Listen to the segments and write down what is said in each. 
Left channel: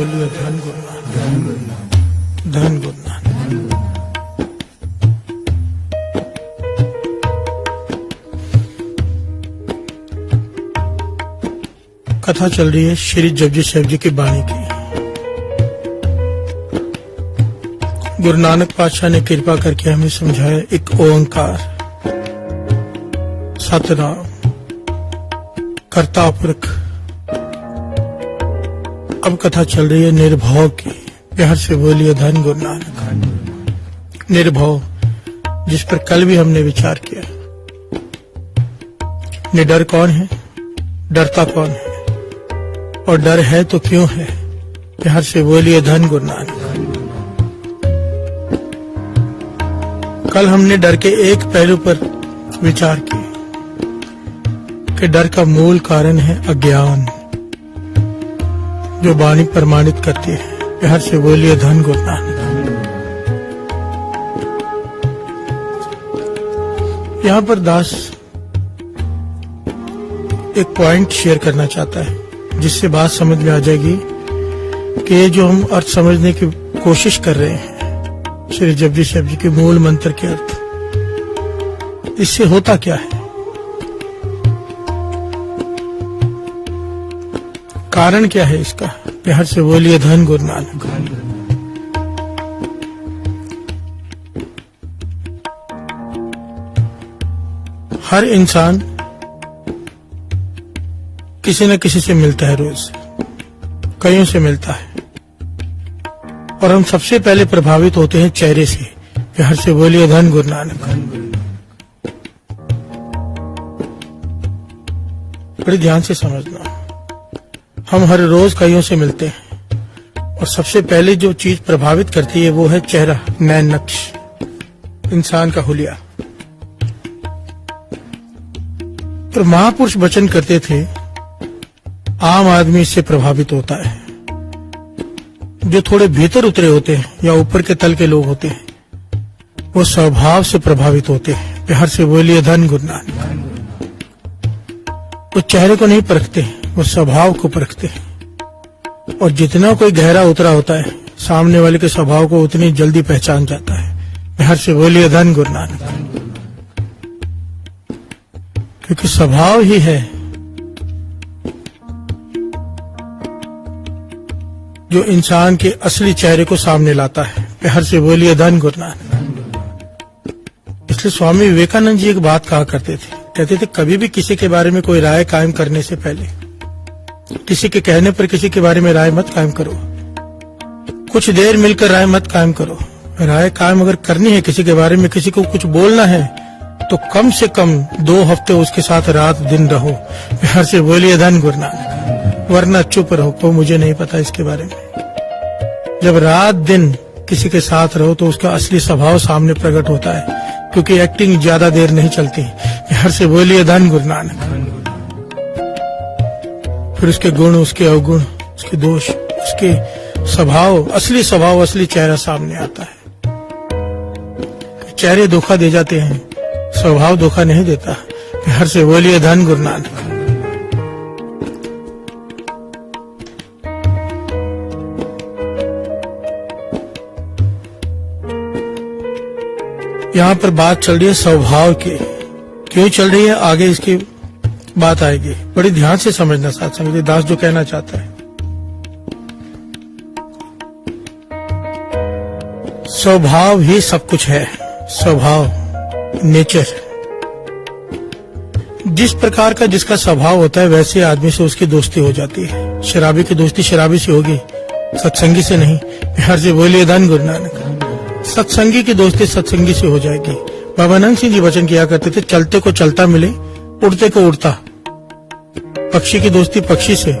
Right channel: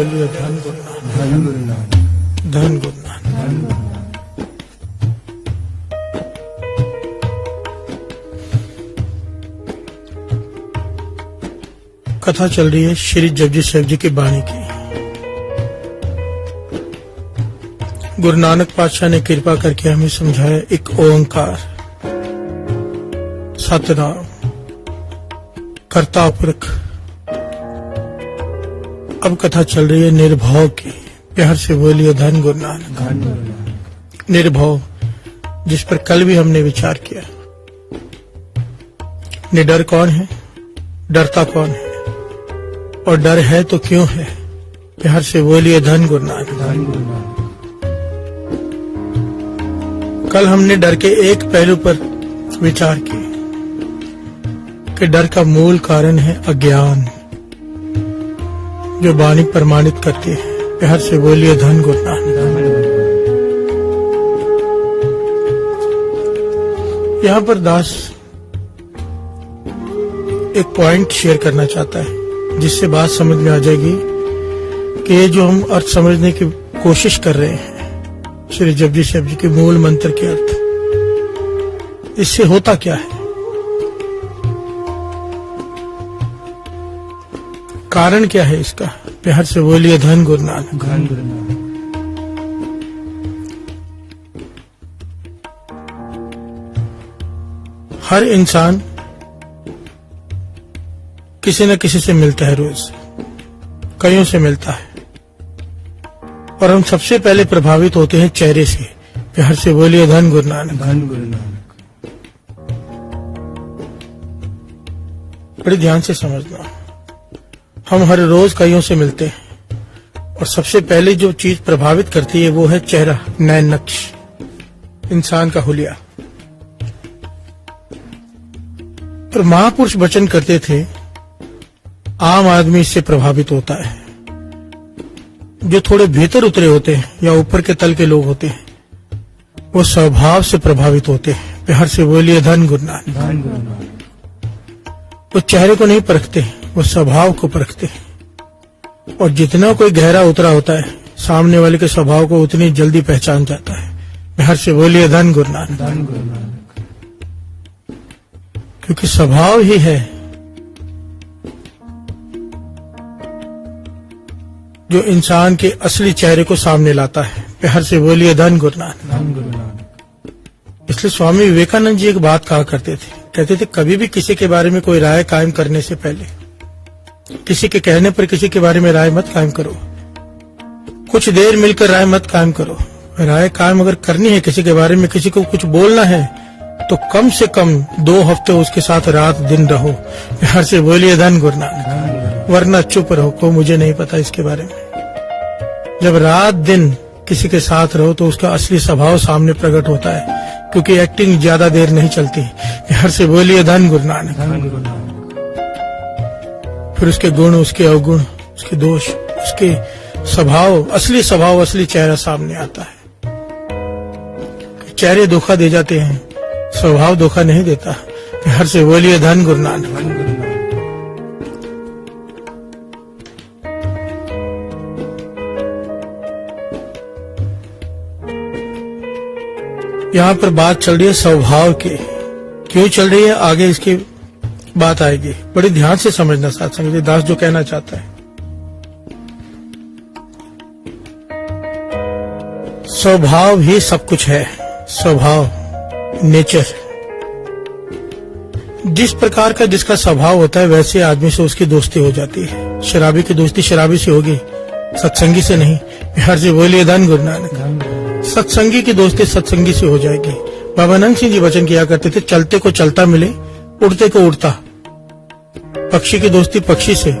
धन गुरु कथा चल रही है श्री जगजी साहिब जी की बाणी की। गुरु नानक पातशाह ने कृपा करके हमें समझाया एक ओंकार, सतनाम, कर्ता पुरख। अब कथा चल रही है निर्भव की। प्यार से बोलिए धन गुरु नानक। निर्भव, जिस पर कल भी हमने विचार किया। निडर कौन है, डरता कौन है, और डर है तो क्यों है। प्यार से बोलिए धन गुरु नानक। कल हमने डर के एक पहलू पर विचार किया कि डर का मूल कारण है अज्ञान, जो वाणी प्रमाणित करती है। प्यार से बोलिए धन गुरु नानक। यहाँ पर दास एक पॉइंट शेयर करना चाहता है, जिससे बात समझ में आ जाएगी कि जो हम अर्थ समझने की कोशिश कर रहे हैं श्री जगजी साहिब जी के मूल मंत्र के अर्थ, इससे होता क्या है, कारण क्या है इसका। प्यार से बोलिए धन गुरु नानक। हर इंसान किसी न किसी से मिलता है, रोज कईयों से मिलता है, और हम सबसे पहले प्रभावित होते हैं चेहरे से। प्यार से बोलिए धन गुरु नानक। बड़ी ध्यान से समझना, हम हर रोज कईयों से मिलते हैं, और सबसे पहले जो चीज प्रभावित करती है वो है चेहरा, नयन नक्श, इंसान का हुलिया। पर महापुरुष वचन करते थे आम आदमी इससे प्रभावित होता है। जो थोड़े भीतर उतरे होते हैं या ऊपर के तल के लोग होते हैं, वो स्वभाव से प्रभावित होते हैं। प्यार से बोलिए धन गुरु नानक। वो चेहरे को नहीं परखते, वो स्वभाव को परखते हैं, और जितना कोई गहरा उतरा होता है, सामने वाले के स्वभाव को उतनी जल्दी पहचान जाता है। प्यार से बोलिए धन गुरु नानक। क्योंकि स्वभाव ही है जो इंसान के असली चेहरे को सामने लाता है। प्यार से बोलिए धन गुरु नानक। इसलिए स्वामी विवेकानंद जी एक बात कहा करते थे, कहते थे कभी भी किसी के बारे में कोई राय कायम करने से पहले, किसी के कहने पर किसी के बारे में राय मत कायम करो। कुछ देर मिलकर राय मत कायम करो। राय कायम अगर करनी है किसी के बारे में, किसी को कुछ बोलना है, तो कम से कम 2 हफ्ते उसके साथ रात दिन रहो। प्यार से बोलिए धन गुरु नानक। वरना चुप रहो, को मुझे नहीं पता इसके बारे में। जब रात दिन किसी के साथ रहो तो उसका असली स्वभाव सामने प्रकट होता है, क्योंकि एक्टिंग ज्यादा देर नहीं चलती। प्यार से बोलिए धन गुरु नानक। फिर उसके गुण, उसके अवगुण, उसके दोष, उसके स्वभाव, असली स्वभाव, असली चेहरा सामने आता है। चेहरे धोखा दे जाते हैं, स्वभाव धोखा नहीं देता। प्यार से बोलिए धन गुरु नानक। यहाँ पर बात चल रही है स्वभाव की। क्यों चल रही है, आगे इसकी बात आएगी। बड़ी ध्यान से समझना साथ समझे दास जो कहना चाहता है। स्वभाव ही सब कुछ है। स्वभाव, नेचर, जिस प्रकार का जिसका स्वभाव होता है वैसे आदमी से उसकी दोस्ती हो जाती है। शराबी की दोस्ती शराबी से होगी, सत्संगी से नहीं। प्यार से बोलिए धन गुरु नानक। सत्संगी की दोस्ती सत्संगी से हो जाएगी। बाबा नंद सिंह जी वचन किया करते थे, चलते को चलता मिले, उड़ते को उड़ता। पक्षी की दोस्ती पक्षी से,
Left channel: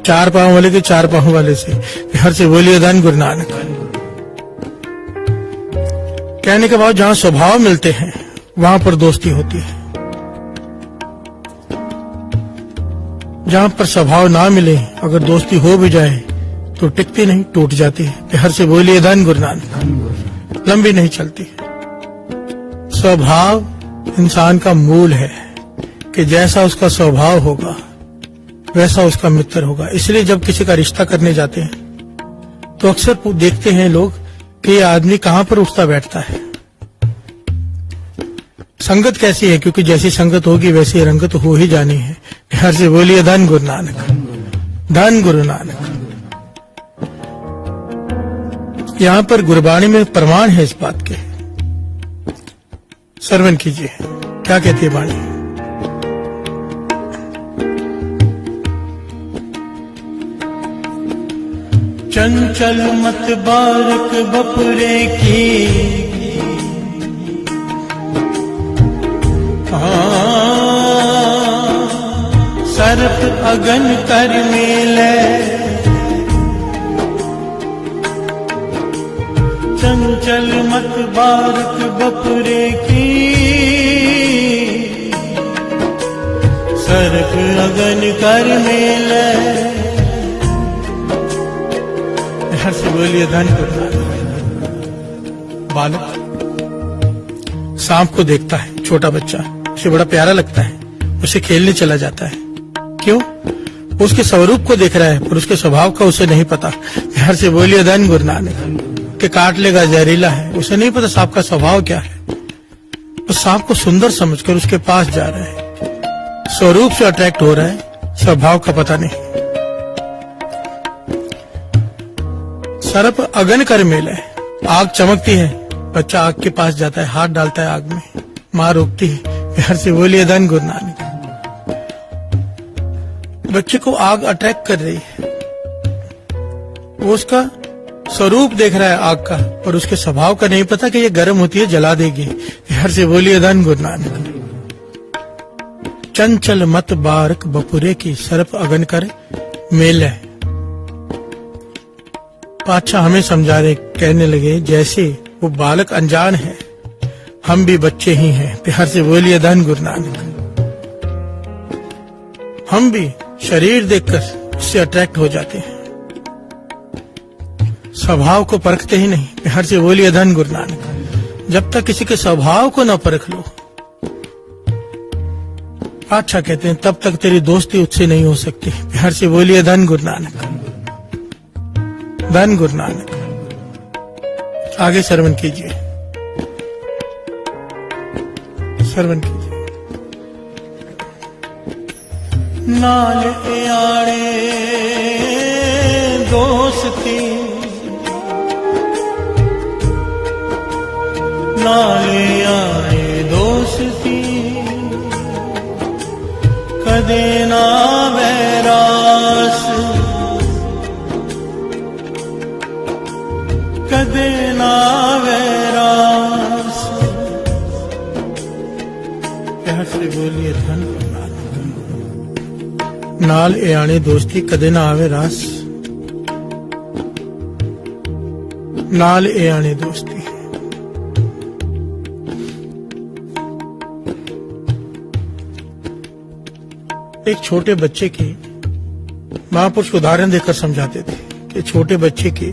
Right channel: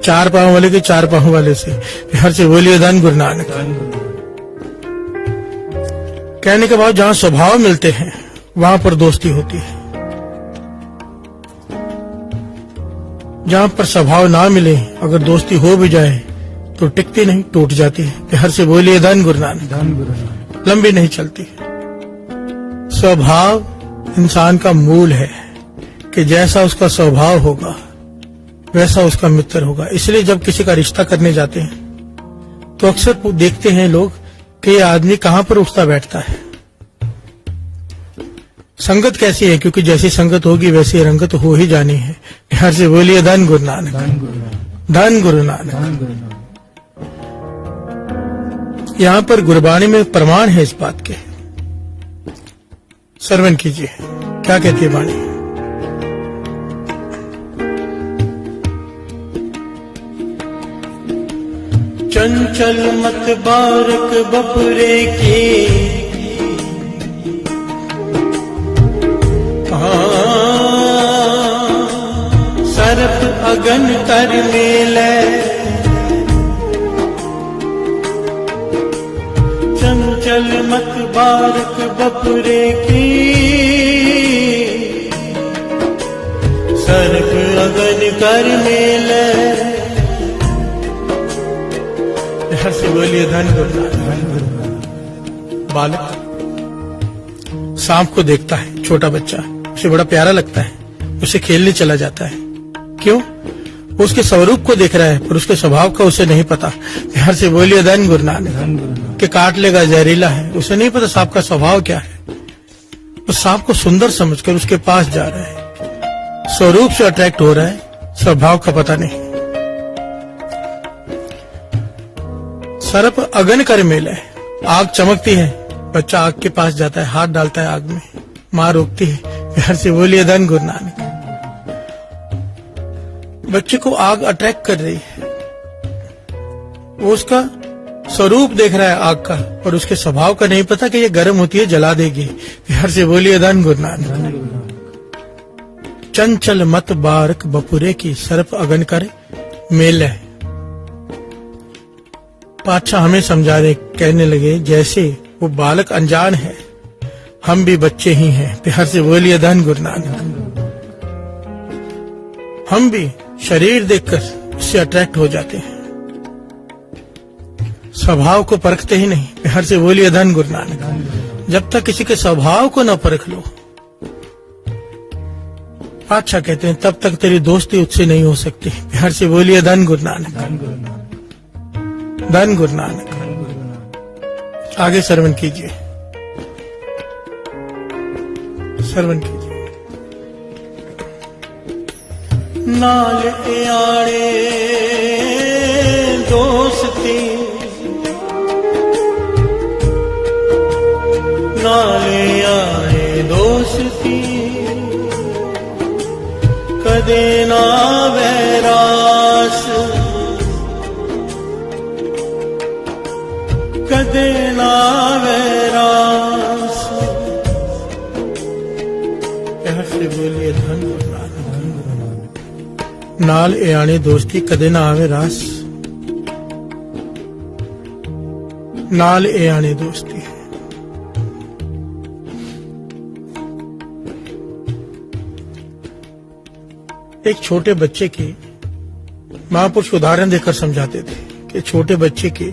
4 पांव वाले के 4 पांव वाले से। प्यार से बोलिए धन गुरु नानक। कहने के बाद जहाँ स्वभाव मिलते हैं वहां पर दोस्ती होती है। जहाँ पर स्वभाव ना मिले, अगर दोस्ती हो भी जाए तो टिकती नहीं, टूट जाती है। प्यार से बोलिए धन गुरु नानक। लंबी नहीं चलती। स्वभाव इंसान का मूल है कि जैसा उसका स्वभाव होगा वैसा उसका मित्र होगा। इसलिए जब किसी का रिश्ता करने जाते हैं तो अक्सर देखते हैं लोग कि ये आदमी कहाँ पर उठता बैठता है। संगत कैसी है, क्योंकि जैसी संगत होगी वैसी रंगत हो ही जानी है। बिहार से बोलिए धन गुरु नानक, धन गुरु नानक। यहाँ पर गुरबाणी में प्रमाण है इस बात के, श्रवण कीजिए क्या कहती है वाणी। चंचल मत बारक बपरे की, सर्प अगन कर मेले, चंचल मत बारक बपरे की, सर्प अगन कर मेले। हर से बोलिए धन गुरु नानक। बालक सांप को देखता है, छोटा बच्चा, उसे बड़ा प्यारा लगता है, उसे खेलने चला जाता है। क्यों? उसके स्वरूप को देख रहा है, पर उसके स्वभाव का उसे नहीं पता। ध्यान से बोलिए धन गुरु नानक। कि काट लेगा, जहरीला है, उसे नहीं पता सांप का स्वभाव क्या है। तो सांप को सुंदर समझकर उसके पास जा रहा है, स्वरूप से अट्रैक्ट हो रहा है, स्वभाव का पता नहीं। सर्प अगन कर मेले, आग चमकती है, बच्चा आग के पास जाता है, हाथ डालता है आग में, मां रोकती है। प्यार से बोलिए धन गुरु नानक। बच्चे को आग अटैक कर रही है, वो उसका स्वरूप देख रहा है आग का, पर उसके स्वभाव का नहीं पता कि ये गर्म होती है, जला देगी। प्यार से बोलिए धन गुरु नानक। चंचल मत बारक बपुरे की, सर्प अगन कर मेले। पातशाह हमें समझा रहे, कहने लगे जैसे वो बालक अनजान है, हम भी बच्चे ही हैं। प्यार से बोलिए धन गुरु नानक। हम भी शरीर देखकर उससे अट्रैक्ट हो जाते हैं, स्वभाव को परखते ही नहीं। प्यार से बोलिए धन गुरु नानक। जब तक किसी के स्वभाव को न परख लो, अच्छा कहते हैं, तब तक तेरी दोस्ती उससे नहीं हो सकती। प्यार से बोलिए धन गुरु नानक, धन गुरु नानक। आगे श्रवण कीजिए, श्रवण कीजिए। नाल आणे दोस्ती, नाल आणे दोस्ती, कदे ना वैरास, कदे ना वैरास। ऐसे बोलिए धन नाल आणे दोस्ती, कदे ना आवे रास। नाल आणे दोस्ती, एक छोटे बच्चे की महापुरुष उदाहरण देकर समझाते थे कि छोटे बच्चे की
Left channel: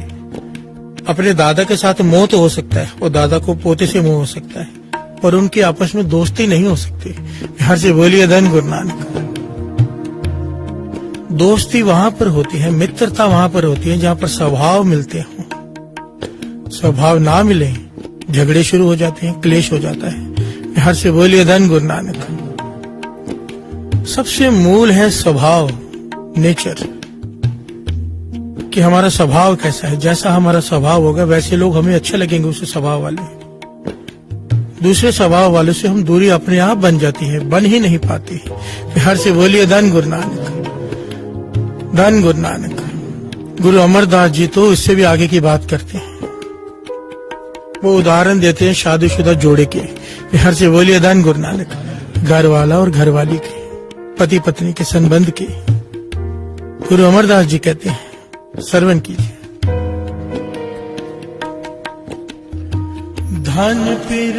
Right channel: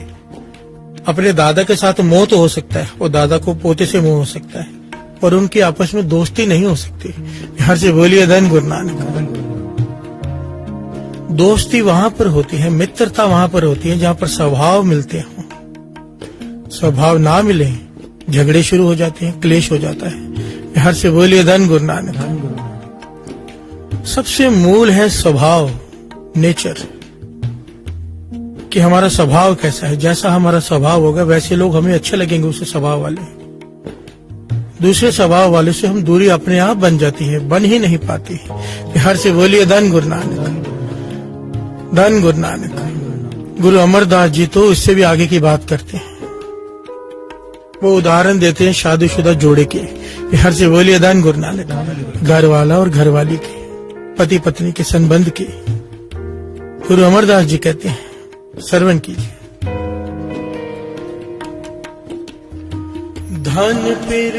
अपने दादा के साथ मोह तो हो सकता है, और दादा को पोते से मोह हो सकता है, पर उनकी आपस में दोस्ती नहीं हो सकती। यहां से बोलिए धन गुरु नानक। दोस्ती वहां पर होती है, मित्रता वहां पर होती है जहां पर स्वभाव मिलते हो। स्वभाव ना मिले, झगड़े शुरू हो जाते हैं, क्लेश हो जाता है। यहां से बोलिए धन गुरु नानक। सबसे मूल है स्वभाव, नेचर, कि हमारा स्वभाव कैसा है। जैसा हमारा स्वभाव होगा वैसे लोग हमें अच्छे लगेंगे, उस स्वभाव वाले। दूसरे स्वभाव वाले से हम दूरी अपने आप बन जाती है, बन ही नहीं पाती है। बिहार से बोलिए धन गुरु नानक, धन गुरु नानक। गुरु अमरदास जी तो इससे भी आगे की बात करते हैं, वो उदाहरण देते हैं शादीशुदा जोड़े के। बिहार से बोलिए धन गुरु नानक। घर वाला और घर वाली के, पति पत्नी के संबंध के गुरु अमरदास जी कहते हैं, श्रवण कीजिए। धन फिर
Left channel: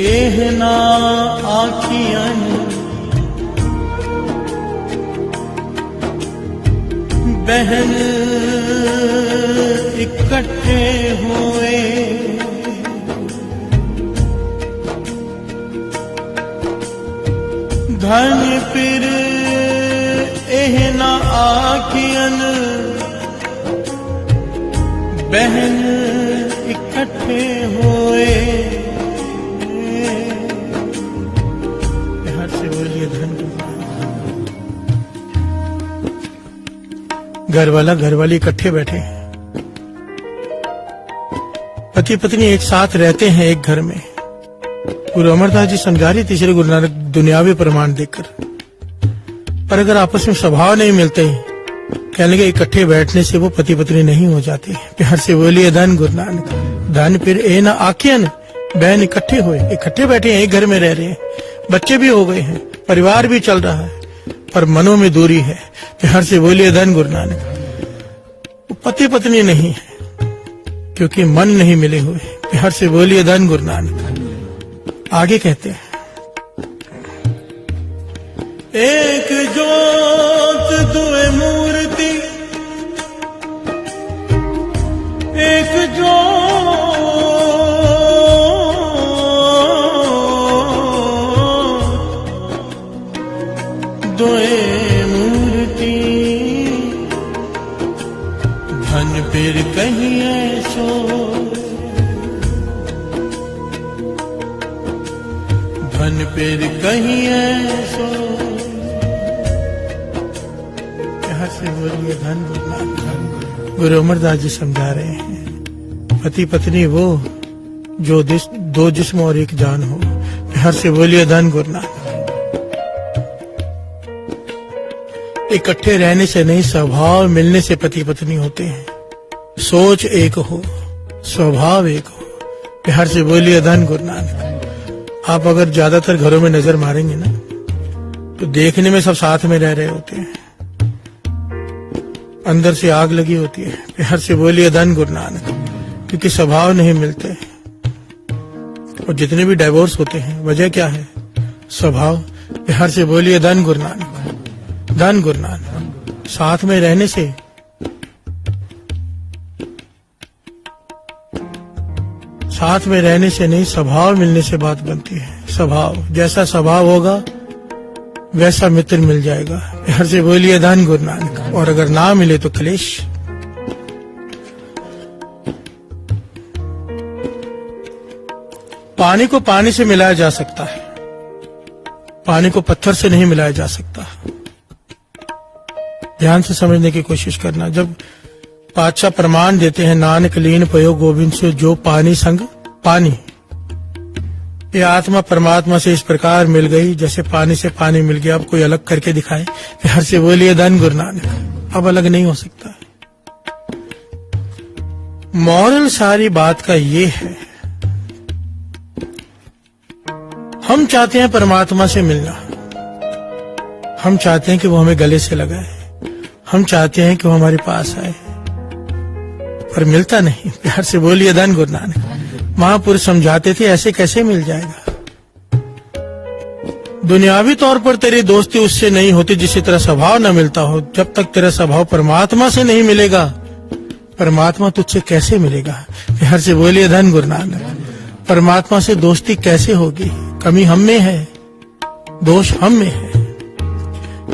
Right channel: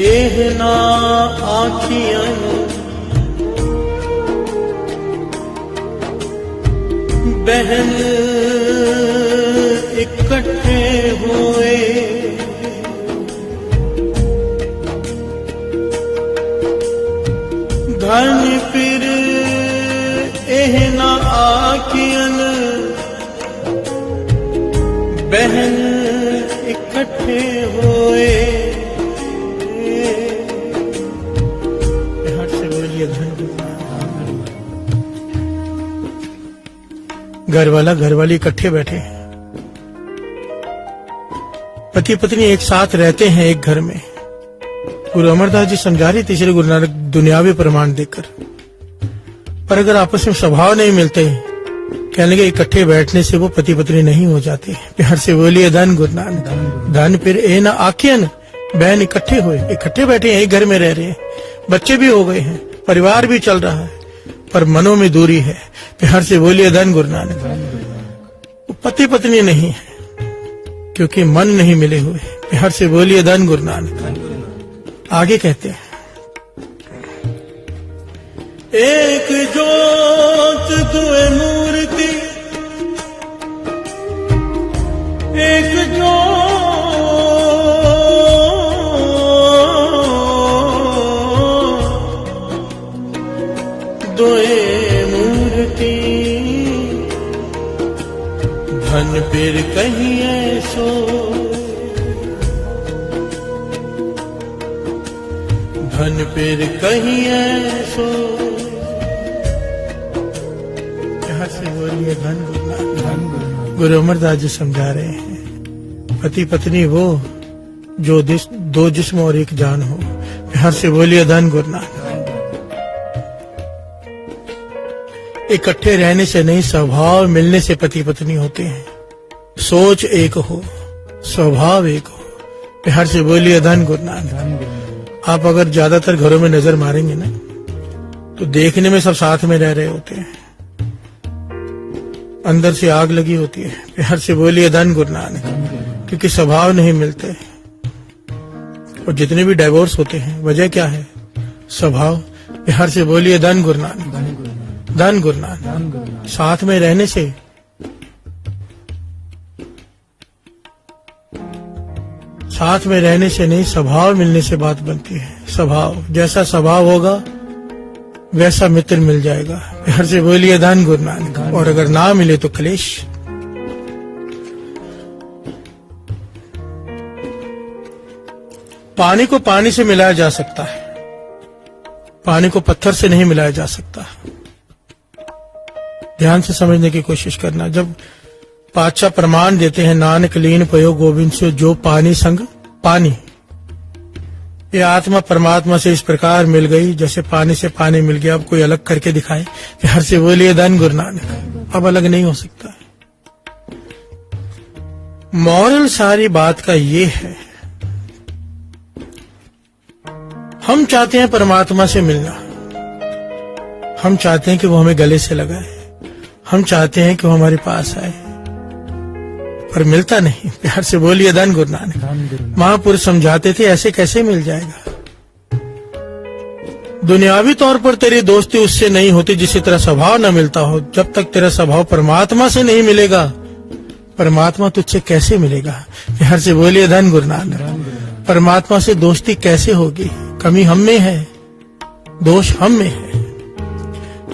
एहना आखियन, बहन इकट्ठे हुए, धन फिर एहना आखियन, बहन इकट्ठे हुए, हर से बोलिए धन गुरनान। घरवाला घरवाली इकट्ठे बैठे हैं, पति पत्नी एक साथ रहते हैं एक घर में। गुरु अमरदास जी समझा रहे तीसरे गुरु नानक दुनियावी प्रमाण देकर, पर अगर आपस में स्वभाव नहीं मिलते, कह लगे इकट्ठे बैठने से वो पति पत्नी नहीं हो जाते। प्यार से बोलिए धन गुरु नानक। धन फिर ए ना आखियन, बहन इकट्ठे हुए, इकट्ठे बैठे एक घर में रह रहे हैं, बच्चे भी हो गए हैं, परिवार भी चल रहा है, पर मनों में दूरी है। प्यार से बोलिए धन गुरु नानक। पति पत्नी नहीं है क्योंकि मन नहीं मिले हुए। प्यार से बोलिए धन गुरु नानक। आगे कहते हैं, एक जोत दुए मूर्ति, एक जोत दुए मूर्ति, धन फिर कहिए सो, धन फिर कहिए सो। यहाँ से बोलिए धन गुरु। गुरु अमरदास जी समझा रहे हैं, पति पत्नी वो जो दो जिस्म और एक जान हो। यहाँ से बोलिए धन गुरु। इकट्ठे रहने से नहीं, स्वभाव मिलने से पति पत्नी होते हैं। सोच एक हो, स्वभाव एक हो। प्यार से बोलिए धन गुरु नानक। आप अगर ज्यादातर घरों में नजर मारेंगे ना, तो देखने में सब साथ में रह रहे होते हैं, अंदर से आग लगी होती है। प्यार से बोलिए धन गुरु नानक, क्योंकि स्वभाव नहीं मिलते। और जितने भी डाइवोर्स होते हैं, वजह क्या है? स्वभाव। प्यार से बोलिए धन गुरु नानक, धन गुरु नानक। साथ में रहने से नहीं, स्वभाव मिलने से बात बनती है। स्वभाव, जैसा स्वभाव होगा वैसा मित्र मिल जाएगा। प्यार से बोलिए धन गुरु नानक। और अगर ना मिले तो क्लेश। पानी को पानी से मिलाया जा सकता है, पानी को पत्थर से नहीं मिलाया जा सकता। ध्यान से समझने की कोशिश करना। जब पातशाह प्रमाण देते हैं, नानक लीन पयो गोविंद से जो पानी संग पानी, ये आत्मा परमात्मा से इस प्रकार मिल गई जैसे पानी से पानी मिल गया। अब कोई अलग करके दिखाए। प्यार से बोलिए धन गुरु नानक। अब अलग नहीं हो सकता। मॉरल सारी बात का ये है, हम चाहते हैं परमात्मा से मिलना, हम चाहते हैं कि वो हमें गले से लगाए, हम चाहते हैं कि वो हमारे पास आए, पर मिलता नहीं। प्यार से बोलिए धन गुरु नानक। महापुरुष समझाते थे, ऐसे कैसे मिल जाएगा? दुनियावी तौर पर तेरी दोस्ती उससे नहीं होती जिससे तेरा स्वभाव न मिलता हो। जब तक तेरा स्वभाव परमात्मा से नहीं मिलेगा, परमात्मा तुझसे कैसे मिलेगा? प्यार से बोलिए धन गुरु नानक। परमात्मा से दोस्ती कैसे होगी? कमी हम में है, दोष हम में है।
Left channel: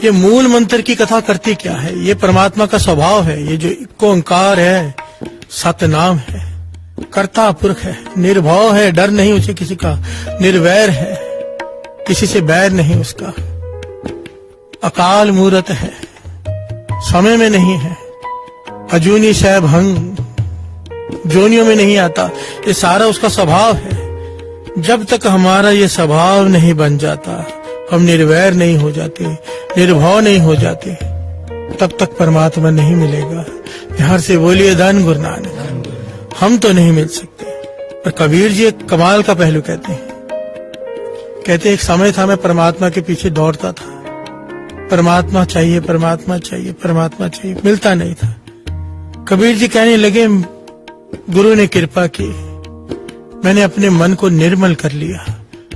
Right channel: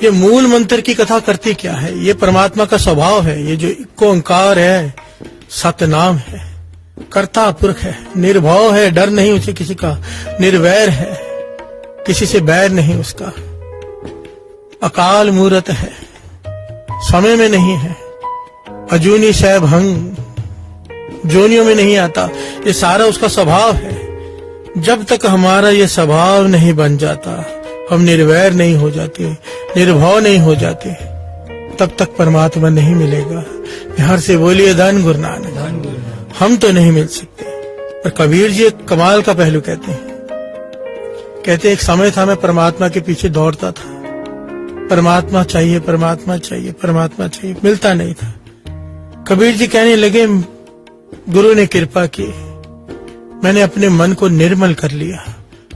ये मूल मंत्र की कथा करती क्या है? ये परमात्मा का स्वभाव है। ये जो इक्को ओंकार है, सतनाम है, कर्ता पुरख है, निर्भव है, डर नहीं उसे किसी का, निर्वैर है, किसी से बैर नहीं उसका, अकाल मूर्त है, समय में नहीं है, अजूनी सैभंग, जोनियों में नहीं आता। ये सारा उसका स्वभाव है। जब तक हमारा ये स्वभाव नहीं बन जाता, हम निर्वैर नहीं हो जाते, निर्भव नहीं हो जाते, तब तक परमात्मा नहीं मिलेगा। प्यार से बोलिए धन गुरु नानक। हम तो नहीं मिल सकते। पर कबीर जी एक कमाल का पहलू कहते हैं, एक समय था मैं परमात्मा के पीछे दौड़ता था, परमात्मा चाहिए, परमात्मा चाहिए, परमात्मा चाहिए, मिलता नहीं था। कबीर जी कहने लगे, गुरु ने कृपा की, मैंने अपने मन को निर्मल कर लिया,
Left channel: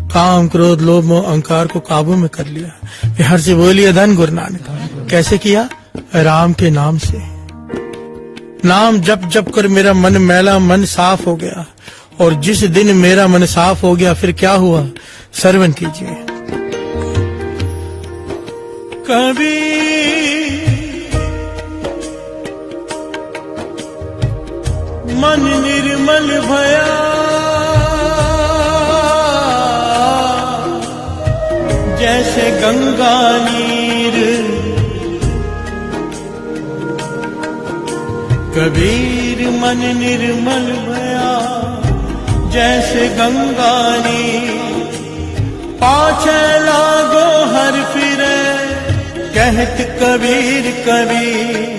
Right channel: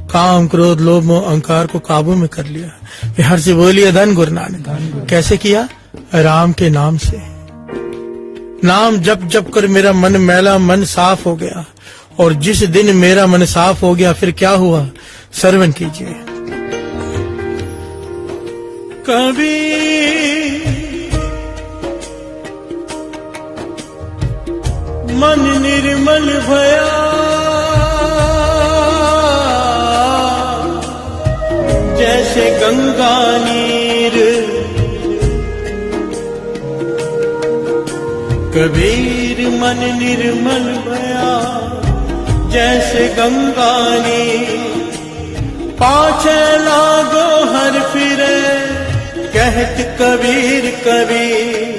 काम क्रोध लोभ मोह अहंकार को काबू में कर लिया। प्यार से बोलिए धन गुरु नानक। कैसे किया? राम के नाम से। नाम जप जप कर मेरा मन मैला, मन साफ हो गया। और जिस दिन मेरा मन साफ हो गया, फिर क्या हुआ? श्रवण कीजिए। कभी मन निर्मल भया जैसे गंगा नीर, कबीर मन निर्मल भया जैसे गंगा नीर, पाछे लागो हर फिरे कहत कबीर कबीर,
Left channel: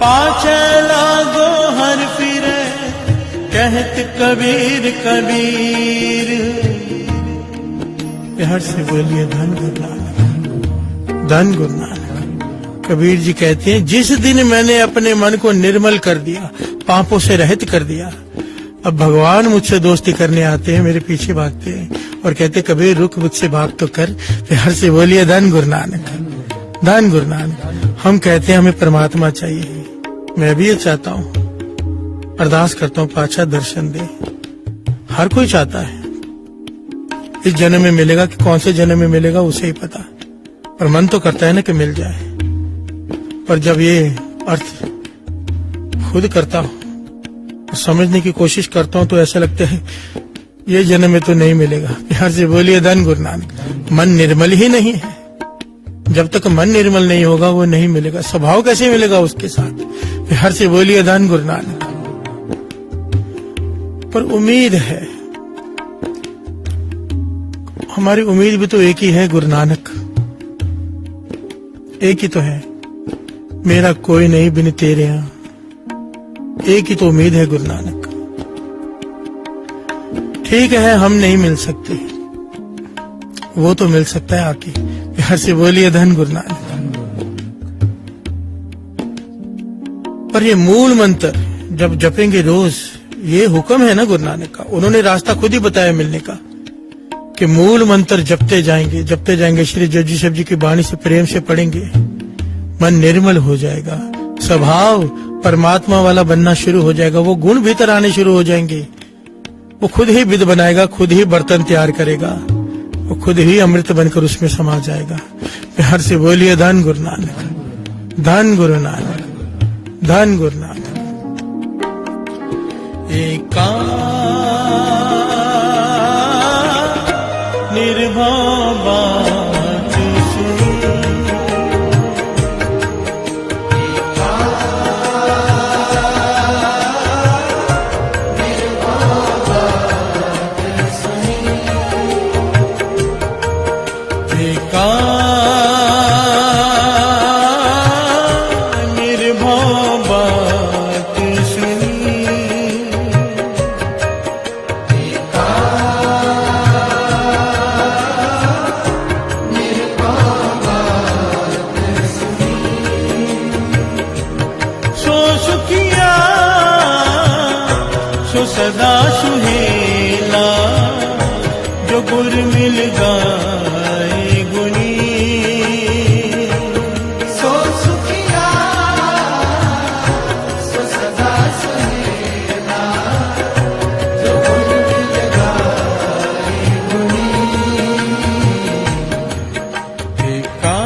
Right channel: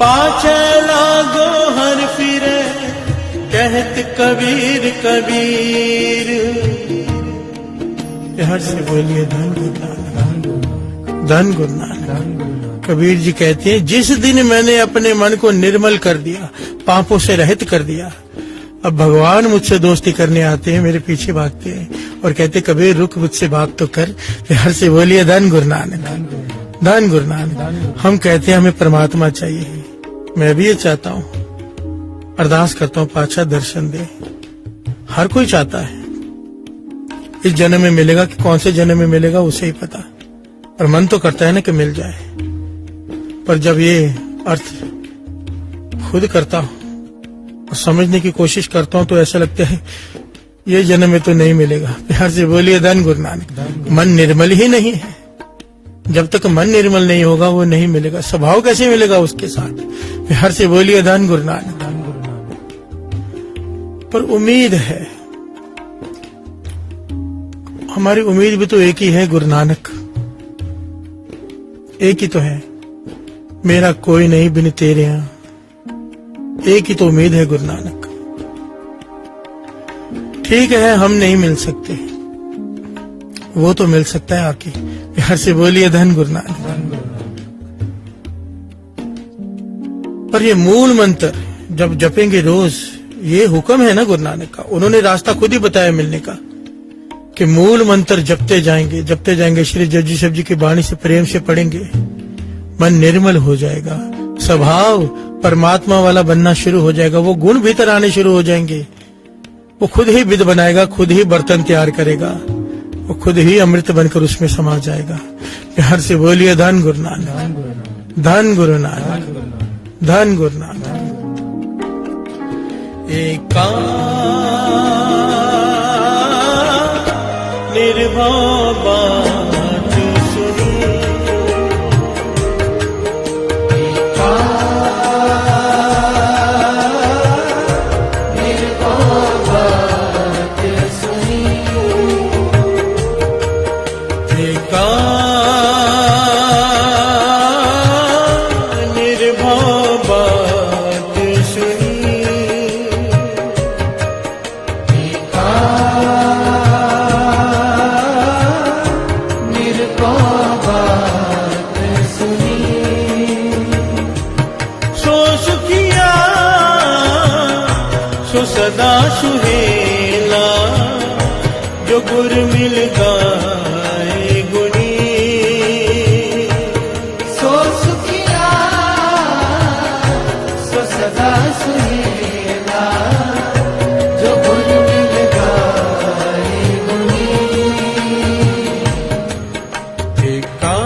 पाछे लागो हर फिरे कहत कबीर कबीर। यहाँ से बोलिए धन गुरु नानक, धन गुरु नानक। कबीर जी कहते हैं जिस दिन मैंने अपने मन को निर्मल कर दिया, पापों से रहित कर दिया, अब भगवान मुझसे दोस्ती करने आते हैं, मेरे पीछे भागते हैं और कहते कबीर रुक मुझसे बात तो कर। हर से बोलिए धन गुरु नानक, धन गुरु नानक। हम कहते हैं हमें परमात्मा चाहिए, मैं भी ये चाहता हूँ, अरदास करता हूँ पातशाह दर्शन दे। हर कोई चाहता है, इस जन्म में मिलेगा कि कौन से जन्म में मिलेगा उसे ही पता, पर मन तो करता है ना कि मिल जाए। पर जब ये अर्थ खुद करता हूँ और समझने की कोशिश करता हूँ तो ऐसा लगता है ये जन्म में तो नहीं मिलेगा। यहाँ से बोलिए धन गुरु नानक। मन निर्मल ही नहीं है, जब तक मन निर्मल नहीं होगा वो नहीं मिलेगा। स्वभाव कैसे मिलेगा उसके साथ? यहाँ से बोलिए धन गुरु नानक। पर उम्मीद है, हमारी उम्मीद भी तो एक ही है, गुरु नानक एक ही तो है, मेरा कोई नहीं बिन तेरे यहाँ, एक ही तो उम्मीद है गुरु नानक। ठीक है हम नहीं मिल सकते, वो तो मिल सकता है आके। यहाँ से बोलिए धन गुरु नानक। पर ये मूल मंत्र जब जपेंगे रोज, ये हुक्म है ना गुरु नानक का, उन्होंने रास्ता खुद ही बताया मिलने का कि मूल मंत्र जपते जाएंगे, श्री जगदीश जी की वाणी से प्रेम से पढ़ेंगे, मन निर्मल हो जाएगा, स्वभाव परमात्मा वाला बनना शुरू हो जाएगा, वो गुण भीतर आने शुरू हो जाएंगे, वो खुद ही विद बनाएगा, खुद ही बर्तन तैयार करेगा, वो खुद ही अमृत बनकर उसमें समा जाएगा। प्यार से बोलिए धन गुरु नानक, धन गुरु नानक, धन गुरु नानक। निर्भव बात सुन, सो सदा सुहेला जो गुर मिल गाए गुनी, सो सुखिया सो सदा सुहेला जो गुर मिल गाए गुनी। देखा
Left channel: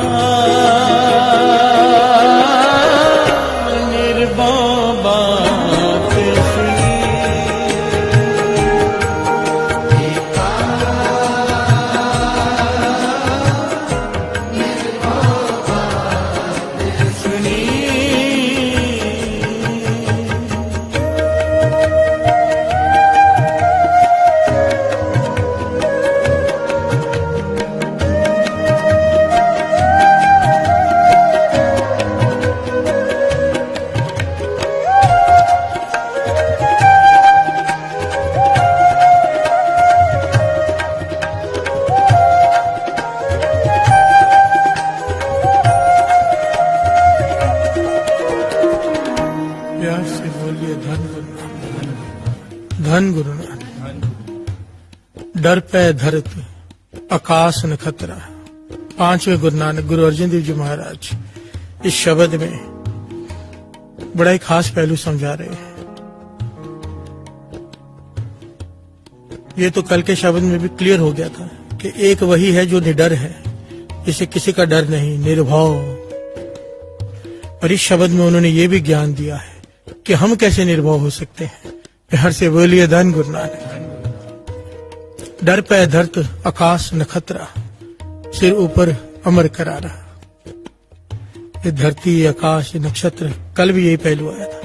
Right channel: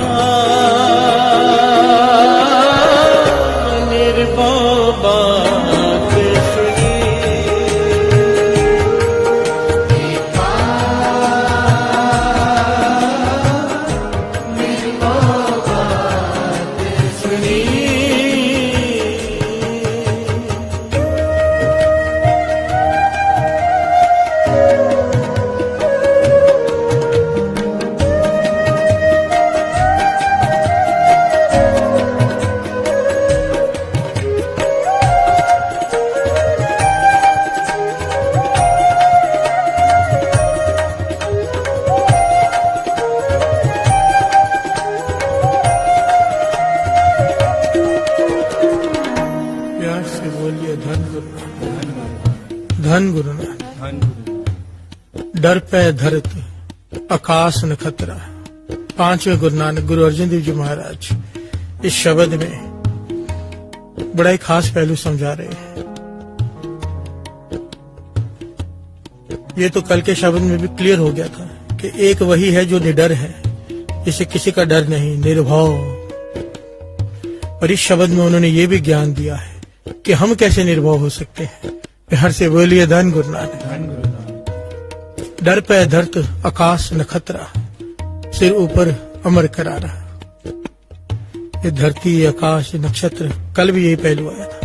निर्भव धन गुरु नानक। डर पे धरत आकाश न खतरा। पांचवें गुरु नानक गुरु अर्जुन देव जी महाराज इस शब्द में बड़ा ही खास पहलू समझा रहे हैं। ये तो कल के शब्द में भी क्लियर हो गया था कि एक वही है जो निडर है, इसे किसी का डर नहीं, निर्भव। और इस शब्द में उन्होंने ये भी ज्ञान दिया है कि हम कैसे निर्भय हो सकते हैं। प्यार से बोलिए धन गुरु नानक। डर पे धरत आकाश नखतरा, सिर ऊपर अमर करारा। ये धरती, आकाश, नक्षत्र, कल भी यही पहलू आया था।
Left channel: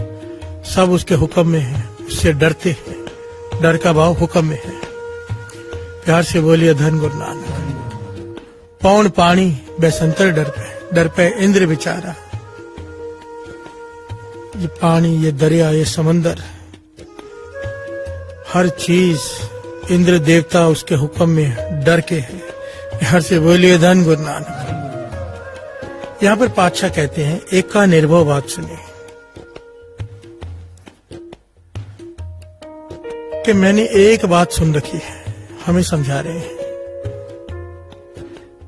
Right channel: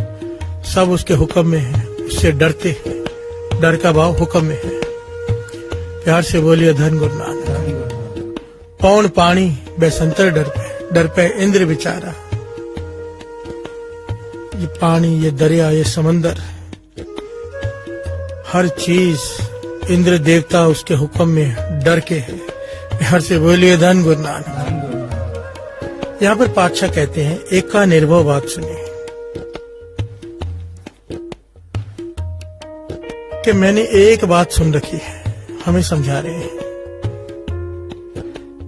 सब उसके हुक्म में है, उससे डरते हैं। डर का भाव हुक्म में है। प्यार से बोलिए धन गुरु नानक। पौन पानी बेसंतर डर पे इंद्र बिचारा। ये पानी, ये दरिया, ये समंदर, हर चीज इंद्र देवता उसके हुक्म में डर के है। प्यार से बोलिए धन गुरु नानक। यहाँ पर पातशाह कहते हैं, एक का निर्भय बात सुनिए कि मैंने एक बात सुन रखी है। हमें समझा रहे हैं,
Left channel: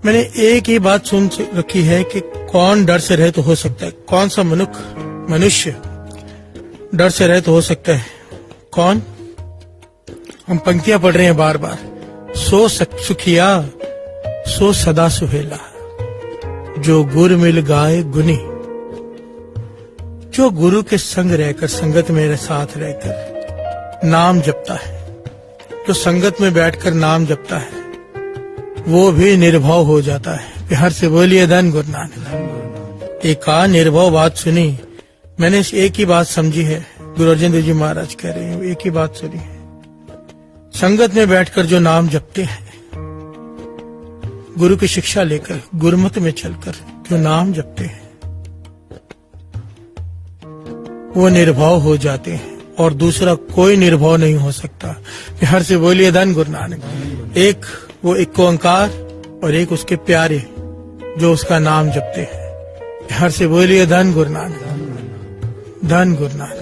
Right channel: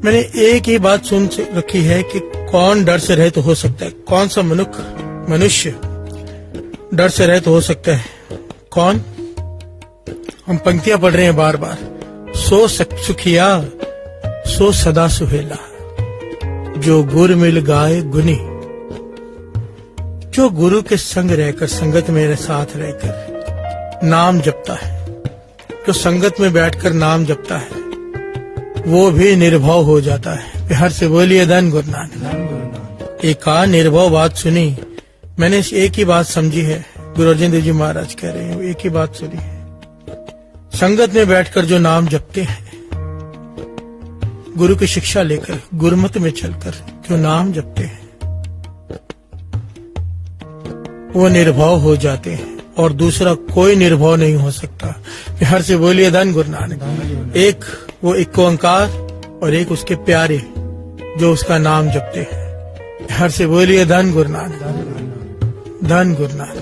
मैंने एक ही बात सुन रखी है कि कौन डर से रहित हो सकता है। कौन सा मनुष्य डर से रहित हो सकता है? कौन? हम पंक्तियां पढ़ रहे हैं बार बार। सो सुखिया सो सदा सुहेला, जो गुर मिल गाए गुनी। जो गुरु के संग रहकर, संगत मेरे साथ रहकर नाम जपता है, जो संगत में बैठकर नाम जपता है, वो भी निर्भय हो जाता है। प्यार से बोलिए धन गुरु नानक। एका निर्भय बात सुनी, मैंने एक ही बात समझी है। गुरु अर्जन देव जी महाराज कह रहे हैं, एक ही बात सुनी है। संगत में बैठकर जो नाम जपते हैं, गुरु की शिक्षा लेकर, गुरुमत में चलकर जो नाम जपते हैं, वो निर्भय हो जाते हैं और दूसरा कोई निर्भय नहीं हो सकता। प्यार से बोलिए धन गुरु नानक। एक वो एक ओंकार और एक उसके प्यारे जो उसका नाम जपते हैं। प्यार से बोलिए धन गुरु नानक। धन गुरु नानक।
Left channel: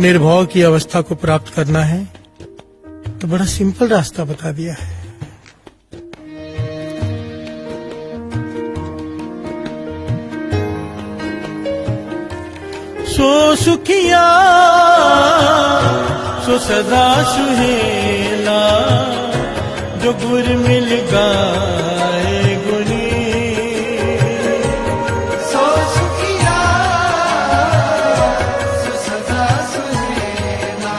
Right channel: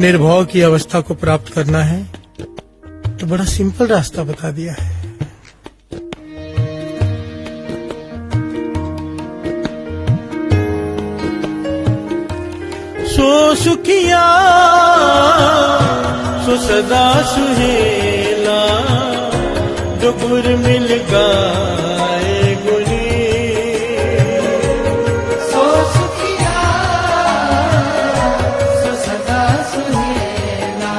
निर्भय की अवस्था को प्राप्त करना है तो बड़ा सिंपल रास्ता बता दिया है। सो सुखिया सो सदा सुहेला, जो गुर मिल गाए गुनी। सो सुखिया सो सदा सुहेला,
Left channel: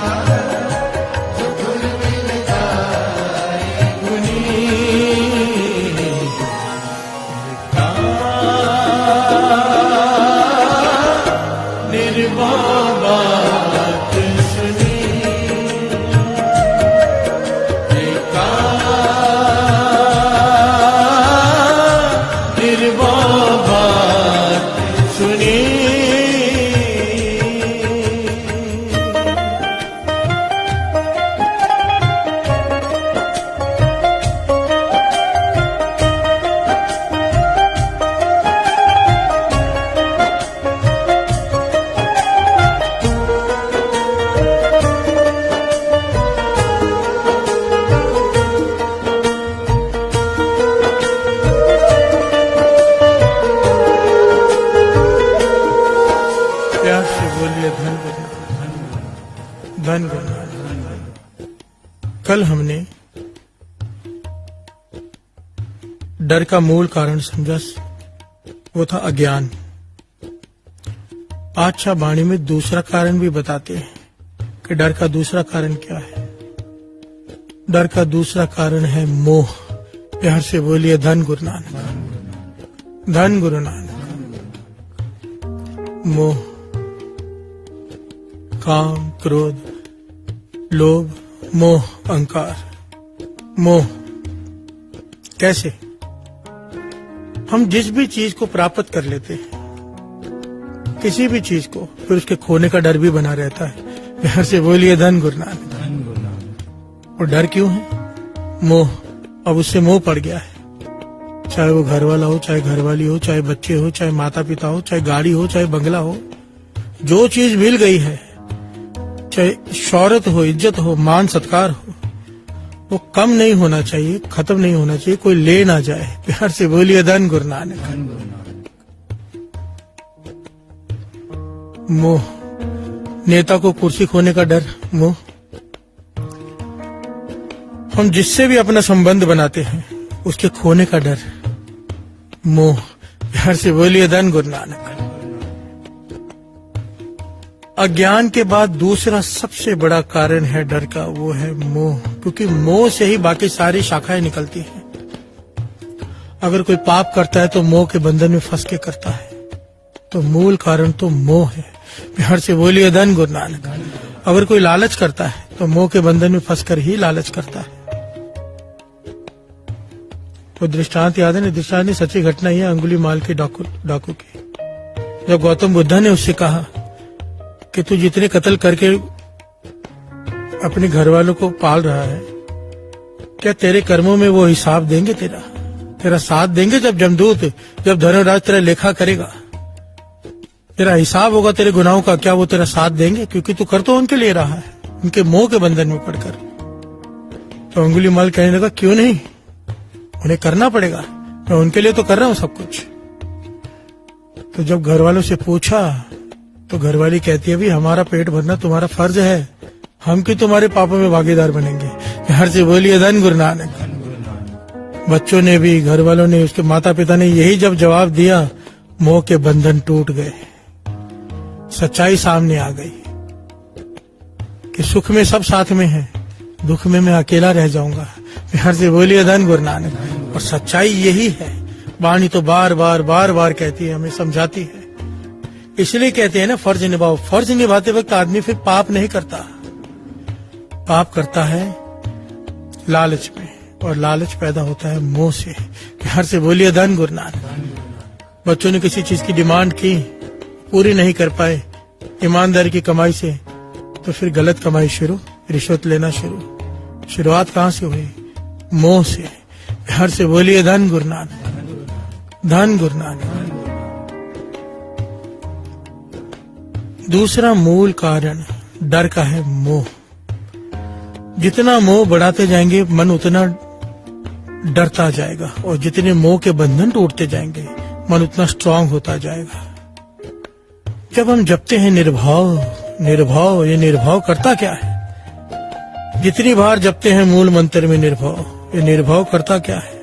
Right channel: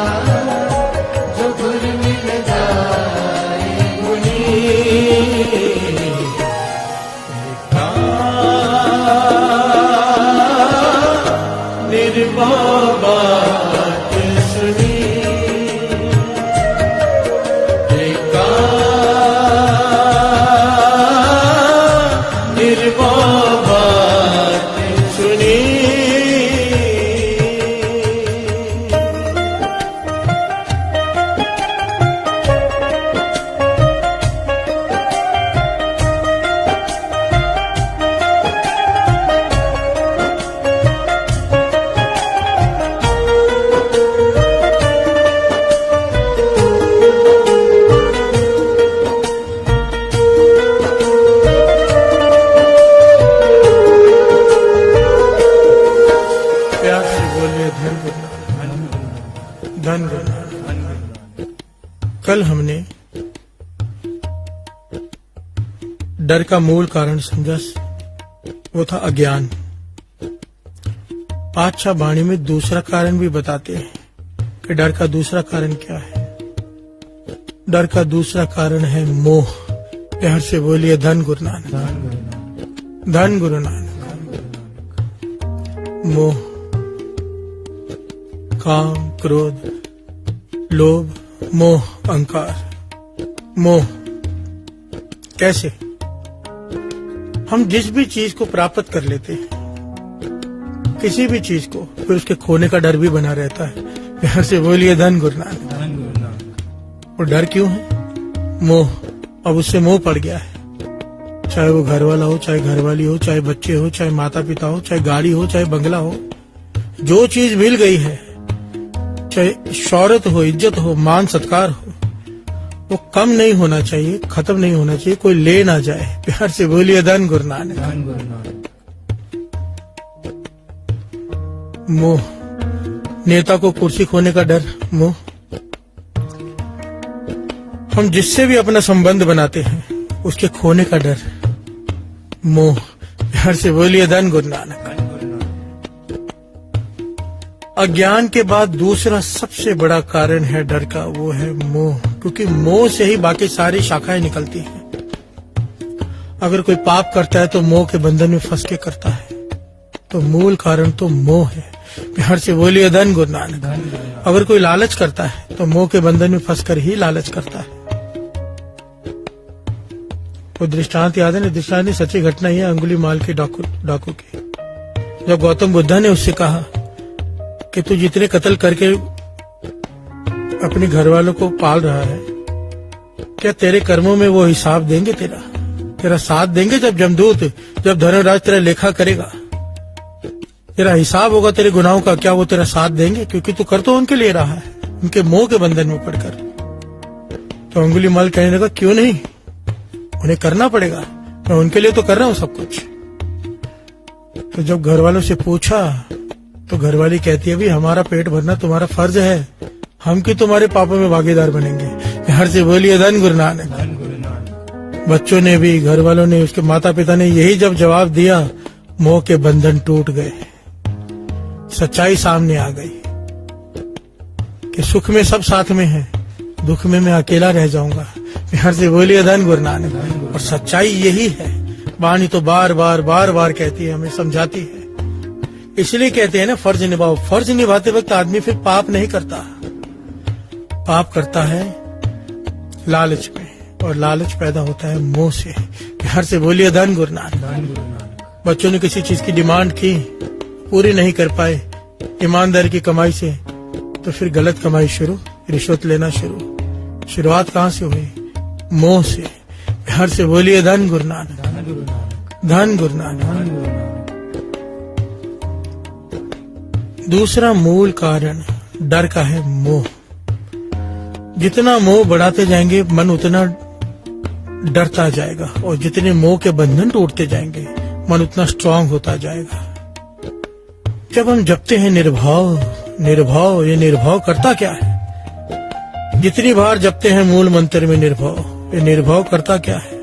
जो गुर मिल गाए गुनी। कल हमने डर का मूल कारण समझा, वो था अज्ञान। पातशाह वाणी में दूसरा कारण भी बताते हैं कि डर का दूसरा कारण क्या है। डर का दूसरा कारण है मोह। प्यार से बोलिए धन गुरु नानक। धन गुरु नानक। मोह, काम, क्रोध, लोभ, मोह, अहंकार। मोह कैसे? हम जिस भी चीज को प्राप्त कर लेते हैं, किसी भी चीज को, फिर उसके खोने का डर भी बना रहता है। प्यार से बोलिए धन गुरु नानक। और डर क्यों है? मोह। अब उससे मोह पड़ गया है, चाहे वो घर वाला हो, चाहे घरवाली हो, चाहे बच्चे हो, चाहे माता पिता हो, चाहे गाड़ी हो, चाहे बंगला हो। जो चीज मिल गई है, चाहे शौहरत हो, इज्जत हो, मान सत्कार हो, वो कम नहीं होना चाहिए, खत्म नहीं होना चाहिए, कोई ले ना जाए। प्यार से बोलिए धन गुरु नानक। मोह, नेता को कुर्सी खोने का डर, मोह। हम जिससे भी अपना संबंध बनाते हैं, उसके खोने का डर, मोह। प्यार से बोलिए धन गुरु नानक। अज्ञान के बाद दूसरा सबसे बड़ा कारण है डर का, वो है मोह, क्योंकि मोह से ही बाकी सारी शाखाएं निकलती हैं। अगर कोई पाप करता है तो मोह के बंधन में फंस के करता है, तो मूल कारण तो मोह है। प्यार से बोलिए धन गुरु नानक। अगर कोई लालच करता है तो मोह के बंधन में फंसकर ही लालच करता है। कोई दृष्टांत याद है ना? दृष्टांत नहीं, सच्ची घटना ही है, अंगुलीमाल के डाकू की। जब गौतम बुद्धा ने उससे कहा कि तू जितने कत्ल करके अपने घर वालों को पाल रहा है, क्या तेरे कर्मों में वो हिसाब देंगे? तेरा साथ देंगे? जब जमदूत, जब धर्मराज तेरा लेखा करेगा, तेरा हिसाब होगा तेरे गुनाहों का, क्या वो तेरा साथ देंगे? क्योंकि तू कर तो उनके लिए रहा है, उनके मोह के बंधन में पड़कर। तो अंगुलीमाल कहने लगा, क्यों नहीं, उन्हें करना पड़ेगा, मैं उनके लिए तो कर रहा हूं सब कुछ। तो जब घर वालों से पूछा तो घरवाली कहती है, भी हमारा पेट भरना तुम्हारा फर्ज है, हम क्यों तुम्हारे पापों में भागीदार बनेंगे। प्यार से बोलिए धन गुरु नानक। बच्चों ने भी, घर वालों ने, उसके माता पिता ने यही जब जवाब दिया, मोह के बंधन टूट गए, सच्चाई सामने आ गई कि सुख में सब साथ में है, दुख में मैं अकेला रह जाऊंगा। प्यार से बोलिए धन गुरु नानक। और सच्चाई यही है, वाणी तो बार बार कहती है, हमें समझाती है। इसलिए कहते हैं ना, फर्ज निभाओ। फर्ज निभाते वक्त आदमी फिर पाप नहीं करता, पाप करता है लालच में, और लालच पैदा होता है मोह से। प्यार से बोलिए धन गुरु नानक। बच्चों ने किसी चीज की डिमांड की, पूरी नहीं कर पाए ईमानदारी की कमाई से, तो फिर गलत कमाई शुरू, रिश्वत लेना शुरू। शुरुआत कहाँ से हुई? मोह से। प्यार से बोलिए धन गुरु नानक, धन गुरु नानक। दूसरा मूल कारण डर का है मोह। जितना मोह बढ़ाते जाएंगे मन उतना डरता जाएगा, और जितने मोह के बंधन टूटते जाएंगे मन उतना स्ट्रांग होता जाएगा। जब हम जपते हैं निर्भाव निर्भाव, ये निर्भाव करता क्या है? जितनी बार जपते हैं मूल मंत्र में निर्भाव, ये निर्भाव करता क्या है?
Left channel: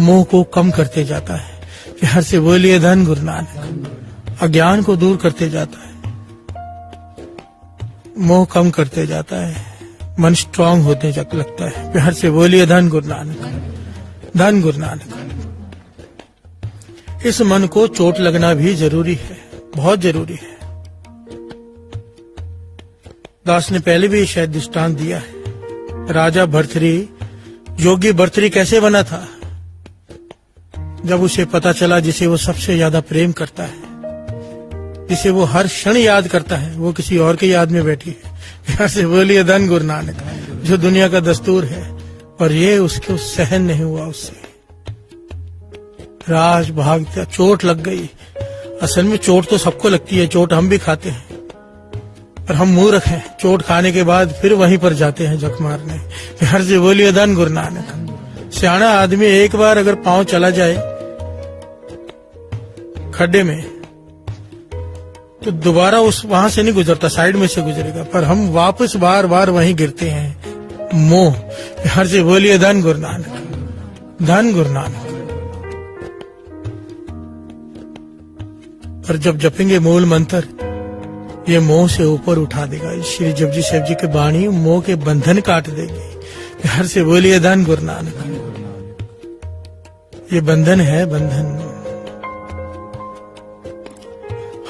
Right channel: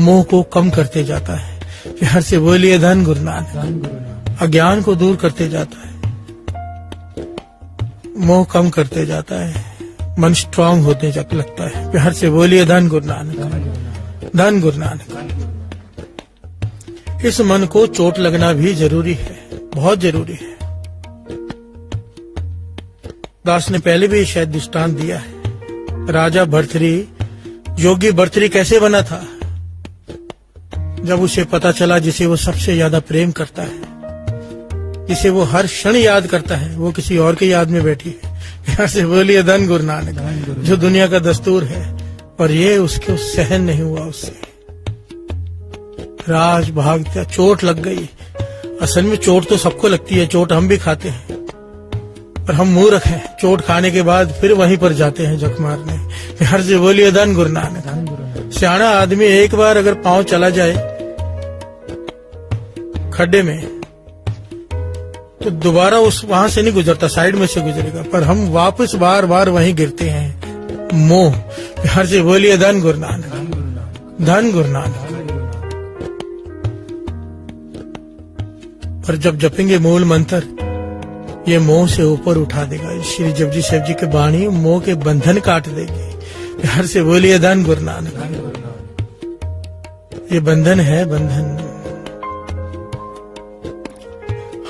मोह को कम करते जाता है। प्यार से बोलिए धन गुरु नानक। अज्ञान को दूर करते जाता है, मोह कम करते जाता है, मन स्ट्रांग होते लगता है। प्यार से बोलिए धन गुरु नानक, धन गुरु नानक। इस मन को चोट लगना भी जरूरी है, बहुत जरूरी है। दास ने पहले भी शायद दृष्टांत दिया है। राजा भर्तृहरि, योगी भर्तृहरि कैसे बना था? जब उसे पता चला जिसे वो सबसे ज्यादा प्रेम करता है, जिसे वो हर क्षण याद करता है, वो किसी और की याद में बैठी है। यहाँ से बोलिए धन गुरु नानक। जो दुनिया का दस्तूर है, पर ये उसके सहन नहीं हुआ उससे। राज भागता, चोट लग गई। असल में चोट तो सबको लगती है, चोट हम भी खाते हैं, पर हम मूर्ख हैं, चोट खाने के बाद फिर वहीं पर जाते हैं जख मारने। प्यार से बोलिए धन गुरु नानक। सियाना आदमी एक बार अगर पांव चला जाए खड्डे में, तो दोबारा उस वहां से नहीं गुजरता, साइड में से गुजरेगा, पर हम वापस बार बार वहीं गिरते हैं। मोह। प्यार से बोलिए धन गुरु नानक, धन गुरु नानक। पर जब जपेंगे मूल मंत्र, ये मोह से ऊपर उठा देगा। श्री जपजी साहब जी की वाणी मोह के बंधन काट देगी। प्यार से बोलिए धन गुरु नानक। ये बंधन है, बंधन,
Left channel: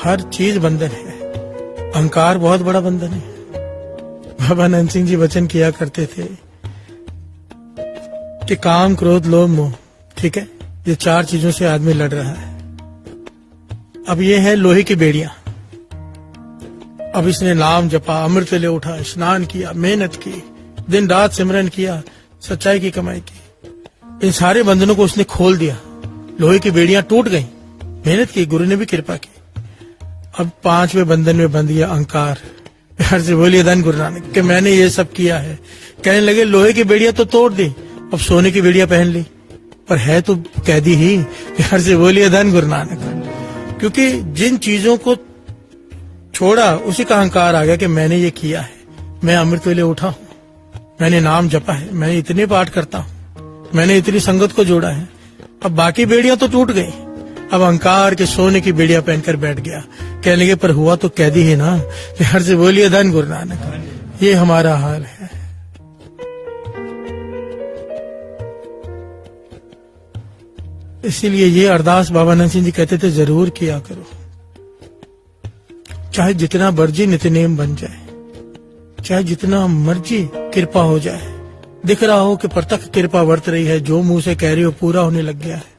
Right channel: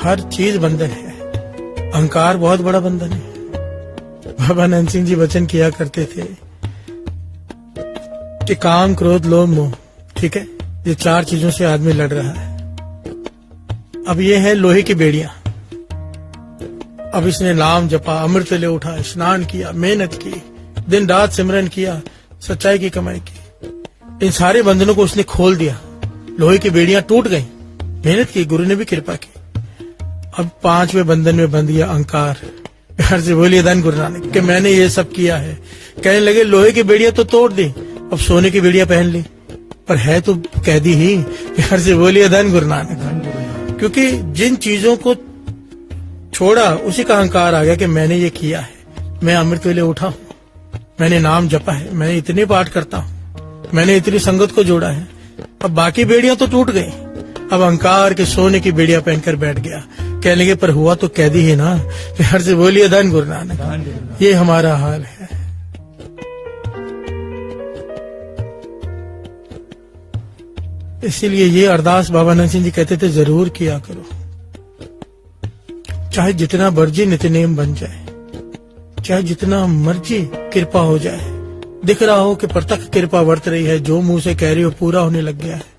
हर चीज बंधन है। अहंकार बहुत बड़ा बंधन है। बाबा नंद सिंह जी वचन किया करते थे कि काम, क्रोध, लोभ, मोह, ठीक है, ये चार चीजों से आदमी लड़ रहा है। अब ये है लोहे की बेड़ियां। अब इसने नाम जपा, अमृत ले उठा, स्नान किया, मेहनत की, दिन रात सिमरन किया, सच्चाई की कमाई की, इन सारे बंधनों को उसने खोल दिया। लोहे की बेड़ियां टूट गई, मेहनत की, गुरु ने भी कृपा की। अब पांचवें बंधन में बंध गया अहंकार। प्यार से बोलिए धन गुरु नानक कि मैंने ये सब किया है। कहने लगे लोहे की बेड़ियां तो तोड़ दी, अब सोने की बेड़ियां पहन ली, पर है तो कैदी ही। प्यार से बोलिए धन गुरु नानक। क्योंकि जिन चीजों को छोड़ा उसी का अहंकार आ गया कि मैंने ये किया है, मैं अमृत वेले उठा हूं, मैंने नाम जपा है, मैं इतने पाठ करता हूं, मैंने इतनी संगत को जोड़ा है। अब बाकी बेड़ियां तो टूट गई, अब अहंकार के सोने की बेड़िया पहनकर बैठ गया। कह लगे पर हुआ तो कैदी है ना। प्यार से बोलिए धन गुरु नानक। ये हमारा हाल है। इसीलिए ये अरदास बाबा नंद सिंह जी कहते थे जरूर किया करो, चाहे जितना मर्जी नित्यनेम बन जाए, चाहे जितना मर्जी कृपा हो जाए। दिख रहा हो कि प्रत्यक्ष कृपा वर्त रही है, जो मुंह से कह रही हो पूरा होने लग गया है।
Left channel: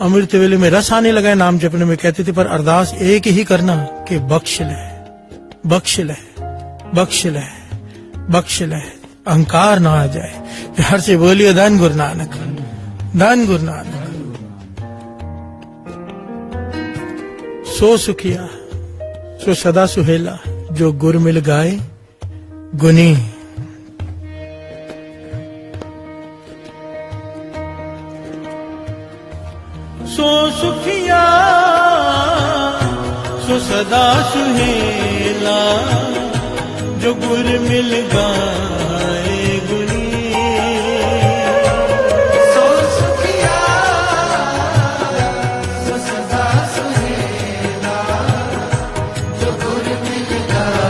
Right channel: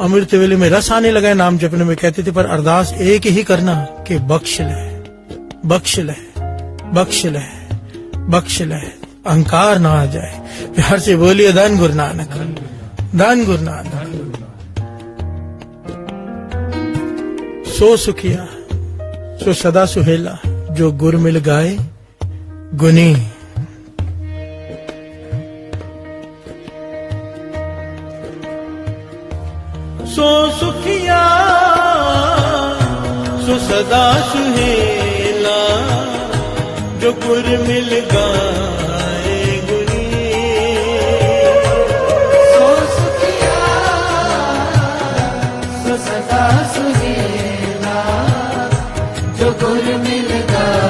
अमृत वेले में रस आने लगा है नाम जपने में। कहते थे पर अरदास एक ही करना कि बख्श ले, बख्श ले, बख्श ले, बख्श ले, अहंकार ना आ जाए। प्यार से बोलिए धन गुरु नानक, धन गुरु नानक। सो सुखिया सो सदा सुहेला, जो गुर मिल गाए गुनी। सो सुखिया सो सदा सुहेला, जो गुर मिल गाए गुनी। सो सुखिया सो सदा सुहेला, जो गुर मिल गाए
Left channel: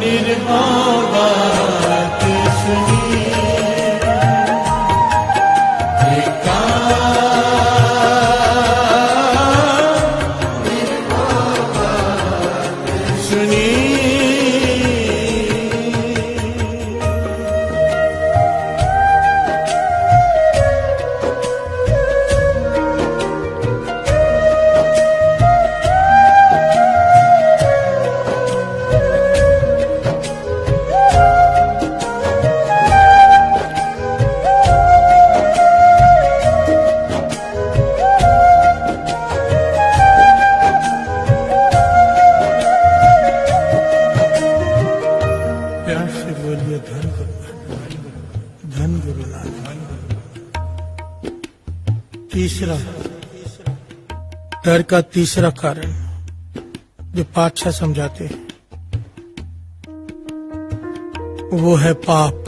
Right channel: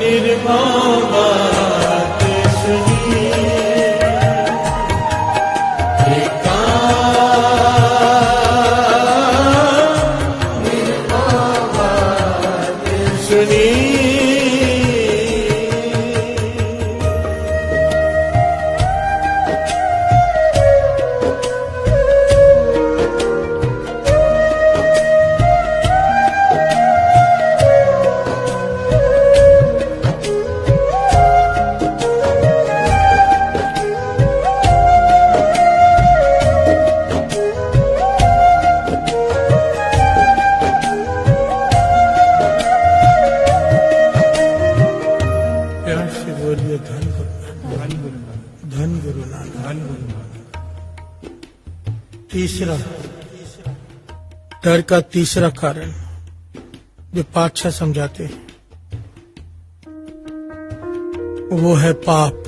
निर्मल बात सुनी, धन गुरु नानक। तीसरा डर का तीसरा कारण जो पातशाह समझाते हैं वो है पाप।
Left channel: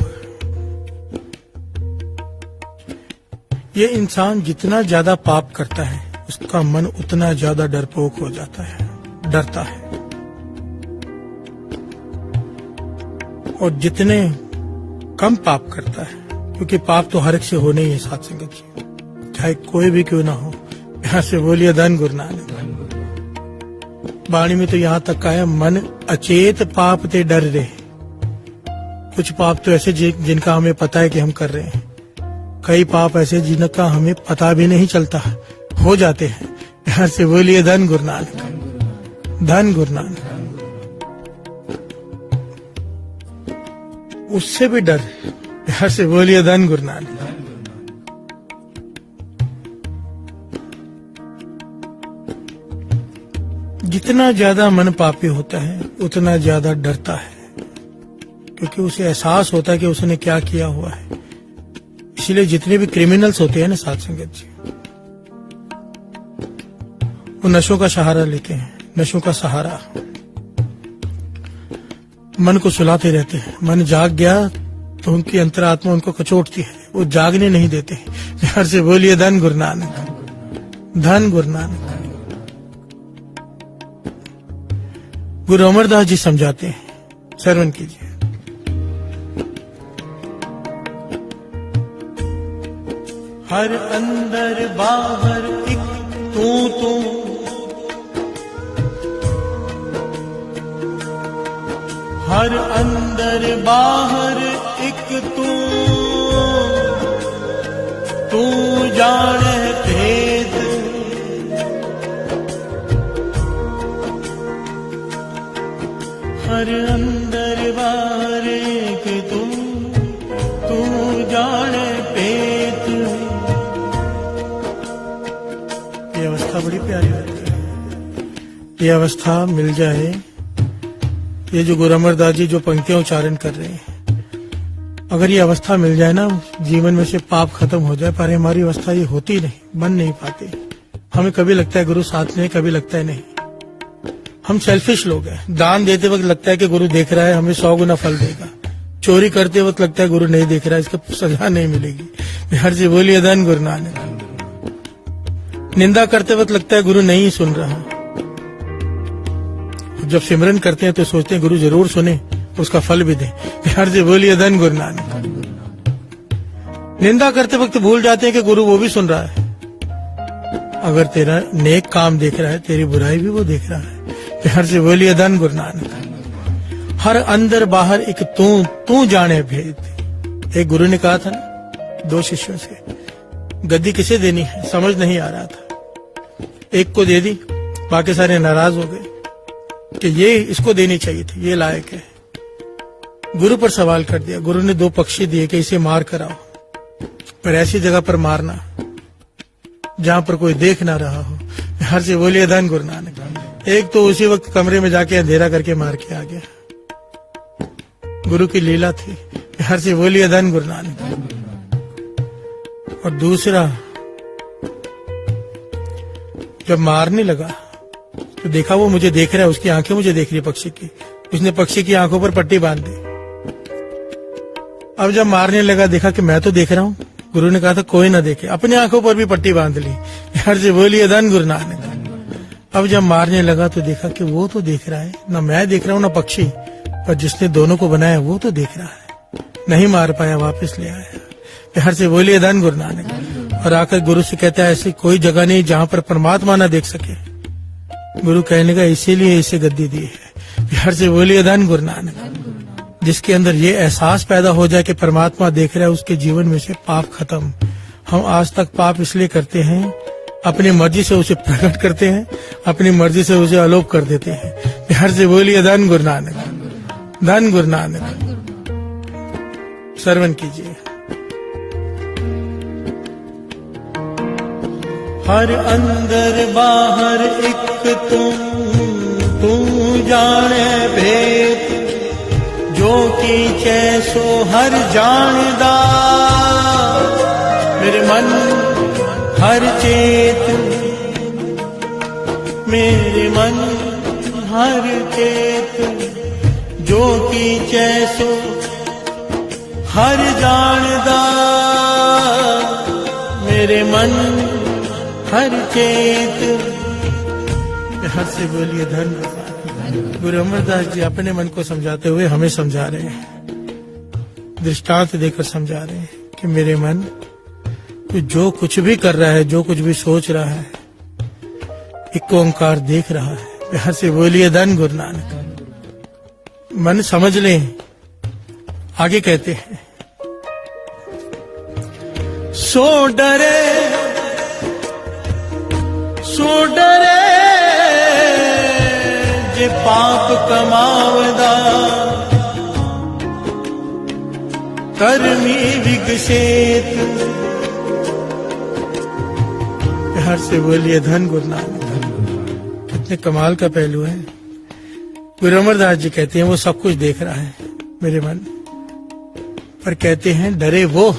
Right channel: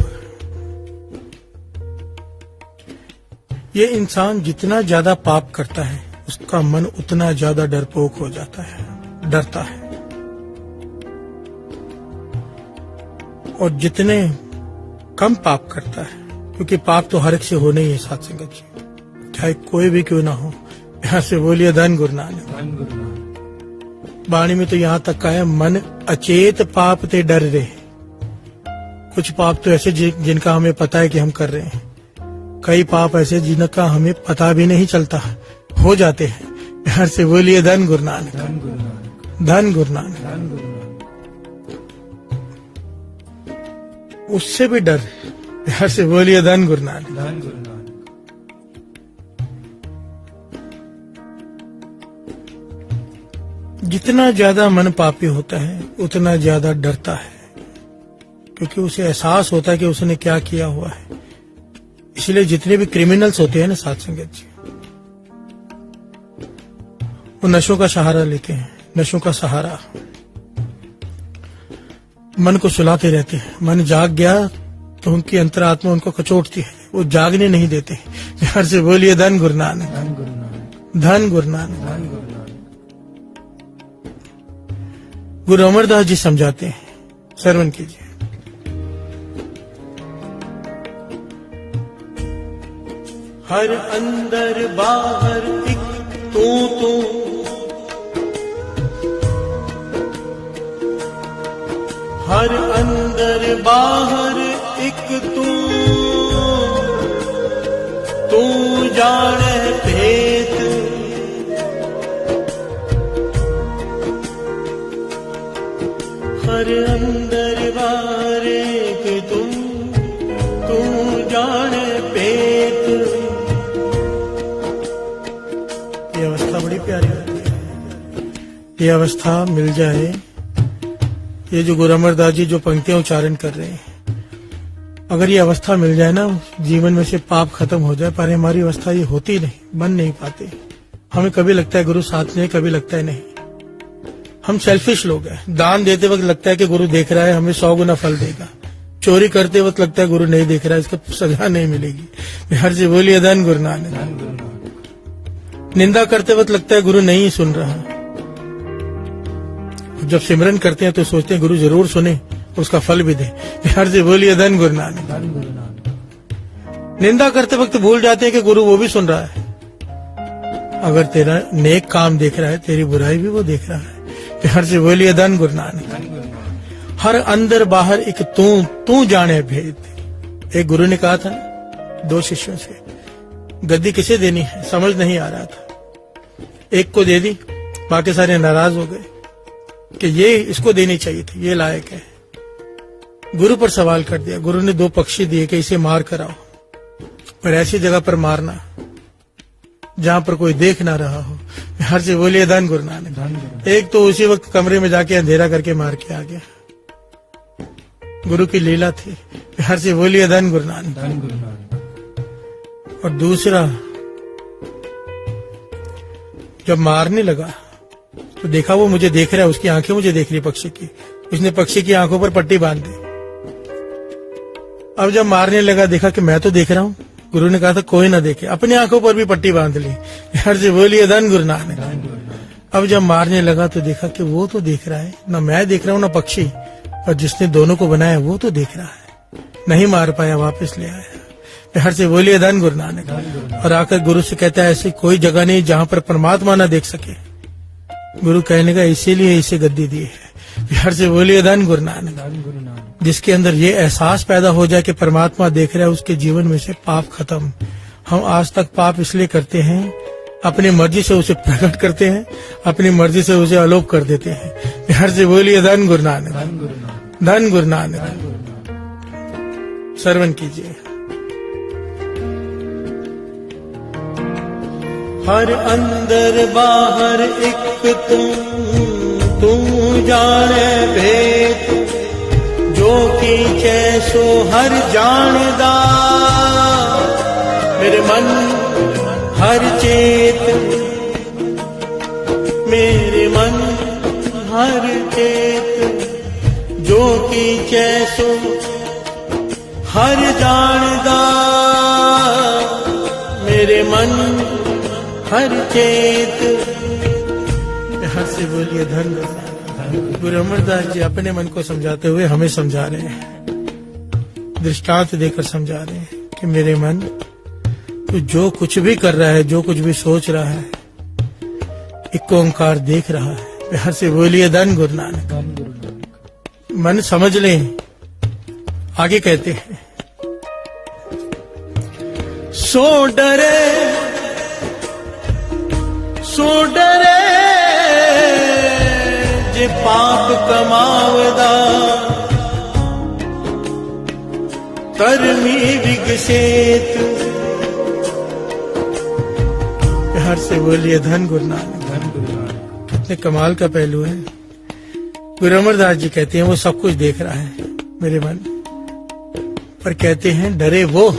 ये इंसान जितना ज्यादा पाप करता है उसका मन उतना ज्यादा डरपोक हो जाता है, डरता है। और जितने कम पाप करता है, क्योंकि पाप तो हर एक से होने ही साथ संगत जी, चाहे कोई भी क्यों ना हो। यहाँ से बोलिए धन गुरु नानक। वाणी में तो यहाँ तक कहा है मन अचेत पाप ते डर रहे। कुछ पाप तो ऐसे जिनका हमें पता है कि हम कर रहे हैं, कई पाप ऐसे जिनका हमें पता भी नहीं चलता हो जाते हैं। यहाँ से बोलिए धन गुरु नानक, धन गुरु नानक। उससे भी डर। यहाँ से बोलिए धन गुरु नानक। जितना ज्यादा मन पापी होता है उतना ज्यादा डरता है, क्योंकि उसे एहसास होता है कि उसने क्या किया हुआ है। इसलिए जितने भी क्रिमिनल्स होते हैं ना साथ संगत जी, वो नशों का सहारा लेते हैं। नशों का सहारा मन को सुलाते रहते हैं। मन जाग गया तो उनकी अंतरात्मा उनको कचोटती है, वो जागने नहीं देते। यहाँ से बोलिए धन गुरु नानक, धन गुरु नानक। गुरु अमरदास जी समझाते हैं, श्रवण कीजिए। हर अंदर बाहर एक तू, हर अंदर बाहर एक तू जाने भेद। हर अंदर बाहर एक तू जाने भेद। ये अवस्था बड़ी प्यारी होती है। ये अवस्था मिल जाए, ये जो गुरु अमरदास जी जो पंक्तियां उच्चारण कर रहे हैं, अगर ये अवस्था मिल जाए ना, जीवन में से पाप खत्म हो जाए। पर हमारी अवस्था ये होती नहीं, बन नहीं पाती। हमें कभी लगता है गुरु साथ में, कभी लगता है नहीं। हम सेल्फिश लोग हैं। दान देते वक्त लगता है कि गुरु देख रहा है, हमें 100 गुना फल देगा। चोरी करते वक्त लगता है गुरु नहीं देख रहा है, इसका सजा नहीं मिलेगी। बिहार से बोलिए धन गुरु नानक। निंदा करते वक्त लगता है गुरु नहीं सुन रहा। जब सिमरन करते हैं तो सोचते हैं गुरु जरूर सुने, उसका फल भी दे। बिहार से बोलिए धन गुरु नानक। निंदा करते वक्त भूल जाते हैं कि गुरु वो भी सुन रहा है। अगर तेरा नेक काम देख रहा है, तेरी बुराई भी वो देख रहा है। बिहार से बोलिए धन गुरु नानक। हर अंदर बाहर एक तू जाने भेद। एक गुरु ने कहा था ना 2 शिष्यों से, गद्दी किसे देनी है समझ नहीं आ रहा था। एक को दे दी, बाकी सारे नाराज हो गए कि ये इसको देनी चाहिए थी, ये लायक है। गुरु पर सवाल कर दिया। गुरु ने 2 पक्षी दिए कि इसे मार कर आओ, पर ऐसी जगह पर मारना जहां पर कोई देख ना रहा हो। हर से बोलिए धन गुरु नानक। एक तो उसी वक्त कमरे में जाके अंधेरा करके मार के आ गया। गुरु की लीला थी। हर से बोलिए धन गुरु नानक। और दूसरा जब मारने लगा तो देखा वो मुझे देख रहा है, उसकी आंखें मुझे देख रही पक्षी की। उसने पक्षी की आंखों पर पट्टी बांध दी। अब जब मारने लगा देखा कि मैं तो देख रहा हूँ। गुरु ने कहा था कोई ना देखे, अपनी आंखों पर भी पट्टी बांध ली। हर से बोलिए धन गुरु नानक। अब जब मारने लगा तो देखा कि वो तो देख रहा है, ना मैं देख रहा हूँ ना पक्षी, और जिसने दोनों को बनाया वो तो देख रहा है। नहीं मार पाया, वापस ले आया। हर से बोलिए धन गुरु नानक। और आकर गुरु से कहता है ऐसी कोई जगह नहीं जहाँ पर परमात्मा ना देख सके। गुरु कहने का इसीलिए इसे गद्दी दी है। हर से बोलिए धन गुरु नानक। जिसके अंदर ये एहसास पैदा हो जाए कि परमात्मा देख रहा है, उसके जीवन में से पाप खत्म। हम आज तक पाप इसलिए करते हैं, अपनी मर्जी से उसे प्रकट करते हैं, अपनी मर्जी से उसे अलोप कर देते हैं। हर से बोलिए धन गुरु नानक। धन गुरु नानक। श्रवण कीजिए। हर अंदर बाहर एक तू जाने भेद। जो कीचे सो हर जानदा। मेरे मन हर चेत, मेरे मन हर चेत। जो कीचे सो हर जानदा। मेरे मन हर चेत। यहाँ से बोलिए धन। गुरु अमरदास जी अपने मन को समझाते हुए हमें समझा रहे हैं, दृष्टांत देकर समझा रहे हैं कि मेरे मन तो जो कुछ भी कर रहा है, जो कुछ भी सोच रहा है, एक ओंकार देख रहा है। यहाँ से बोलिए धन गुरु नानक। मन समझ ले। आगे कहते हैं सो डरे जे पाप कमावदा। करमी विकसित। हर से बोलिए धन गुरु नानक। कितने कमाल का पहलू है। गुरु अमरदास जी कहते हैं वो सब कुछ देख रहा है मेरे मन, पर कहते हैं डरे वो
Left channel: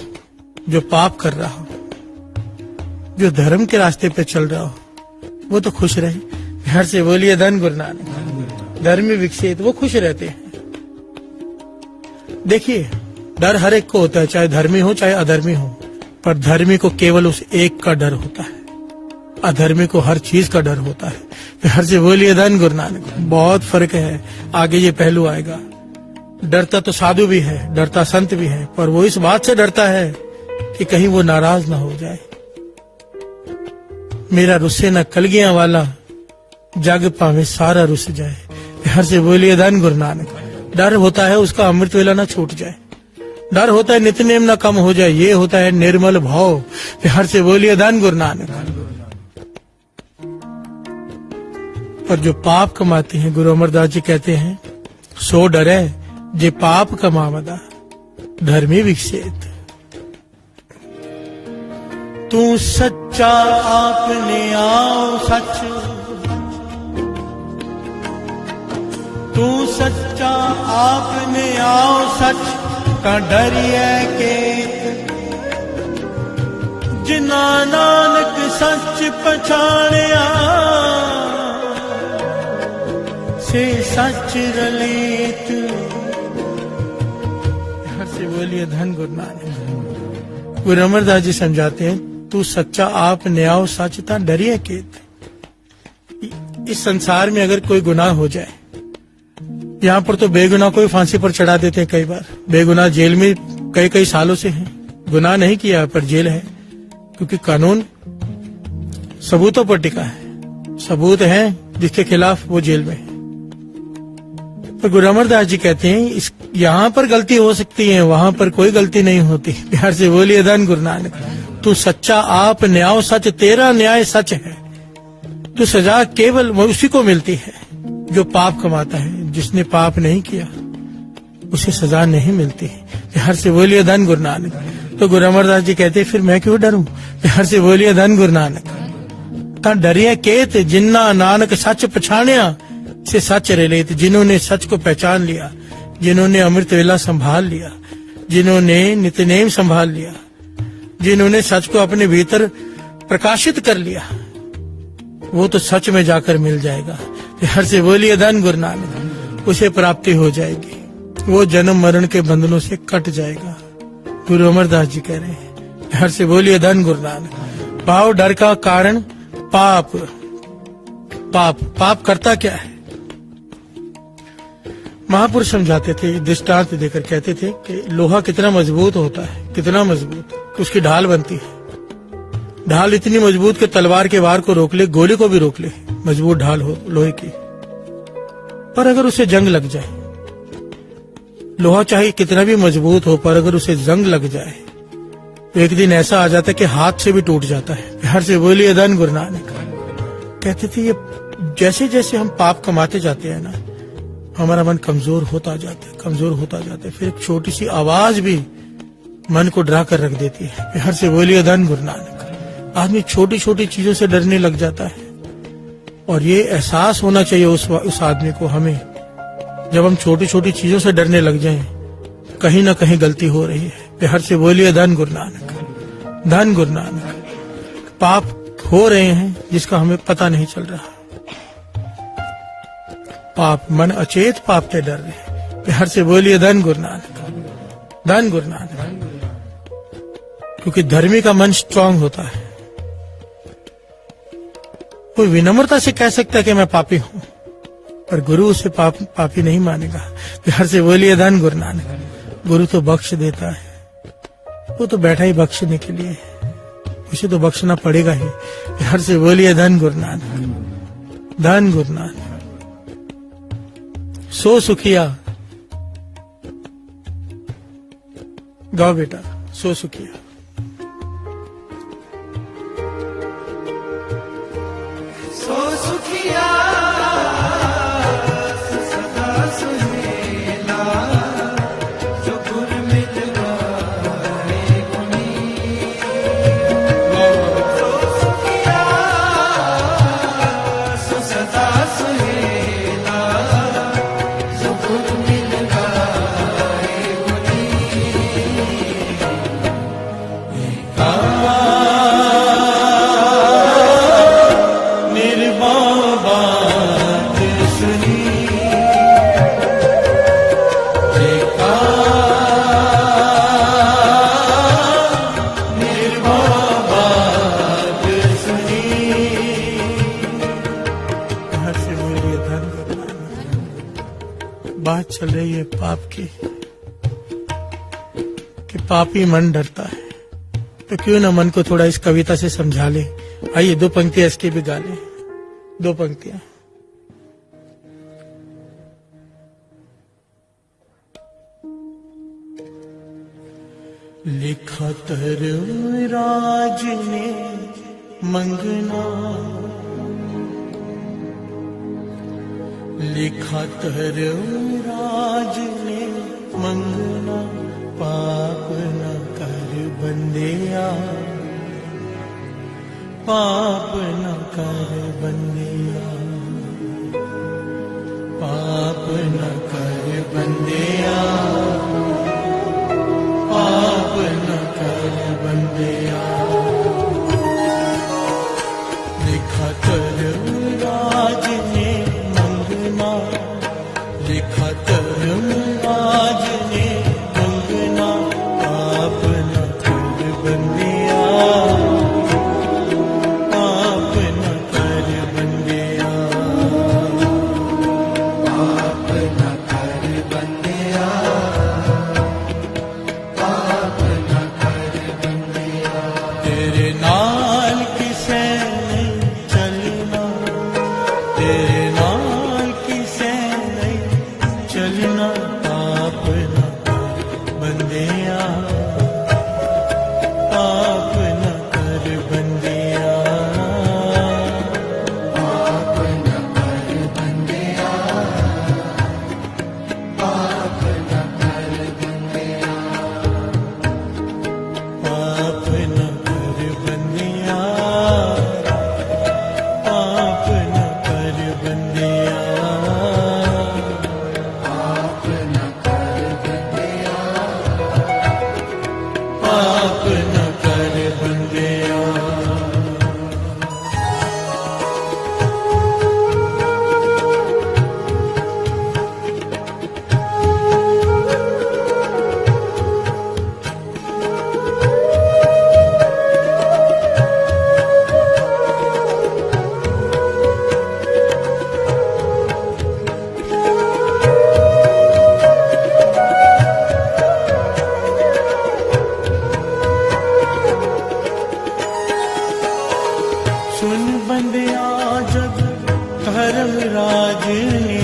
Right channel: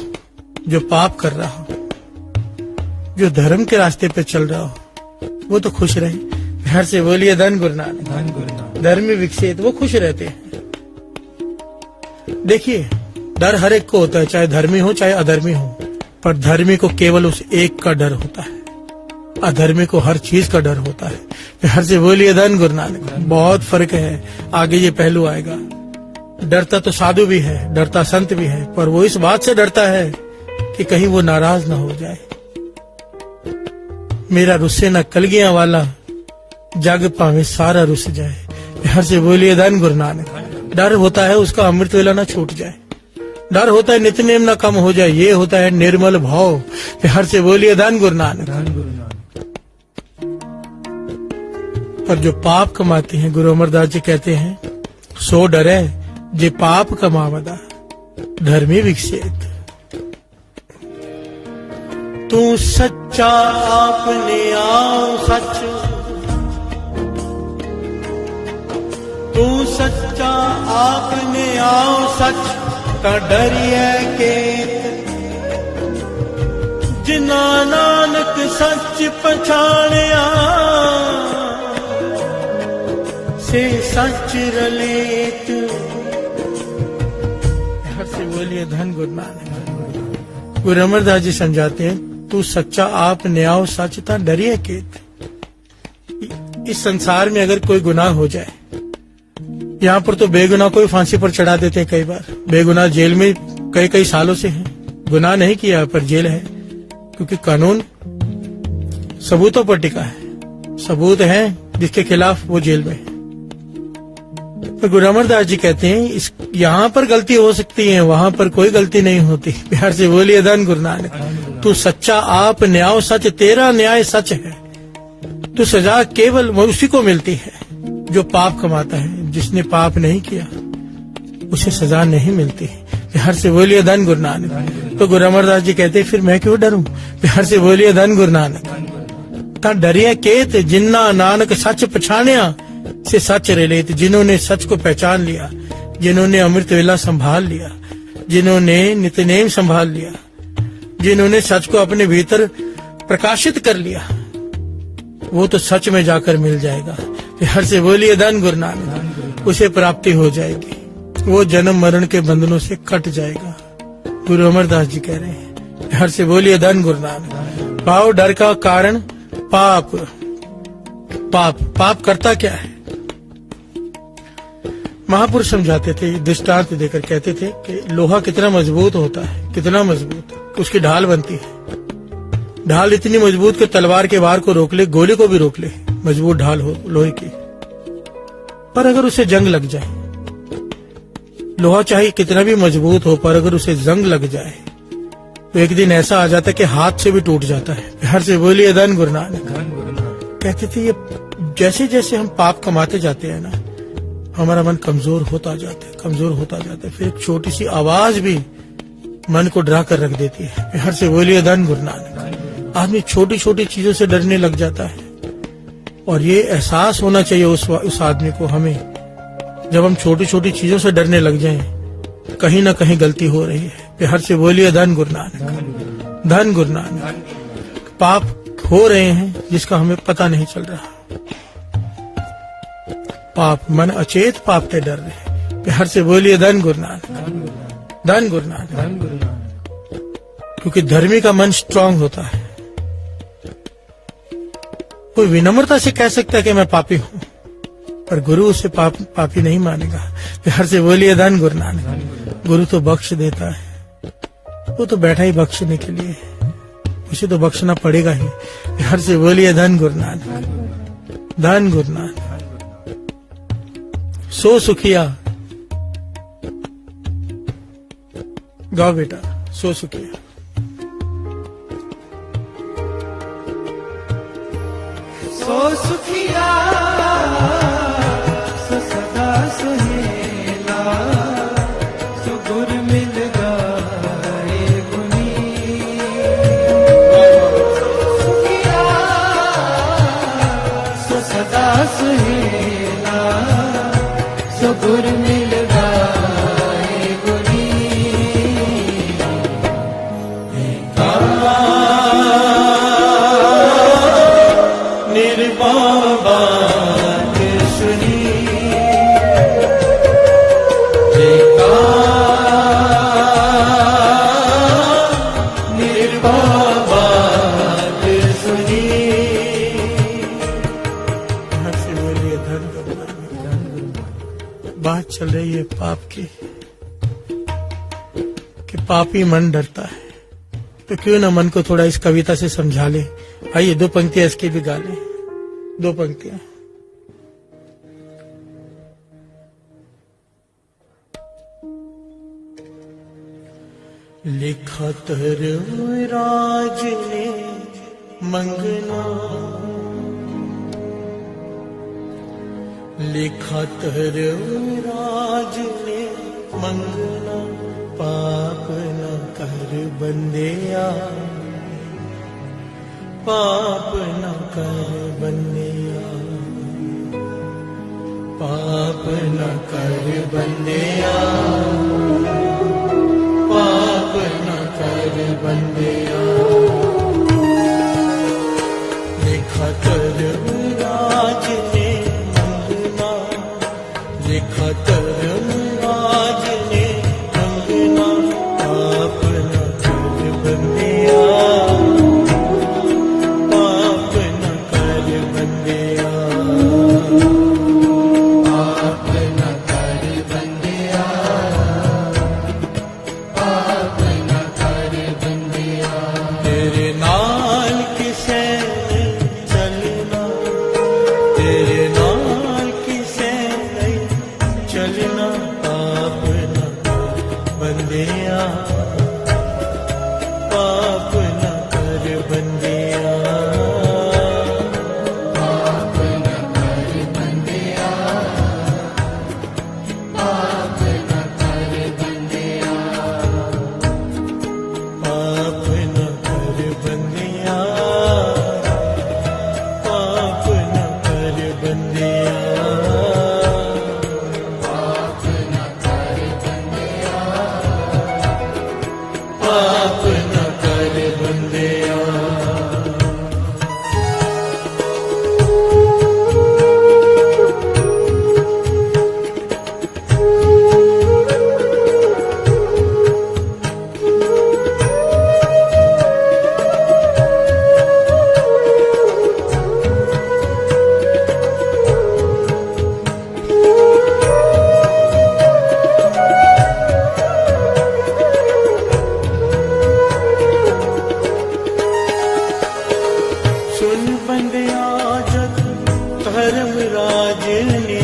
जो पाप कर रहा हो, जो धर्म के रास्ते पे चल रहा हो, वो तो खुश रहे। हर से बोलिए धन गुरु नानक। धर्मी विकसित, वो खुश रहते हैं। देखिए डर हर एक को होता है, चाहे धर्मी हो चाहे अधर्मी हो, पर धर्मी को केवल उस एक का डर होता है, अधर्मी को हर चीज का डर होता है। हर से बोलिए धन गुरु नानक। बहुत फर्क है, आगे ये पहलू आएगा। डरता तो साधु भी है, डरता संत भी है, पर वो इस बात से डरता है कि कहीं वो नाराज ना हो जाए। मेरा रुस्से न कलगियां वाला, जग पावे सारा रुस जाए। हर से बोलिए धन गुरु नानक। डर होता है उसका अमृत वेला न छूट जाए, डर होता है नित्यनेम न कम हो जाए, ये होता है निर्मल भाव। हर से बोलिए धन गुरु नानक। पर जो पाप कमाते हैं, गुरु अमरदास जी कहते हैं सो डरे जे पाप कमावदा। धर्मी विकसित। तू सच्चा आपने आओ सच। तू सच्चा आपने आओ सच। ता डरिए के जिना नानक सच पछाणिया। से सच रलेत। हर से बोलिए धन गुरु नानक। गुरु अमरदास जी समझाते हैं, तू सच्चा आप न्याय सचता डरिए केत। इस संसार में अगर कोई गुनाह हो जाए, यहाँ पर तो बेगुनाह को फांसी पर चढ़ा देते हैं, कई बार बेगुनाह जेल में कई कई सालों से हैं, गुनाह नहीं किया पर जेल है, क्योंकि कानून सबूतों पर टिका है, सबूत है जिसके खिलाफ वो जेल में है। पर गुरु अमरदास जी कहते हैं यहाँ पर गलती हो सकती है, वहां पर कोई गलती नहीं होती। प्यार से बोलिए धन गुरु नानक। तू सच्चा आप न्याय सच, तेरा न्याय सच है। तो सजा केवल उसी को मिलती है जो पाप कमाता है, जिसने पाप नहीं किया उसे सजा नहीं मिलती। प्यार से बोलिए धन गुरु नानक। तो गुरु अमरदास जी कहते हैं, फिर मैं क्यों डरूं? प्यार से बोलिए धन गुरु नानक। ता डरिए केत जिन्ना नानक सच पछाणिया से सच रलेत। जिन्होंने सच को पहचान लिया, जिन्होंने अमृत वेला संभाल लिया, जिन्होंने नित्यनेम संभाल लिया, जिन्होंने सच को अपने भीतर प्रकाशित कर लिया, वो तो सच में जाकर मिल जाएगा। हर से बोलिए धन गुरु नानक। उसे प्राप्ति हो जाएगी, वो जन्म मरण के बंधनों से कट जाएगा। गुरु अमरदास जी कह रहे हैं, हर से बोलिए धन गुरु नानक। भाव डर का कारण पाप। पाप पाप करता क्या है? महापुरुष समझाते थे, दृष्टांत देकर कहते थे कि लोहा कितना मजबूत होता है, कितना मजबूत, उसकी ढाल बनती है। ढाल इतनी मजबूत कि तलवार के वार को रोक ले, गोली को भी रोक ले, मजबूत ढाल हो लोहे की। पर अगर उसे जंग लग जाए, लोहा चाहे कितना भी मजबूत हो, पर अगर उसे जंग लग जाए तो एक दिन ऐसा आ जाता है कि हाथ से भी टूट जाता है। प्यार से बोलिए धन गुरु नानक। कहते थे ये जैसे जैसे हम पाप कमाते जाते हैं ना, हमारा मन कमजोर होता जाता है, कमजोर होता जाता है। फिर एक छोटी सी आवाज भी मन को डरा कर रख देती है। प्यार से बोलिए धन गुरु नानक। आदमी छोटी छोटी चीजों से डरने लग जाता है, और ये एहसास होना चाहिए उस आदमी को, हमें, जब हम छोटी छोटी चीजों से डरने लग जाएं, कहीं ना कहीं गलती हो रही है। प्यार से बोलिए धन गुरु नानक। धन गुरु नानक। पाप हो रहे हैं जिसका हमें पता नहीं चल रहा। पाप मन अचेत पाप से डर रहे। प्यार से बोलिए धन गुरु नानक। धन गुरु नानक। क्योंकि धर्मी का मन स्ट्रांग होता है। कोई विनम्रता से कह सकता है कि मैं पापी हूं, पर गुरु उसे पापी नहीं मानेगा। प्यार से बोलिए धन गुरु नानक। गुरु तो बख्श देता है, वो तो बैठा ही बख्शने के लिए, उसे तो बख्शना पड़ेगा ही। प्यार से बोलिए धन गुरु नानक। धन गुरु नानक। सो सुखिया, गाओ बेटा, सो सुखिया। सो सुखिया सदा सुहेला, जो गुरु मिल गए गुनी। सो सुखिया सदा सुहेला, जो गुरु मिल गए गुनी। बात चल रही है पाप की, कि पापी मन डरता है, तो क्यों ना मन को थोड़ा इस कविता से समझा लें। आइए 2 पंक्तियां इसकी भी गा लें, 2 पंक्तियां। लिखा राज ने मंगना, लिखा राज ने मंगना, पाप न कर बंदिया, पाप न कर बंदिया, पाप न कर बंदिया, पाप न कर बंदिया। लिखा राज ने मंगना, पाप न कर बंदिया। सुन बंदिया जब धर्मराज ने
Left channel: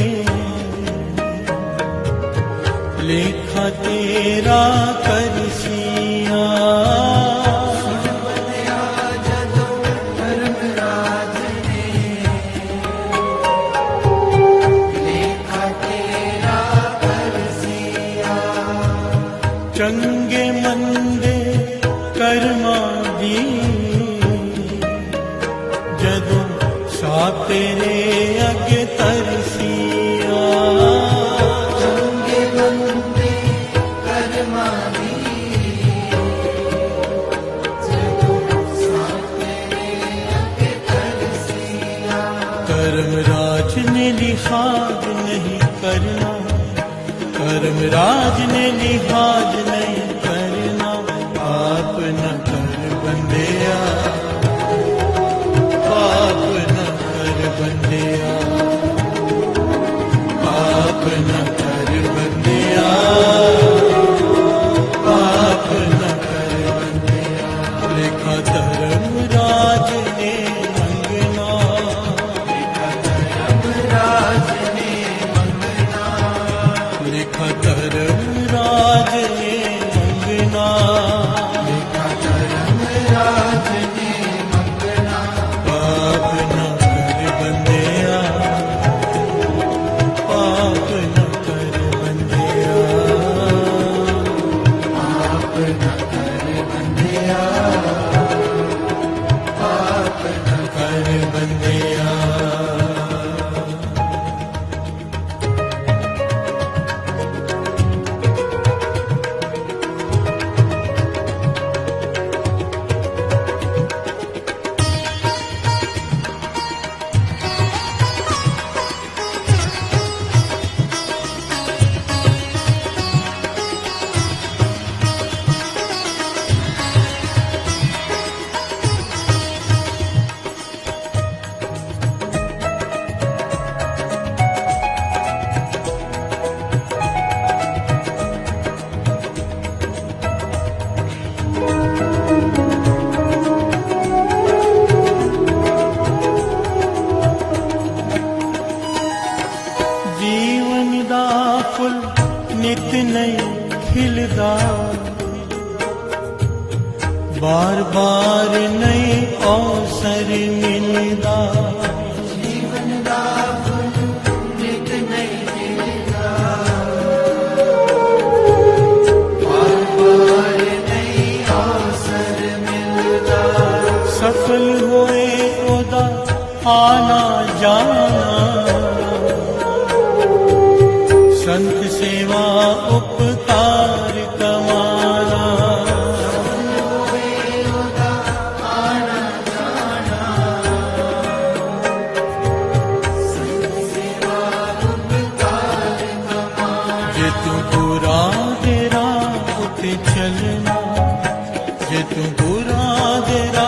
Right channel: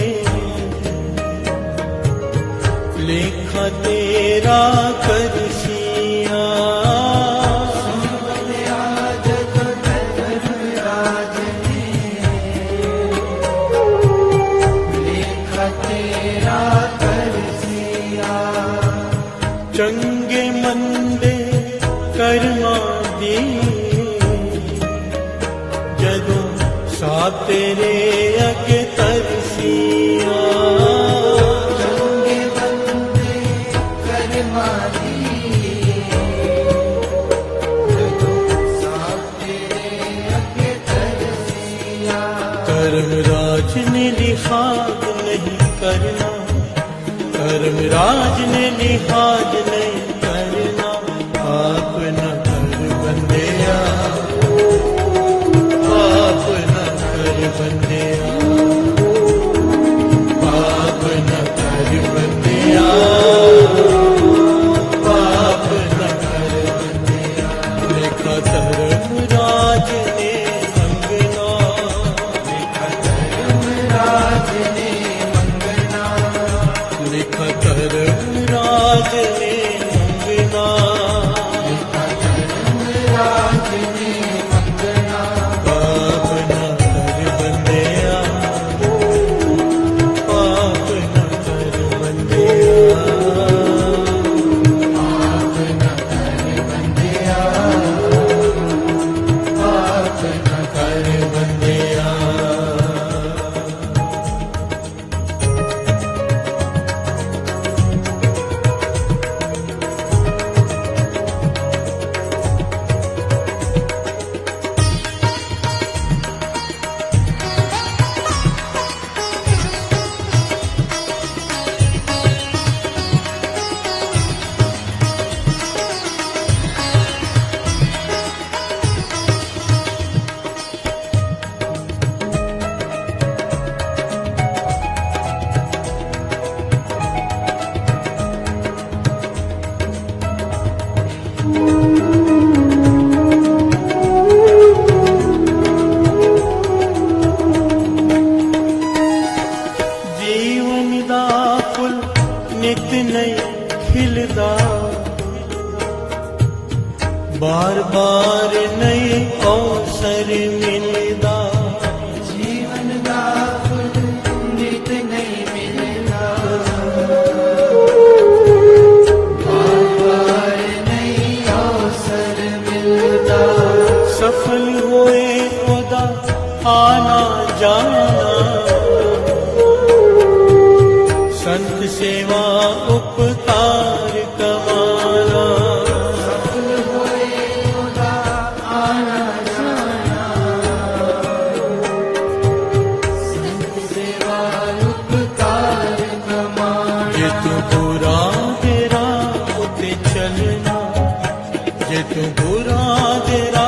लेखा तेरा करसिया। चंगे मंदे करना दी जदों सा तेरे अगे तरसिया। चंगे मंदे करना दी जदों सा तेरे अगे तरसिया। कर्मराज ने लिहाज नहीं करना, कर्मराज ने लिहाज नहीं करना, पाप न कर बंदिया, पाप न कर बंदिया, पाप न कर बंदिया, पाप न कर बंदिया। लिखा धर्मराज ने मंगना, लिखा धर्मराज ने मंगना, लिखा धर्मराज ने मंगना, लिखा धर्मराज ने मंगना। पाप न कर बंदिया, पाप न कर बंदिया, पाप न कर बंदिया, पाप न कर बंदिया। जीवन दा फुल नित नहीं खिलदा, बार बार नहीं अवसर मिलदा। जीवन दा फुल नित नहीं खिलदा, बार बार नहीं अवसर मिलदा। सफल होए ओदा आना जाना, संत सेवा उपकार कमाना। जे तू बुरा तेरा उते चलना, जे तू बुरा तेरा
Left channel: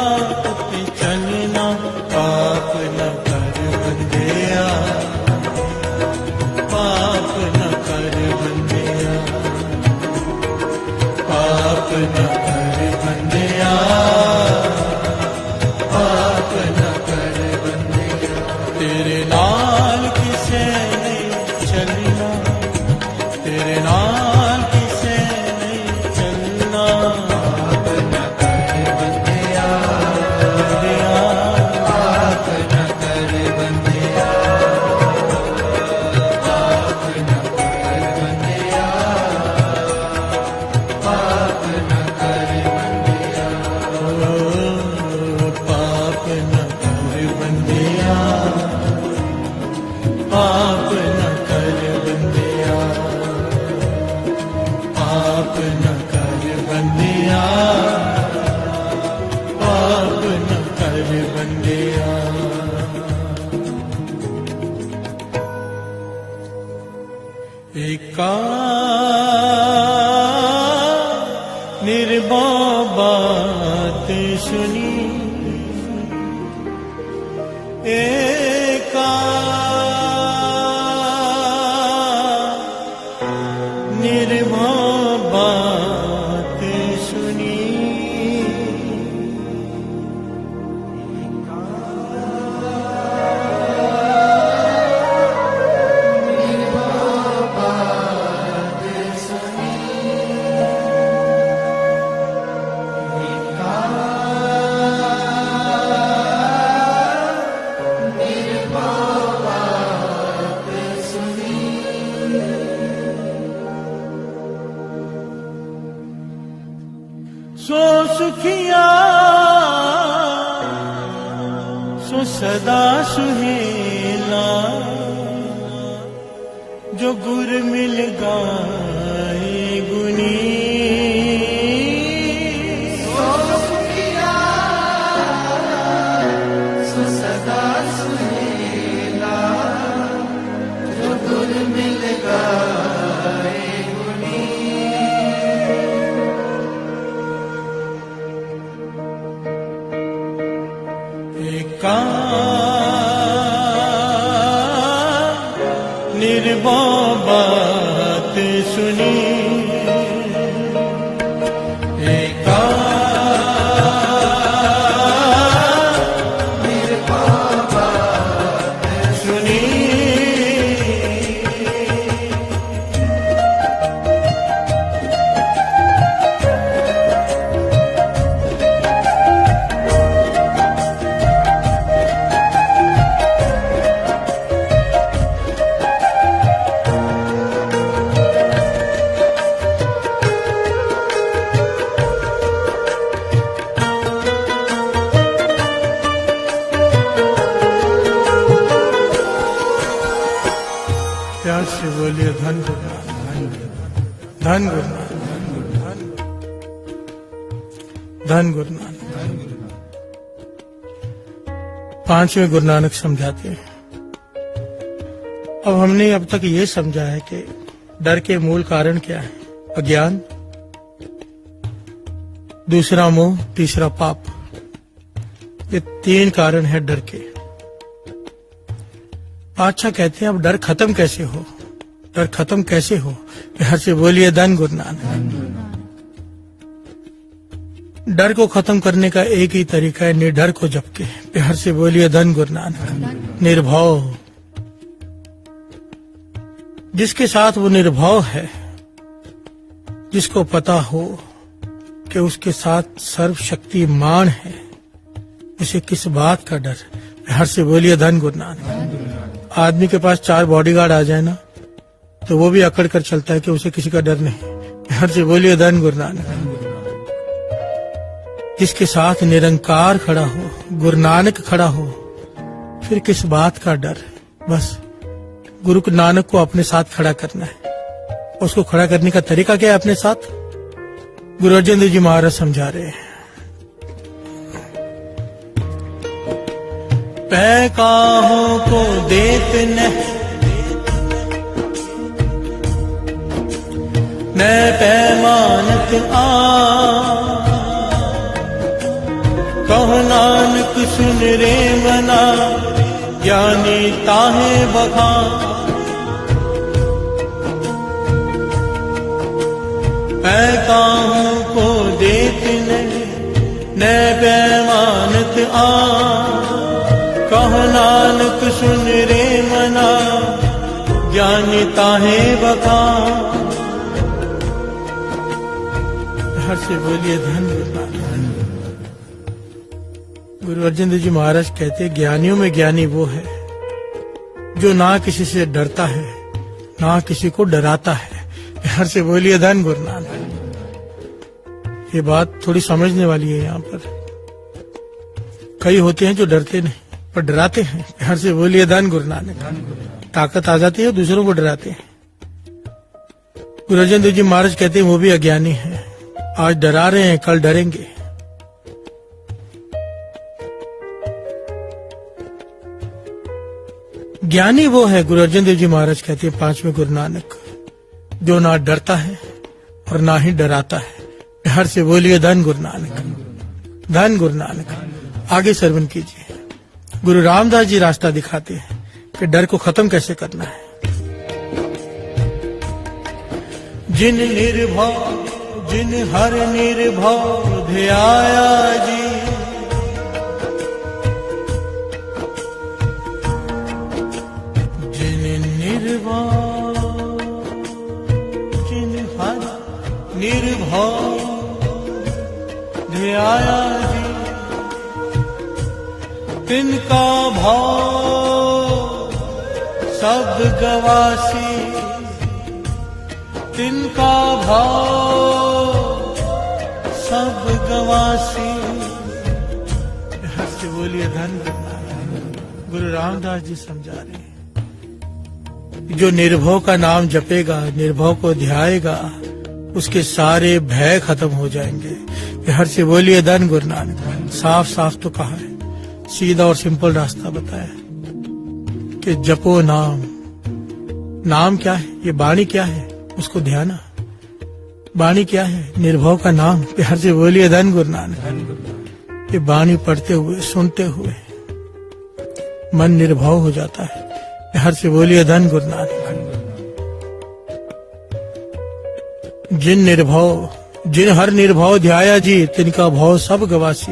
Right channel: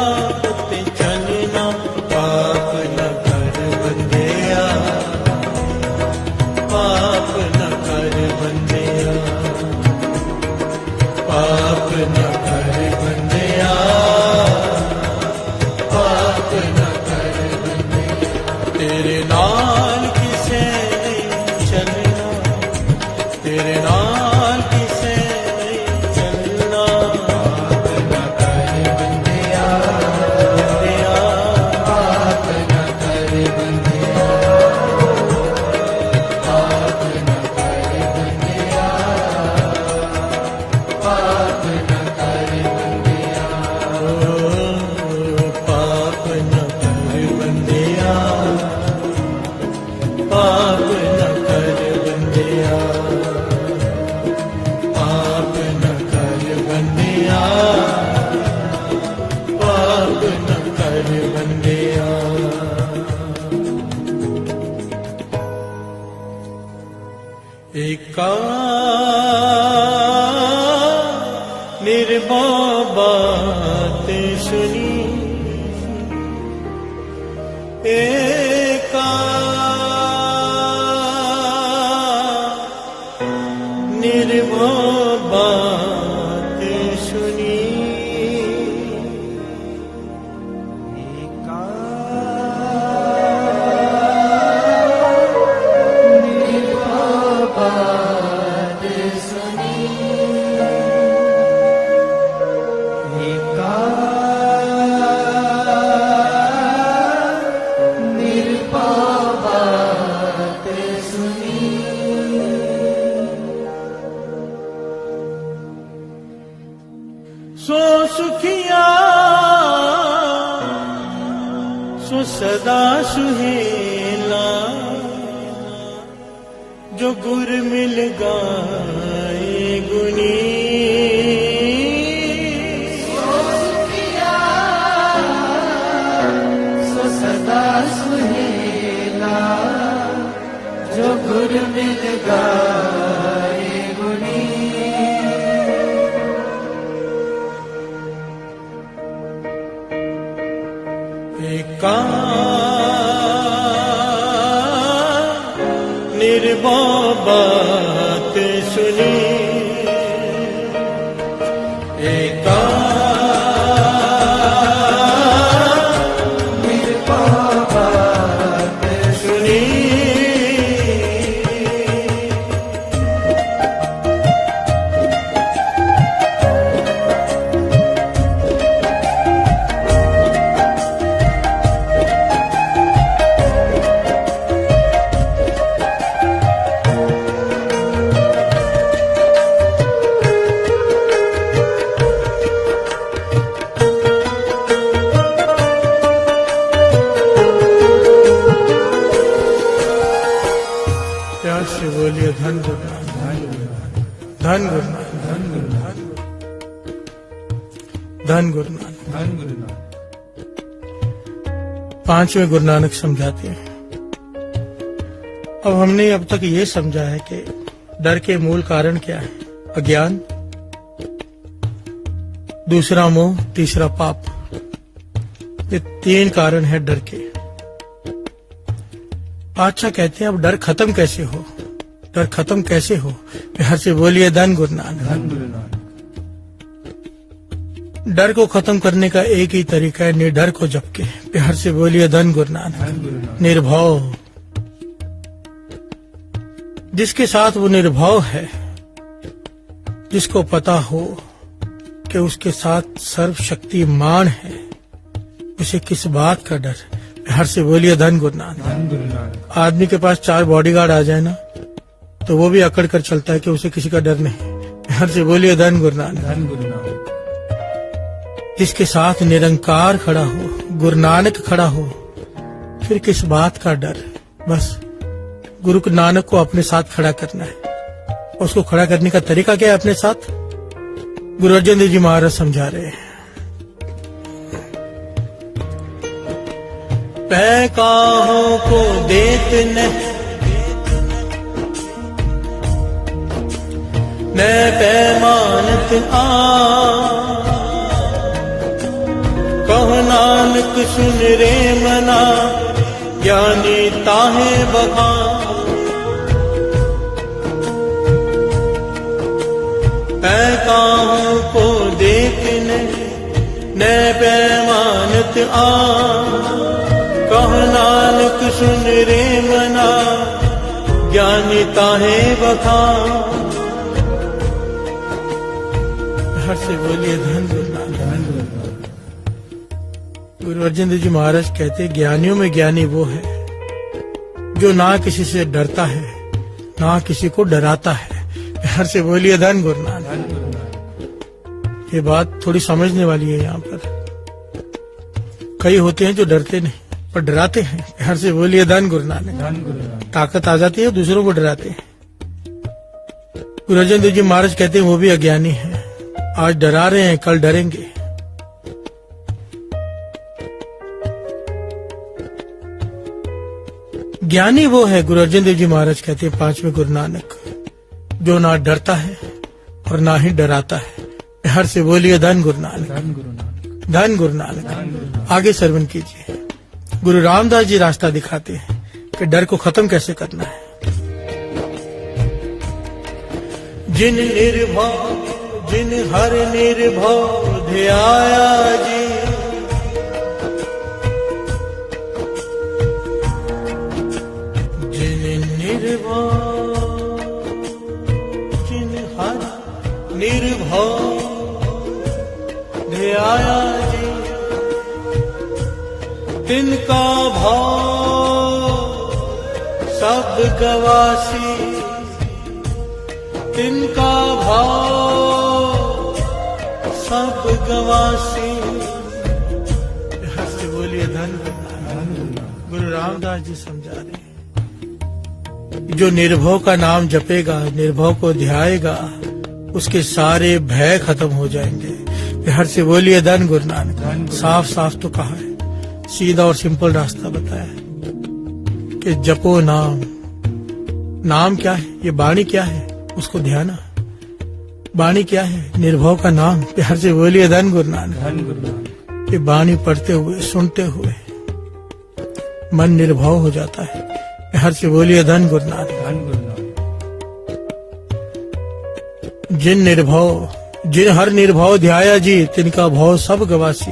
उते चलना, पाप न कर बंदिया, पाप न कर बंदिया, पाप न कर बंदिया, पाप न कर बंदिया। तेरे नाल किसे नहीं चलना, तेरे नाल किसे नहीं चलना, पाप न कर बंदिया, पाप न कर बंदिया, पाप न कर बंदिया, पाप न कर बंदिया, पाप न कर बंदिया, पाप न कर बंदिया, पाप न कर बंदिया। बात सुनी एका निर्भय बात सुनी सो सुखिया सो सदा सुहेला जो गुर मिल गाए गुनी सो सदा सुहेला जो गुर मिल गाए गुनी एका निर्भय बात सुनी एका निर्भय बात सुनी प्यार से बोलिए धन गुरु नानक, धन गुरु नानक, धन गुरु नानक। पांचवें गुरु नानक समझाते हैं। अब हमने अब तक ये समझा है कि डर के मूल कारण क्या है? अज्ञान, दूसरा मोह, तीसरा पाप। ये तीन कारण है डर के। अच्छा कहते हैं अब डर खत्म कैसे हो? डर खत्म कैसे हो? यहाँ से बोलिए धन गुरु नानक। डर को खत्म करने का एक ही तरीका है, निडर को जपके। प्यार से बोलिए धन गुरु नानक। निर्भव हो। जिसके साथ वो निर्भव है, जिसको पता हो कि उसके साथ सर्वशक्तिमान है, उसे किस बात का डर? प्यार से बोलिए धन गुरु नानक। आदमी के पास 4 बॉडीगार्ड आ जाए ना, तो वो भी अकड़ कर चलता है कि उसे किसी का डर नहीं। प्यार से बोलिए धन गुरु नानक। जिसके साथ निरंकार खड़ा हो, गुरु नानक खड़ा हो, फिर किस बात का डर? बस गुरु नानक को अपने साथ खड़ा करना है। उसको खड़ा करने का तरीका क्या है अपने साथ? गुरु अर्जन देव जी महाराज समझा रहे हैं। पैकाहों को देत मैं पैमानत कह नानक सुन रे मना ज्ञानी ताहे बका। पैकाहों को देत न पैमानत कह नानक सुन रे मना ज्ञानी ताहे बका। से बोलिए धन गुरु नानक। गुरु अर्जन देव जी महाराज कहते ज्ञानियों में ज्ञानी वो है जो ना किसी से डरता है, ना किसी को डराता है। यहाँ से बोलिए धन गुरु नानक। ये बात थोड़ी समझने वाली है। यहाँ पर कई होते हैं जो डरते नहीं पर डराते हैं। यहाँ से बोलिए धन गुरु नानक। ताकत आ जाती है, दूसरों को डराते हैं। गुरु अर्जन देव जी महाराज कहते हैं वो भी अज्ञानी है। आज डरा रहे हैं, कल डरेंगे। ज्ञानी वो है, गुरु अर्जन देव जी महाराज कहते हैं पांचवें गुरु नानक, जो ना डरता है और ना ही डराता है। बिहार से बोलिए धन गुरु नानक, धन गुरु नानक। आगे श्रवण कीजिए। गुरु रामदास जी रास्ता दिखाते हैं कि डर को खत्म कैसे करना है। जिन निर्भव जिन हर निर्भव ध्याया जी, जिन निर्भव जिन हर निर्भव ध्याया जी, तिनका भाव सब गवासी, तिनका भाव सब गवासी। हंस बोलिए धन गुरु रामदास जी समझा रहे हैं, जो निर्भव का नाम जपेगा, निर्भव को ध्याएगा, उसके सारे भय खत्म हो जाएंगे। हर से बोलिए धन गुरु नानक। साफ साफ तो कहा है, सीधा और सिंपल रास्ता बताया कि जपो नाम। नाम क्या है? ये वाणी क्या है? उसको ध्याना। वाणी क्या है? निर्भव का नाम। प्यार से बोलिए धन गुरु नानक। ये वाणी पढ़ते हुए सुनते हुए मन निर्भव हो जाता है। प्यार से बोलिए धन गुरु नानक। जिन हर निर्भव ध्याया जी, तिनका भाव सब गवासी।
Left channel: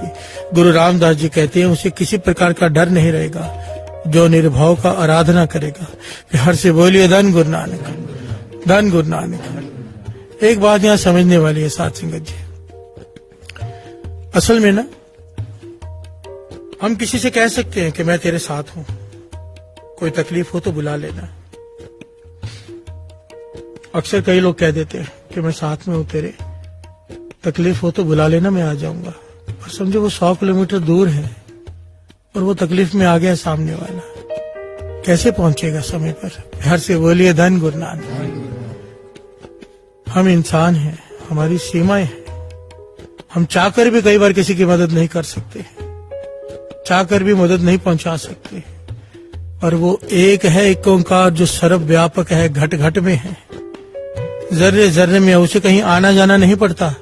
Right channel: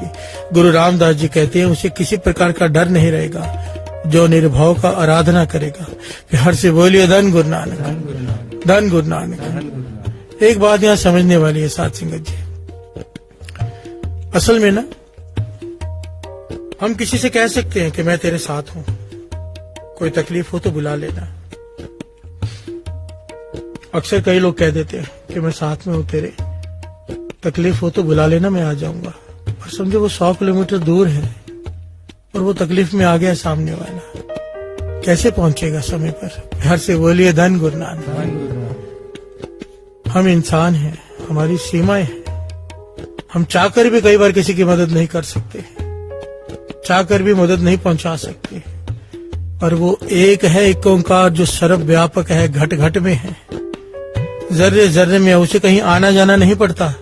गुरु रामदास जी कहते हैं उसे किसी प्रकार का डर नहीं रहेगा जो निर्भव का आराधना करेगा। प्यार से बोलिए धन गुरु नानक, धन गुरु नानक। एक बात यहाँ समझने वाली है साथ संगत जी, असल में ना हम किसी से कह सकते हैं कि मैं तेरे साथ हूं, कोई तकलीफ हो तो बुला लेना। अक्सर कई लोग कह देते हैं कि मैं साथ में हूं तेरे, तकलीफ हो तो बुला लेना, मैं आ जाऊंगा। और समझो वो 100 किलोमीटर दूर है और वो तकलीफ में आ गया सामने वाला, कैसे पहुंचेगा समय पर? घर से बोलिए धन गुरु नानक। हम इंसान हैं, हमारी सीमाएं हैं। हम चाहकर भी कई बार किसी की मदद नहीं कर सकते, चाहकर भी मदद नहीं पहुंचा सकते। और वो एक है एक ओंकार जो सर्वव्यापक है, घट घट में है, जर्रे जर्रे में, उसे कहीं आना जाना नहीं पड़ता,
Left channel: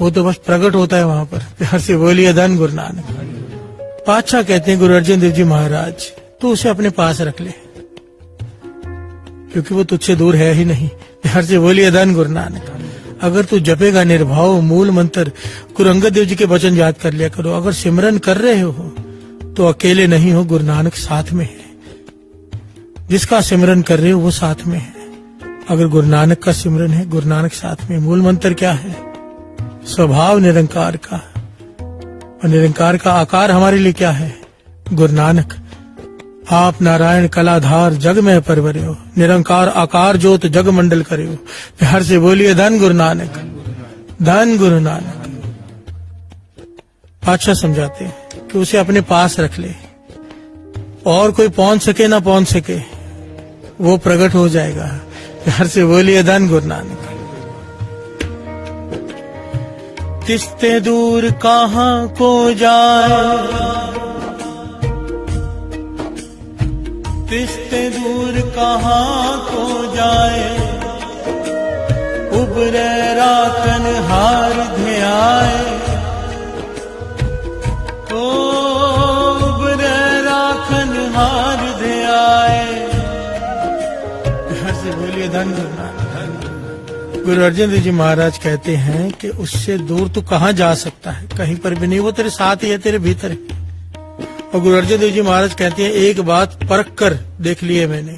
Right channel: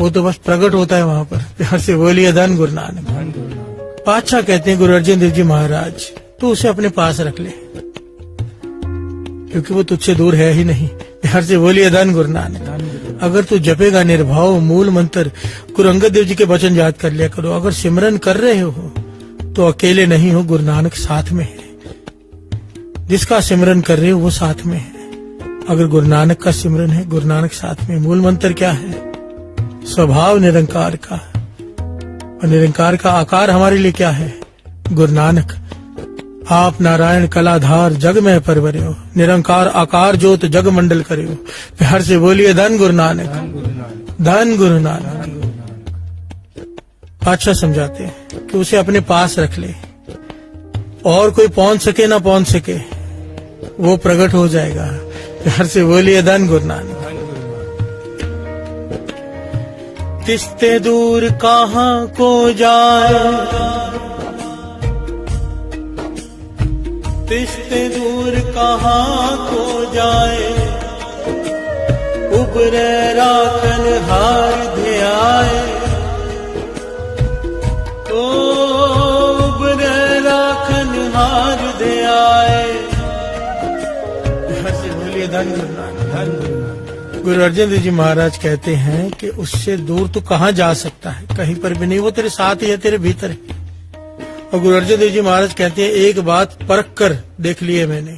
वो तो बस प्रकट होता है वहां पर। प्यार से बोलिए धन गुरु नानक। पातशाह कहते हैं गुरु अर्जन देव जी महाराज, तू उसे अपने पास रख ले क्योंकि वो तुझसे दूर है ही नहीं। प्यार से बोलिए धन गुरु नानक। अगर तू जपेगा निर्भव मूल मंत्र, गुरु अंगद देव जी के वचन याद कर लिया करो। अगर सिमरन कर रहे हो तो अकेले नहीं हो, गुरु नानक साथ में है। जिसका सिमरन कर रहे हो वो साथ में है। अगर गुरु नानक का सिमरन है, गुरु नानक साथ में। मूल मंत्र क्या है? स्वभाव निरंकार का। और निरंकार का आकार हमारे लिए क्या है? गुरु नानक। आप नारायण कलाधार जग में परवरे हो, निरंकार आकार ज्योत जग मंडल करे हो। प्यार से बोलिए धन गुरु नानक, धन गुरु नानक। अच्छा समझाते हैं कि उसे अपने पास रख ले, और कोई पहुंच सके ना पहुंच सके, वो प्रकट हो जाएगा। प्यार से बोलिए धन गुरु नानक। किसते दूर कहाँ को जाए, किसते दूर कहाँ को जाए, उबरे राखन हार ध्याए, तो उबरे राखन हार ध्याए। हर से बोलिए धन गुरु नानक। गुरु अर्जन देव जी महाराज कहते हैं कि उससे दूर तू कहाँ जा सकता है? कहीं पर भी नहीं, वो तेरे साथ ही है, तेरे भीतर है। और गुरु अर्जन देव जी महाराज कहते हैं एक बात परख कर देख लिए मैंने,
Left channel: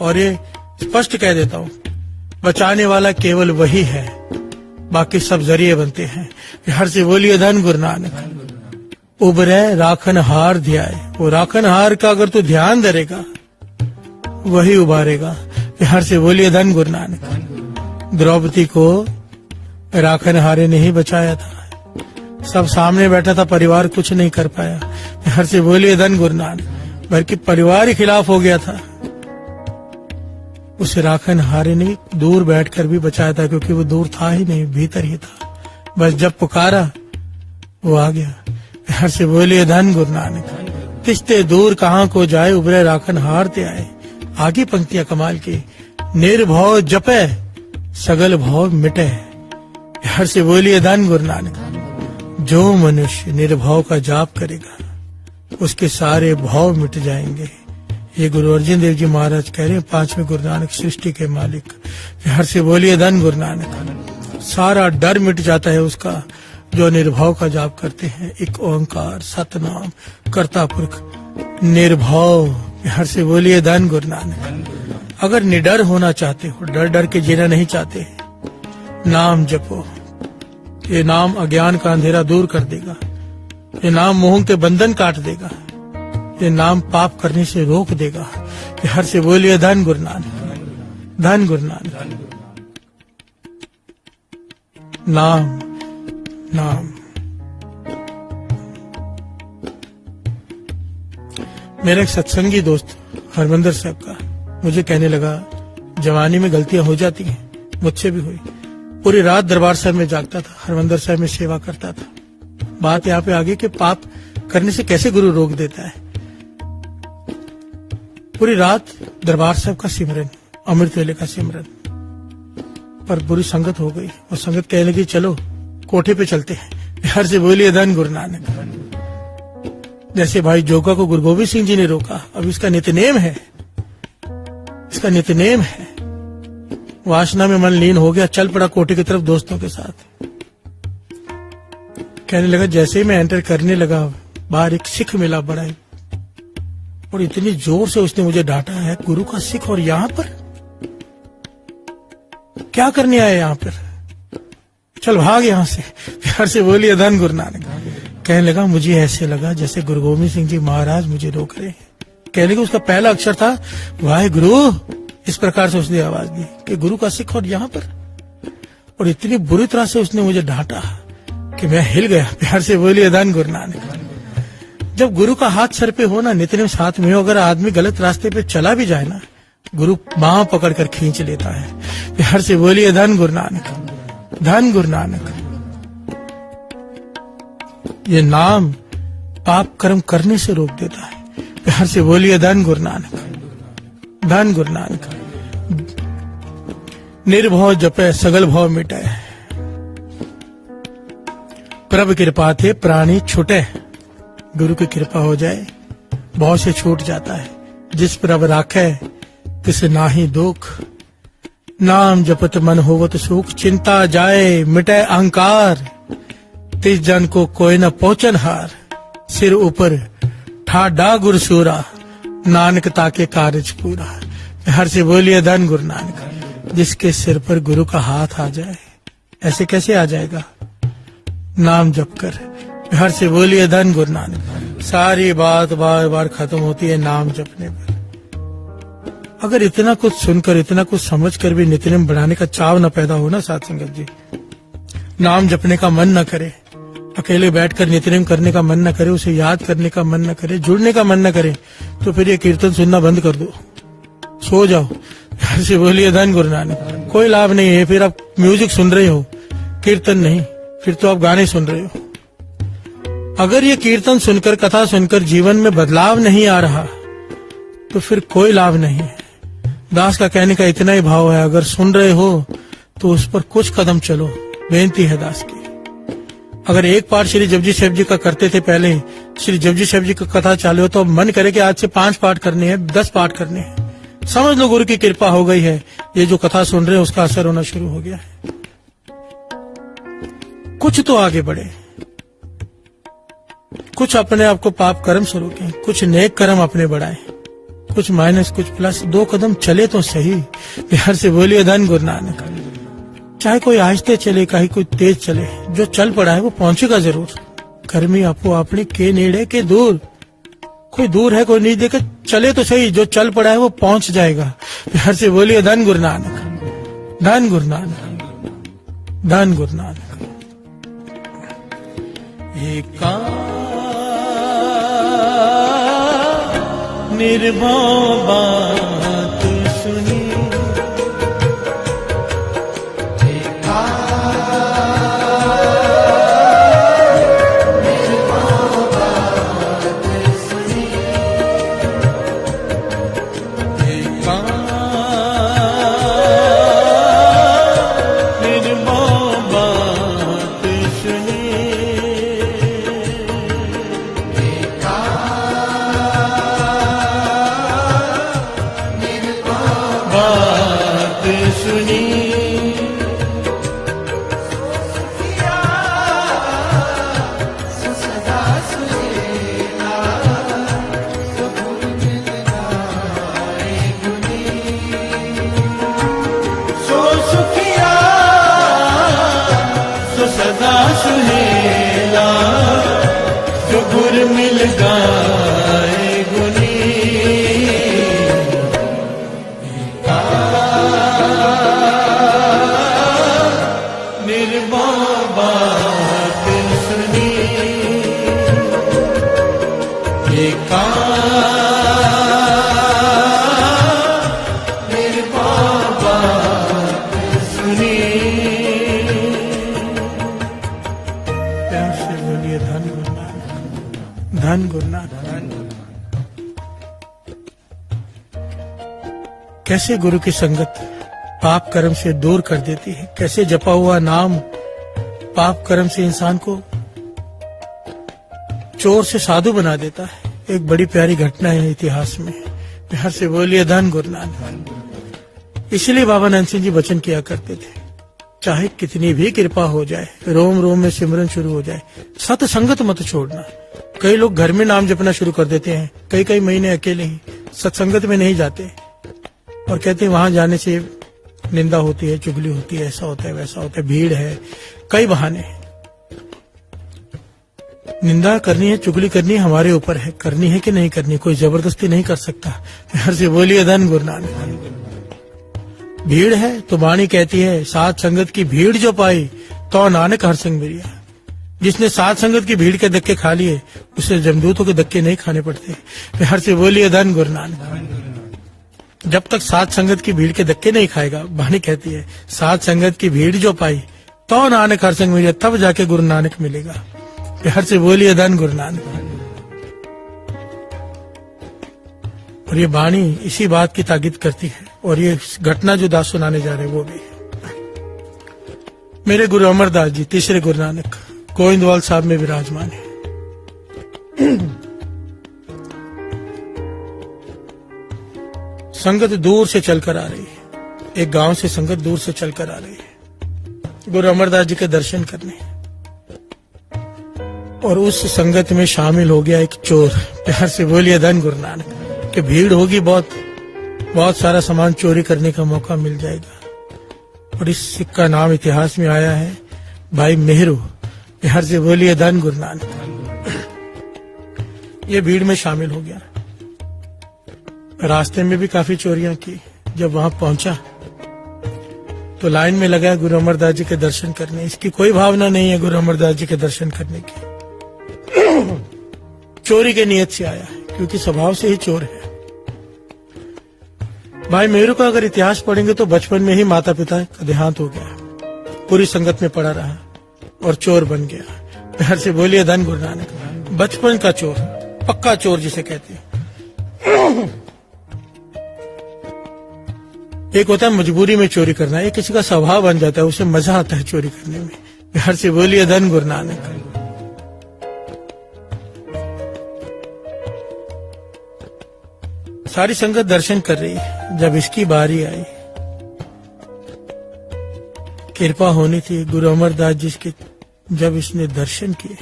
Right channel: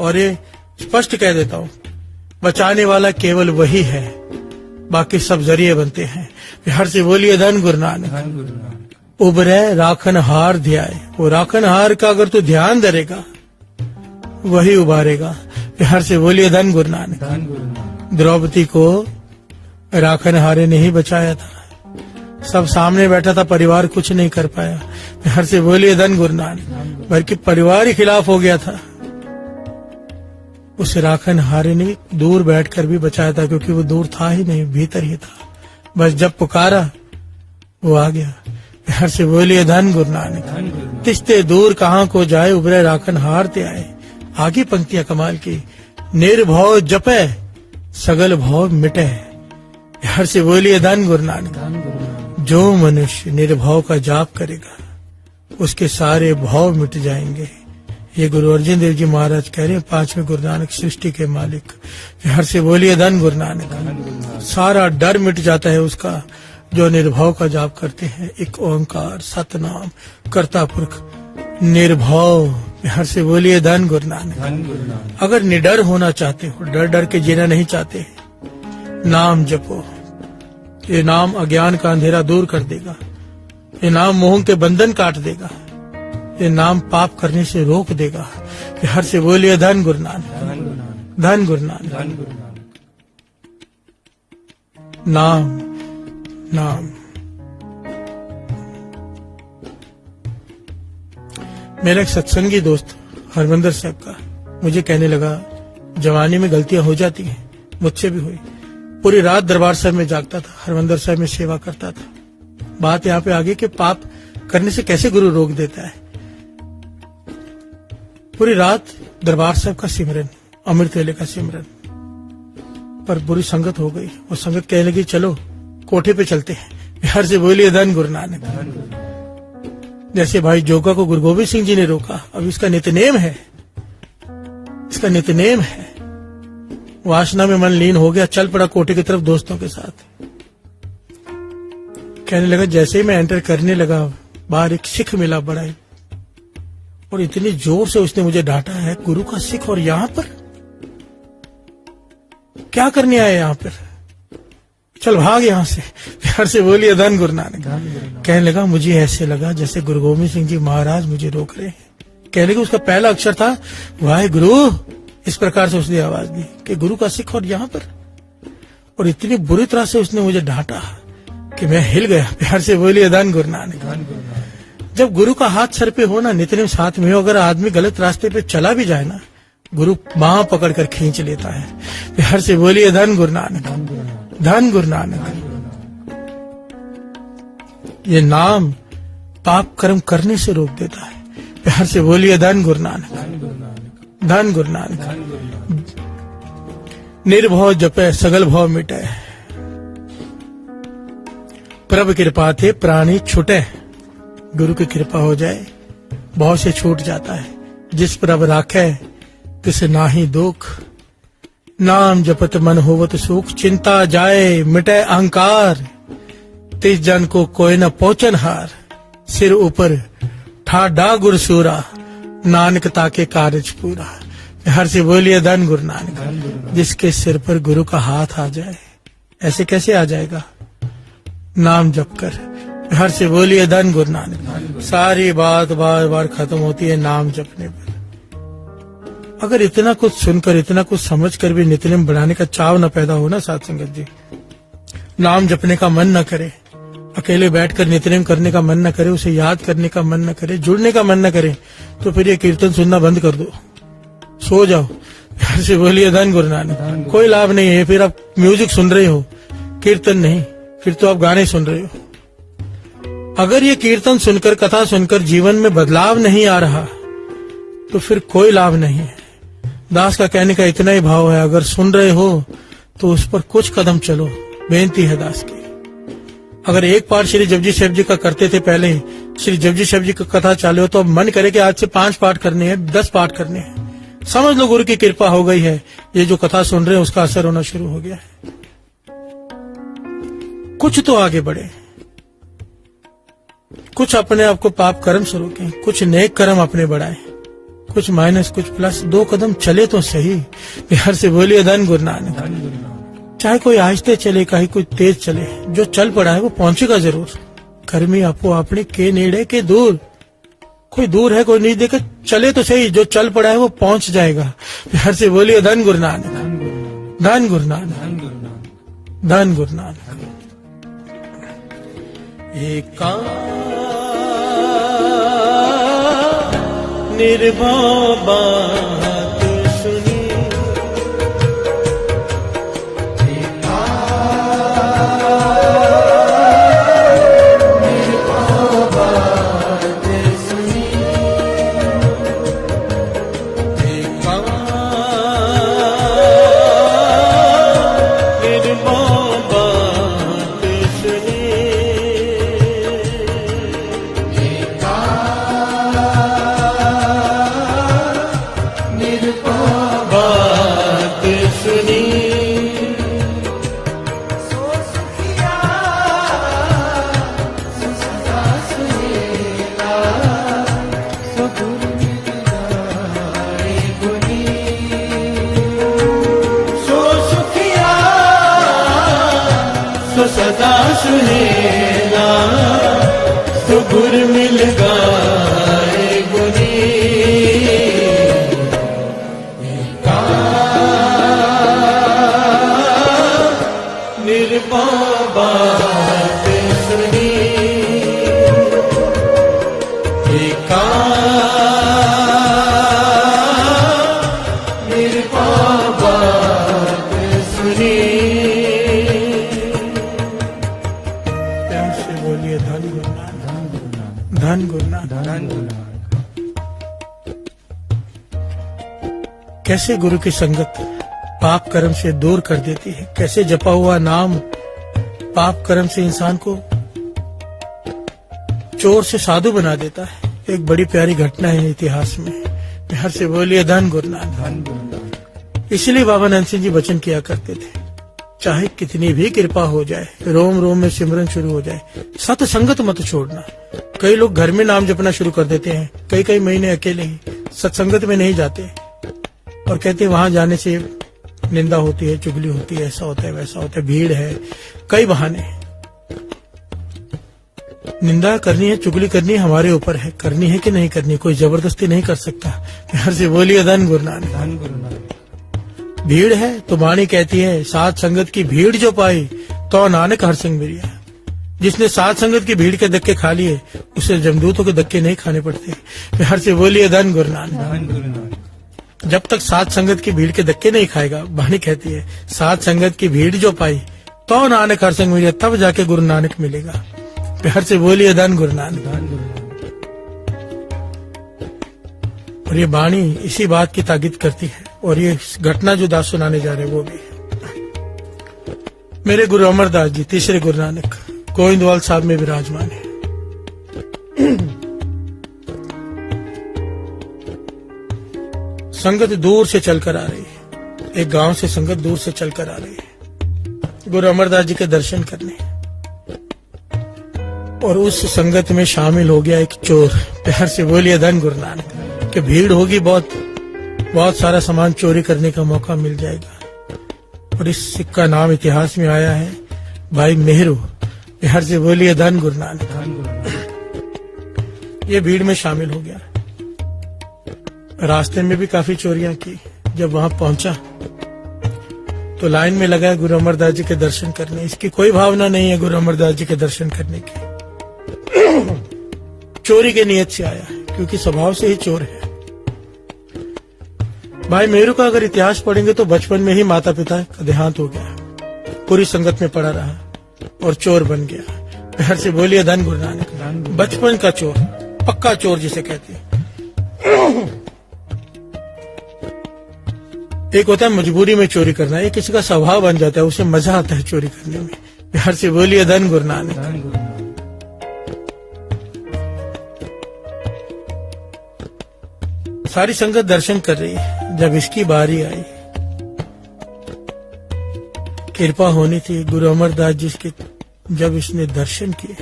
और ये स्पष्ट कह देता हूँ, बचाने वाला केवल वही है, बाकी सब जरिए बनते हैं। हर से बोलिए धन गुरु नानक। उबरे राखन हार ध्याए, वो राखन हार का अगर तू ध्यान धरेगा वही उबारेगा। हर से बोलिए धन गुरु नानक। द्रौपदी को राखन हारे ने ही बचाया था, सब सामने बैठा था, परिवार कुछ नहीं कर पाया। हर से बोलिए धन गुरु नानक। बल्कि परिवार ही खिलाफ हो गया था, उस राखन हारे ने दूर बैठकर भी बचाया था, क्योंकि वो दूर था ही नहीं, भीतर ही था। बस जब पुकारा वो आ गया। हर से बोलिए धन गुरु नानक। किसते दूर कहाँ को जाए, उबरे राखन हारते आए। आगे पंक्तियां कमाल की। निर्भव जपे सगल भाव मिटे। हर से बोलिए धन गुरु नानक। जो मनुष्य निर्भाव का जाप करेगा उसके सारे भाव मिट जाएंगे। ये गुरु अर्जुन देव जी महाराज कह रहे हैं, 5वें गुरु नानक सृष्टि के मालिक। हर से बोलिए धन गुरु नानक। सारा डर मिट जाता है उसका जो निर्भाव का जाप करते हैं। एक ओंकार सतनाम कर्ता पुरख निर्भाव। हर से बोलिए धन गुरु नानक। अगर निडर होना चाहते हो, डर डर के जीना नहीं चाहते, नाम जपो। ये नाम अज्ञान का अंधेरा दूर कर देगा। ये नाम मोह के बंधन काट देगा। ये नाम पाप करने से रोक देगा। हर से बोलिए धन गुरु नानक। धन गुरु नानक। नाम नाम। मेरा एक सत्संगी दोस्त हरमंदर साहब का मुझे कहने लगा, जवानी में गलतियां हो जाती हैं, मुझसे भी हुई। पूरी रात दरबार साहब में जागता था, हरमंदर साहब में सेवा करता था। बात यहाँ पे आ गई कि पाप करने से कैसे गुरु रोक देता है। पूरी रात दरबार साहब का सिमरन, अमृत वेले का सिमरन, पर बुरी संगत हो गई। और संगत कहने लगी, चलो कोठे पे चलते हैं। हर से बोलिए धन गुरु नानक। जैसे भाई जोगा को गुरु गोविंद सिंह जी ने रोका, अब इसका नित्यनेम है, इसका नित्यनेम है। वासना में मन लीन हो गया, चल पड़ा कोठे की तरफ दोस्तों के साथ। कहने लगा, जैसे ही मैं एंटर करने लगा, बाहर एक सिख मिला बड़ा है, और इतनी जोर से उसने मुझे डांटा है, गुरु का सिख और यहाँ पर क्या करने आए यहाँ पर, चल भाग यहाँ से। प्यार से बोलिए धन गुरु नानक। कहने लगा, मुझे ऐसे लगा जैसे गुरु गोविंद सिंह जी महाराज मुझे रोक रहे हैं। कहने लगे, उसका पहला अक्षर था वाहे गुरु। इस प्रकार से उसने आवाज दी कि गुरु का सिख और यहाँ पर, और इतनी बुरी तरह से उसने मुझे डांटा कि मैं हिल गया। प्यार से बोलिए धन गुरु नानक। जब गुरु का हाथ सर पे हो ना, नित्य साथ में हो, अगर आदमी गलत रास्ते पे चला भी जाए ना, गुरु बांह पकड़कर खींच लेता है। प्यार से बोलिए धन गुरु नानक। धन गुरु नानक। ये नाम पाप कर्म करने से रोक देता है। प्यार से बोलिए धन गुरु नानक। धन गुरु नानक। निर्भव जपे सगल भव मिटे, प्रभु कृपा थे प्राणी छूटे। गुरु की कृपा हो जाए, बहुत से छूट जाता है। जिस प्रभु राखे तिस नाही दुख, नाम जपत मन होवत सुख। चिंता जाए मिटे अहंकार, तिस जन को कोई न पोचन हार। सिर ऊपर ठाडा गुरु सूरा, नानक ताके कार्य पूरा। हर से बोलिए धन गुरु नानक। जिसके सिर पर गुरु का हाथ आ जाए, ऐसे कैसे आ जाएगा, नाम जप कर। हर से बोलिए धन गुरु नानक। सारी बात बार बार खत्म होती है नाम जपने पर। अगर इतना कुछ सुनकर, इतना कुछ समझकर भी नित्यनेम बनाने का चाव न पैदा हो ना साथ संगत जी, नाम जपने का मन न करे, अकेले बैठकर नित्यनेम करने का मन न करे, उसे याद करने का मन न करे, जुड़ने का मन न करे, तो फिर ये कीर्तन सुनना बंद कर दो, सो जाओ। प्यार से बोलिए धन गुरु नानक। कोई लाभ नहीं है। फिर आप म्यूजिक सुन रहे हो, कीर्तन नहीं, फिर तो आप गाने सुन रहे हो। अगर ये कीर्तन सुनकर, कथा सुनकर जीवन में बदलाव नहीं आ रहा, तो फिर कोई लाभ नहीं है। दास का कहने का इतना ही भाव है, अगर सुन रहे हो तो उस पर कुछ कदम चलो, बेनती है दास की। अगर एक पाठ श्री जपजी साहब जी का करते थे पहले, श्री जपजी साहब जी का कथा चालू हो, तो मन करे कि आज से 5 पाठ करने हैं, 10 पाठ करने हैं। समझ लो गुरु की कृपा हो गई है, ये जो कथा सुन रहे हैं उसका असर होना शुरू हो गया है। कुछ तो आगे बढ़े, कुछ अपने आप को पाप कर्म से रोकें, कुछ नेक कर्म अपने बढ़ाएं, कुछ माइनस कुछ प्लस, 2 कदम चले तो सही। प्यार से बोलिए धन गुरु नानक। चाहे कोई आहिस्ते चले, कहीं कोई तेज चले, जो चल पड़ा है वो पहुंचेगा जरूर। घर में अपो अपने के नेड़े के दूर, कोई दूर है कोई नहीं, देखे चले तो सही, जो चल पड़ा है वो पहुंच जाएगा। प्यार से बोलिए धन गुरु नानक। धन गुरु नानक। धन गुरु नानक। एका निर्भव बात सुनी, निर्भव बात सदा सुहेला, जो गुर मिल गाए गुरी। निर्भय बात सुनी, ये निर्भय बात सुनी। प्यार से बोलिए धन गुरुनानक, धन गुरुनानक। कैसे गुरु की संगत पाप कर्म से दूर कर देती है, कैसे जपा हुआ नाम पाप कर्म से इंसान को चोर से साधु बना देता है। एक बड़ी प्यारी घटना है इतिहास में। यहाँ से बोलिए धन गुरुनानक। इसलिए बाबा नंद सिंह जी वचन किया करते थे, चाहे कितनी भी कृपा हो जाए, रोम रोम में सिमरन शुरू हो जाए, सत्संगत मत छोड़ना। कई लोग घर में नाम जपना शुरू कर देते हैं, कई कई महीने अकेले ही सत्संगत में नहीं जाते और कहते हैं वहां जाने से निंदा होती है, चुगली होती है, ऐसा होता है, वैसा होता है, भीड़ है, कई बहाने हैं। निंदा करनी है, चुगली करनी है, हमारे ऊपर है, करनी है कि नहीं करनी, कोई जबरदस्ती नहीं कर सकता। यहाँ से बोलिए धन गुरुनानक। भीड़ है तो वाणी कहती है, साथ संगत की भीड़ जो पाई तो नानक हर संग मिलिया। जिसने साथ संगत की भीड़ के धक्के खा लिए उसे जमदूतों के धक्के नहीं खाने पड़ते। यहाँ से बोलिए धन गुरुनानक। जब तक साथ संगत की भीड़ के धक्के नहीं खाएगा, वाणी कहती है, साथ संगत की भीड़ जो पाई तो नानक हर संग मिलिया, तब जाके गुरु नानक मिलेगा। प्यार से बोलिए धन गुरुनानक। और ये वाणी इसी बात की ताकीद करती है। और ये घटना जो दास सुनाने जा रहे हैं वो भी मेरे गुरु अमरदास जी, तीसरे गुरु नानक, गोविंदवाल साहब में विराजमान है। संगत दूर से चलकर आ रही है, एक गांव से संगत दूर से चलकर आ रही है गुरु अमरदास जी के दर्शन करने। और उस संगत में शामिल हो गया एक चोर। प्यार से बोलिए धन गुरुनानक। कि भीड़ होगी, बहुत सारा सामान चोरी करने का मौका मिल जाएगा। और इस का नाम इतिहास में आया है भाई नेहरू। प्यार से बोलिए धन गुरुनानक। ये भीड़ में शामिल हो गया। रास्ते में भी काफी चोरियां की। जब वहां पहुंचा तो लाइन में लगा गुरु अमरदास जी के दर्शन करने। इसकी कोई भावना नहीं है गुरु अमरदास जी के दर्शन करने की। चोरी के नियत से आया है, क्योंकि स्वभाव से ही चोर है। भाई मेरू का अगर इतिहास पढ़ेंगे तो बचपन में ही माता पिता का देहांत हो गया, पूरी संगत में पड़ा रहा और चोर बन गया। प्यार से बोलिए धन गुरुनानक। बचपन का चोर, पक्का चोर जिसे कहते हैं। एक होता है मजबूरी में चोरी करना, ये किसी का स्वभाव बन जाता है, उसे मजा आता है चोरी करने में। प्यार से बोलिए धन गुरुनानक। सारी संगत दर्शन कर रही है। जब इसकी बारी आई, कृपा होनी थी गुरु अमरदास जी के, जब इसने दर्शन किए,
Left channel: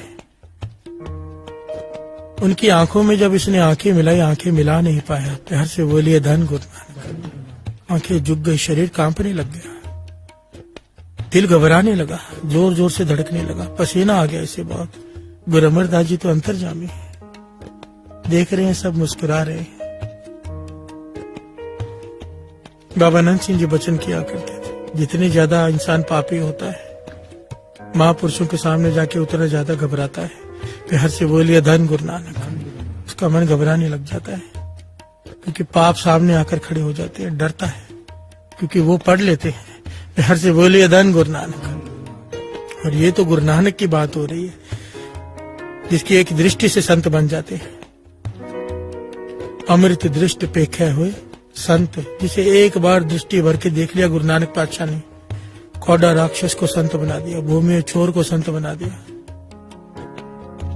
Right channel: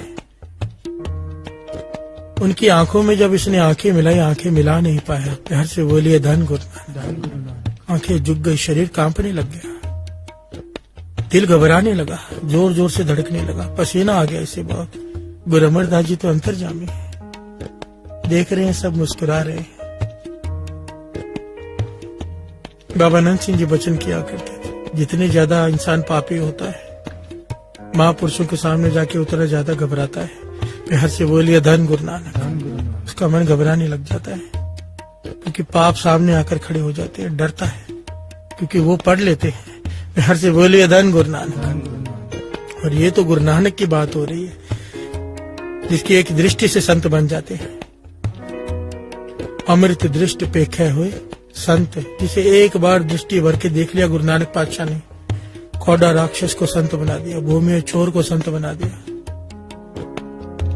उनकी आंखों में जब इसने आंखें मिलाई, आंखें मिला नहीं पाया। प्यार से बोलिए धन गुरुनानक। आंखें झुक गई, शरीर कांपने लग गया, दिल घबराने लगा, जोर जोर से धड़कने लगा, पसीना आ गया इसे बहुत। गुरु अमरदास जी तो अंतर्जामी है, देख रहे हैं, सब मुस्कुरा रहे हैं। बाबा नंद सिंह जी वचन किया करते थे, जितनी ज्यादा इंसान पापी होता है, महापुरुषों के सामने जाके उतना ज्यादा घबराता है। प्यार से बोलिए धन गुरुनानक। उसका मन घबराने लग जाता है, क्योंकि पाप सामने आकर खड़े हो जाते हैं। डरता है क्योंकि वो पढ़ लेते हैं। प्यार से बोलिए धन गुरुनानक। और ये तो गुरु नानक की बात हो रही है, जिसकी एक दृष्टि से संत बन जाते हैं। अमृत दृष्टि पेखे हुए संत, जिसे एक बार दृष्टि भर के देख लिया गुरु नानक पातशाह ने, कौड़ा राक्षस को संत बना दिया, भूमि चोर को संत बना दिया,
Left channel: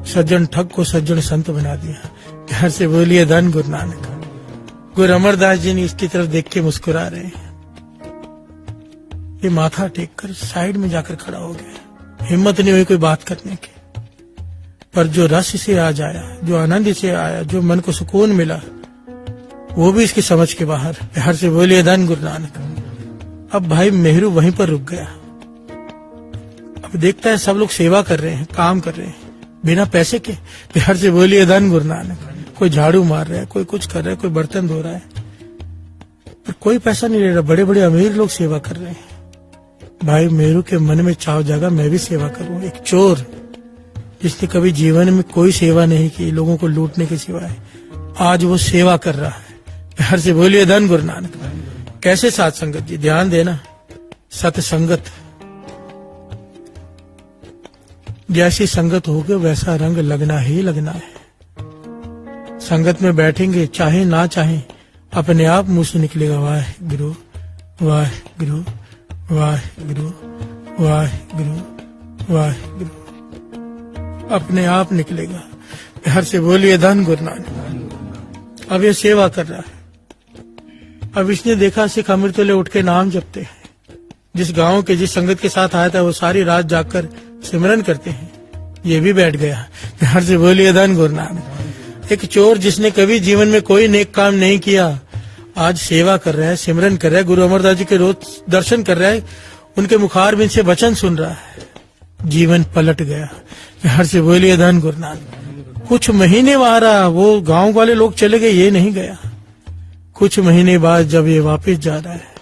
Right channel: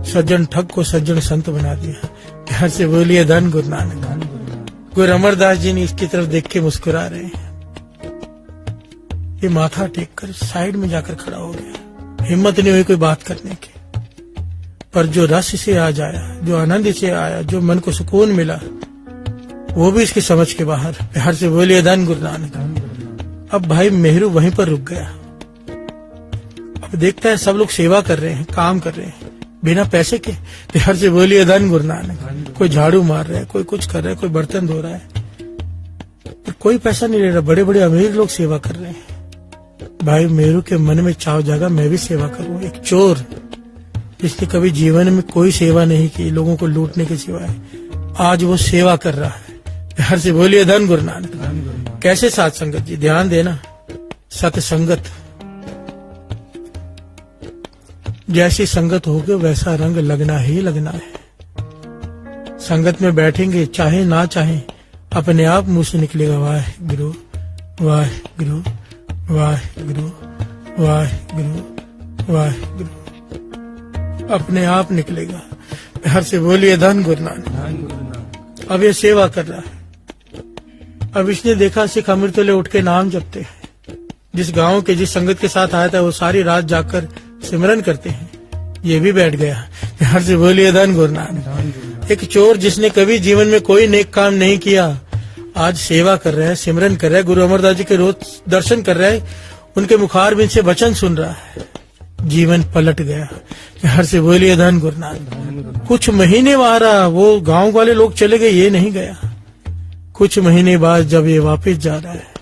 सज्जन ठग को सज्जन संत बना दिया। प्यार से बोलिए धन गुरु नानक। गुरु अमरदास जी ने इसकी तरफ देख के मुस्कुरा रहे हैं। ये माथा टेक कर साइड में जाकर खड़ा हो गया, हिम्मत नहीं हुई कोई बात करने की। पर जो रस से आ जाया, जो आनंद से आया, जो मन को सुकून मिला, वो भी इसकी समझ के बाहर। प्यार से बोलिए धन गुरु नानक। अब भाई नेहरू वहीं पर रुक गया। अब देखता है सब लोग सेवा कर रहे हैं, काम कर रहे हैं बिना पैसे के। प्यार से बोलिए धन गुरु नानक। कोई झाड़ू मार रहा है, कोई कुछ कर रहा है, कोई बर्तन धो रहा है, पर कोई पैसा नहीं ले रहा। बड़े बड़े अमीर लोग सेवा कर रहे हैं। भाई मेरू के मन में चाव जागा, मैं भी सेवा करूं। एक चोर जिसने कभी जीवन में कोई सेवा नहीं की लोगों को लूटने के सिवाय, आज वो सेवा कर रहा है। प्यार से बोलिए धन गुरु नानक। कैसे साथ संगत जी, ध्यान देना। सत संगत, जैसी संगत होगी वैसा रंग लगना ही लगना है। संगत में बैठेंगे चाहे ना चाहे, अपने आप मुंह से निकलेगा वाहिगुरु वाहिगुरु वाहिगुरु वाहिगुरु वाहिगुरु, अपने आप निकलेगा। प्यार से बोलिए धन गुरु नानक। अब ये सेवा कर रहा है। अब इसने देखा सिख अमृतले उठ के नाम जपते हैं। जिस गांव के जिस संगत के साथ आया था वो सारी रात जाकर सिमरन करते हैं। ये भी बैठ गया। प्यार से बोलिए धन गुरु नानक। एक चोर जिसने कभी जीवन में कोई नेक काम नहीं किया, आज सेवा कर रहा है, सिमरन कर रहा है, गुरु अमरदास जी के रोज दर्शन कर रहा है, उनके मुखारबिंद से वचन सुन रहा है, जीवन पलट गया। प्यार से बोलिए धन गुरु नानक। कुछ महीने बाद वो गांव वाले लोग चले गए, ये नहीं गया। कुछ महीने बाद जब ये वापस जा रहा है,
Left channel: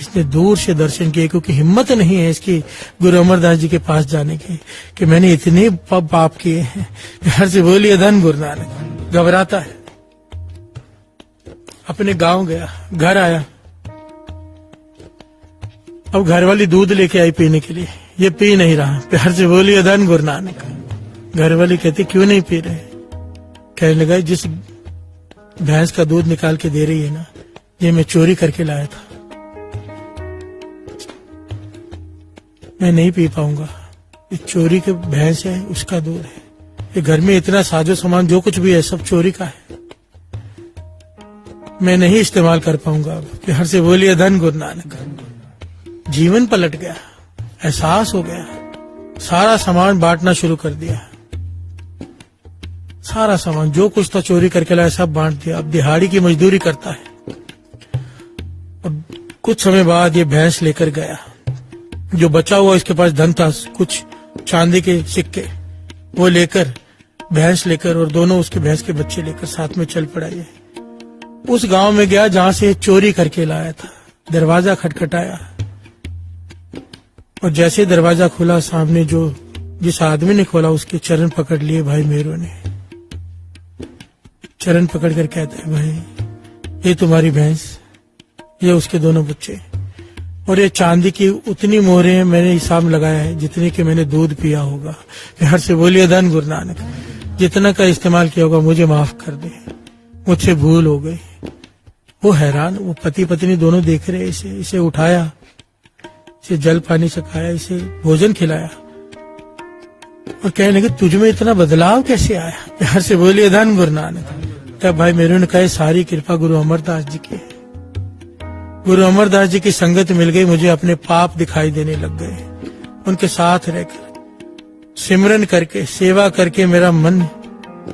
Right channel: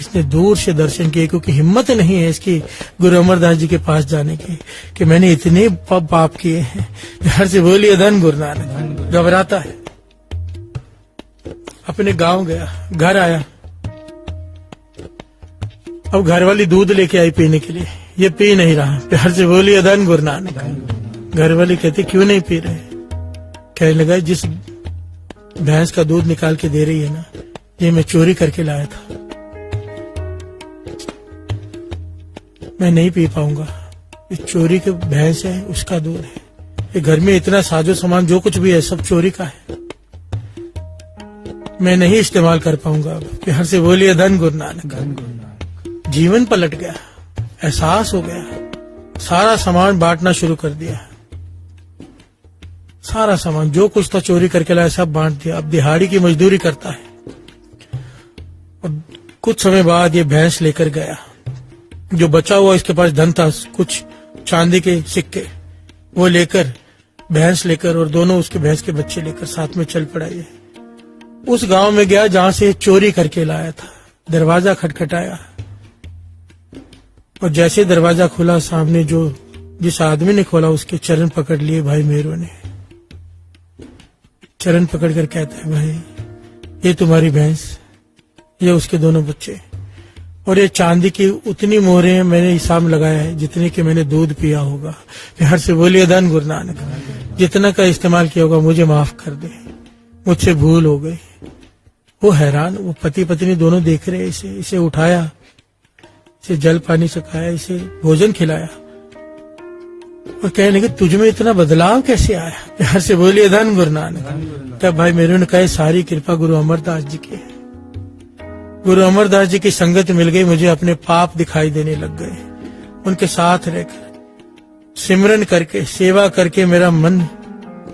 इसने दूर से दर्शन किए, क्योंकि हिम्मत नहीं है इसकी गुरु अमरदास जी के पास जाने की कि मैंने इतने पाप किए हैं। प्यार से बोलिए धन गुरु नानक। घबराता है। अपने गांव गया, घर आया। अब घर वाली दूध लेके आई पीने के लिए, ये पी नहीं रहा। प्यार से बोलिए धन गुरु नानक। घर वाली कहती क्यों नहीं पी रहे? कहने लगा जिस भैंस का दूध निकाल के दे रही है ना, ये मैं चोरी करके लाया था, मैं नहीं पी पाऊंगा। ये चोरी की भैंस है, उसका दूध है। ये घर में इतना साजो सामान जो कुछ भी है सब चोरी का है, मैं नहीं इस्तेमाल कर पाऊंगा। प्यार से बोलिए धन गुरु नानक। जीवन पलट गया, एहसास हो गया। सारा सामान बांटना शुरू कर दिया। सारा सामान जो कुछ था चोरी करके लाया सब बांट दिया। अब दिहाड़ी की मजदूरी करता है। अब कुछ समय बाद ये भैंस लेकर गया। जो बचा हुआ इसके पास धन था, कुछ चांदी के सिक्के, वो लेकर भैंस लेकर और दोनों उसके भैंस के बच्चे लेकर साथ में चल पड़ा। ये उस गांव में गया जहां से चोरी करके लाया था। दरवाजा खटखटाया और जैसे दरवाजा खुला, सामने जो जिस आदमी ने खोला उसके चरण पकड़ लिए भाई मेरू ने। चरण पकड़ कर कहता है भाई ये तुम्हारी भैंस, ये उसके दोनों बच्चे, और ये चांदी की उतनी मोहरें मैंने हिसाब लगाया है जितने कि मैंने दूध पिया होगा। प्यार से बोलिए धन गुरु नानक। जितना का इस्तेमाल किया होगा मुझे माफ कर दे, मुझसे भूल हो गई। वो हैरान, वो पति पत्नी दोनों देख रहे। इसे उठाया, इसे जल पानी चखाया, इसे भोजन खिलाया और कहने लगे तुझ में इतना बदलाव कैसे आया? प्यार से बोलिए धन गुरु नानक। तब भाई मेरू ने कहा सारी कृपा गुरु अमरदास जी की है। गुरु अमरदास जी की संगत मिल गई, मुझे अपने पाप दिखाई देने लग गए। उनके साथ रहकर सिमरन करके सेवा करके मेरा मन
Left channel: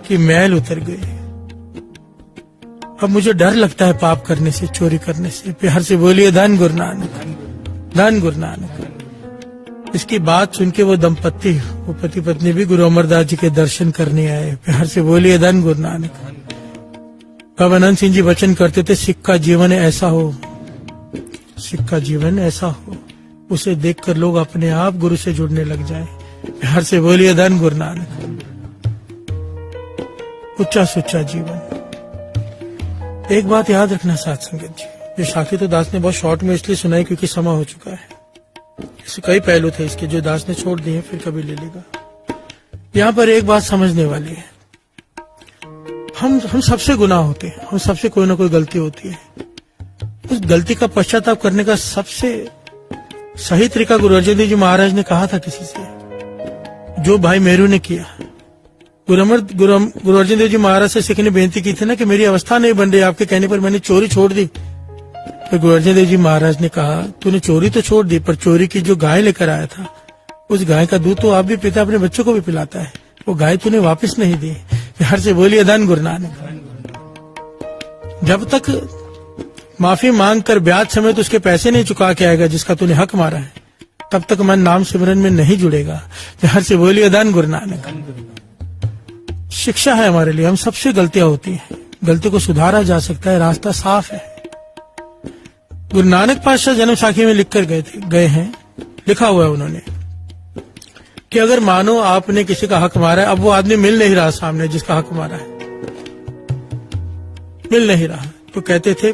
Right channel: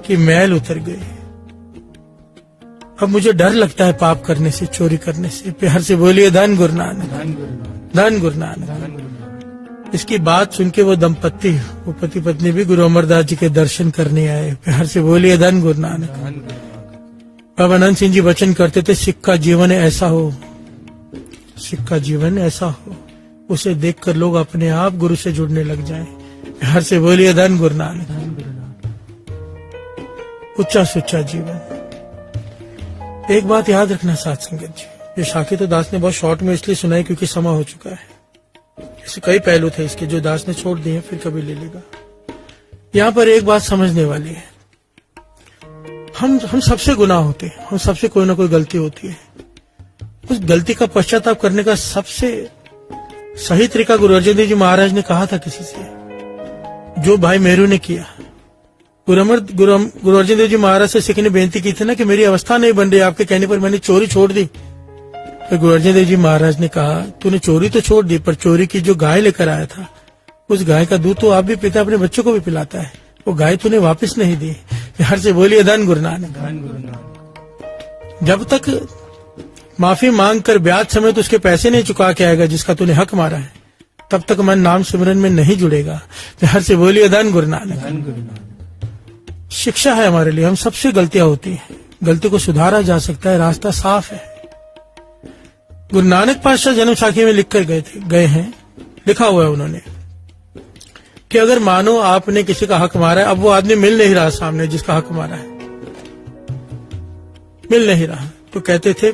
की मैल उतर गई। अब मुझे डर लगता है पाप करने से, चोरी करने से। प्यार से बोलिए धन गुरु नानक। धन गुरु नानक। इसकी बात सुन के वो दंपत्ति, वो पति पत्नी भी गुरु अमरदास जी के दर्शन करने आए। प्यार से बोलिए धन गुरु नानक। बाबा अनंत सिंह जी वचन करते थे सिख का जीवन ऐसा हो, सिख का जीवन ऐसा हो, उसे देखकर लोग अपने आप गुरु से जुड़ने लग जाए। प्यार से बोलिए धन गुरु नानक। उच्चा सुच्चा जीवन। एक बात याद रखना साथ संगत जी, ये साखी तो दास ने बहुत शॉर्ट में इसलिए सुनाई क्योंकि समय हो चुका है। इससे कई पहलू थे इसके जो दास ने छोड़ दिए, फिर कभी ले लेगा। यहाँ पर एक बात समझने वाली है, हम सबसे गुनाह होते हैं और सबसे कोई ना कोई गलती होती है। उस गलती का पश्चाताप करने का सबसे सही तरीका गुरु अर्जन देव जी महाराज ने कहा था किसी से, जो भाई मेरू ने किया। गुरु अर्जन देव जी महाराज से सिख ने बेनती की थी ना कि मेरी अवस्था नहीं बन रही, आपके कहने पर मैंने चोरी छोड़ दी। तो गुरु अर्जन देव जी महाराज ने कहा तूने चोरी तो छोड़ दी, पर चोरी की जो गाय लेकर आया था उस गाय का दूध तो आप भी पीता, अपने बच्चों को भी पिलाता है, वो गाय तूने वापस नहीं दी। प्यार से बोलिए धन गुरु नानक। जब तक माफी मांग कर ब्याज समेत उसके पैसे नहीं चुका के आएगा जिसका तूने हक मारा है, तब तक मन नाम सिमरन में नहीं जुड़ेगा। प्यार से बोलिए धन गुरु नानक। शिक्षा है हमारे लिए, हम सबसे गलतियां होती हैं, गलती को सुधारा जा सकता है, रास्ता साफ है। गुरु नानक पातशाह जन्म साखी में लिख कर गए हैं, लिखा हुआ है उन्होंने कि अगर मानो आपने किसी का हक मारा है, अब वो आदमी मिल नहीं रहा सामने जिसका हक मारा है, मिल नहीं रहा, तो कहते थे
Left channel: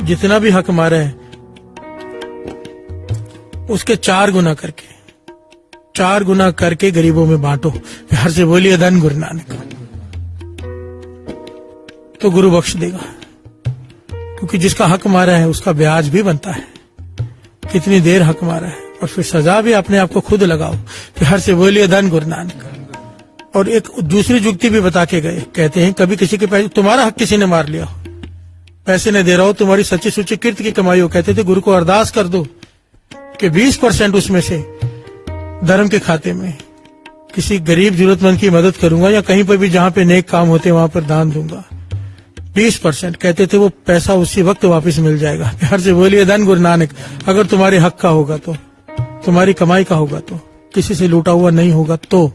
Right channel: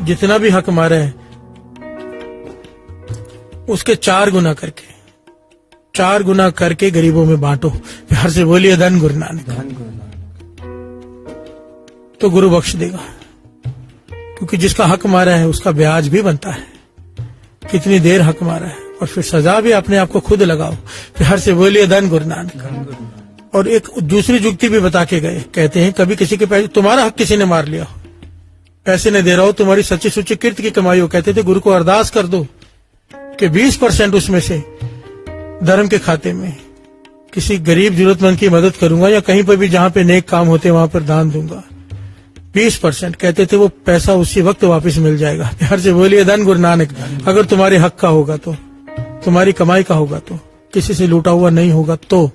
जितना भी हक मारा है उसके 4 गुना करके गरीबों में बांटो। प्यार से बोलिए धन गुरु नानक। तो गुरु बख्श देगा, क्योंकि जिसका हक मारा है उसका ब्याज भी बनता है, कितनी देर हक मारा है, और फिर सजा भी अपने आप को खुद लगाओ। प्यार से बोलिए धन गुरु नानक। और एक दूसरी जुक्ति भी बता के गए, कहते हैं कभी किसी के पैसे, तुम्हारा हक किसी ने मार लिया हो, पैसे न दे रहा हो, तुम्हारी सच्ची सुच्ची कीर्ति की कमाई हो, कहते थे गुरु को अरदास कर दो कि 20% उसमें से धर्म के खाते में किसी गरीब जरूरतमंद की मदद करूंगा, या कहीं पर भी जहां पे नेक काम होते वहां पर दान दूंगा। 20% कहते थे, वो पैसा उसी वक्त वापस मिल जाएगा। प्यार से बोलिए धन गुरु नानक। अगर तुम्हारे हक का होगा तो, तुम्हारी कमाई का होगा तो, किसी से लूटा हुआ नहीं होगा तो।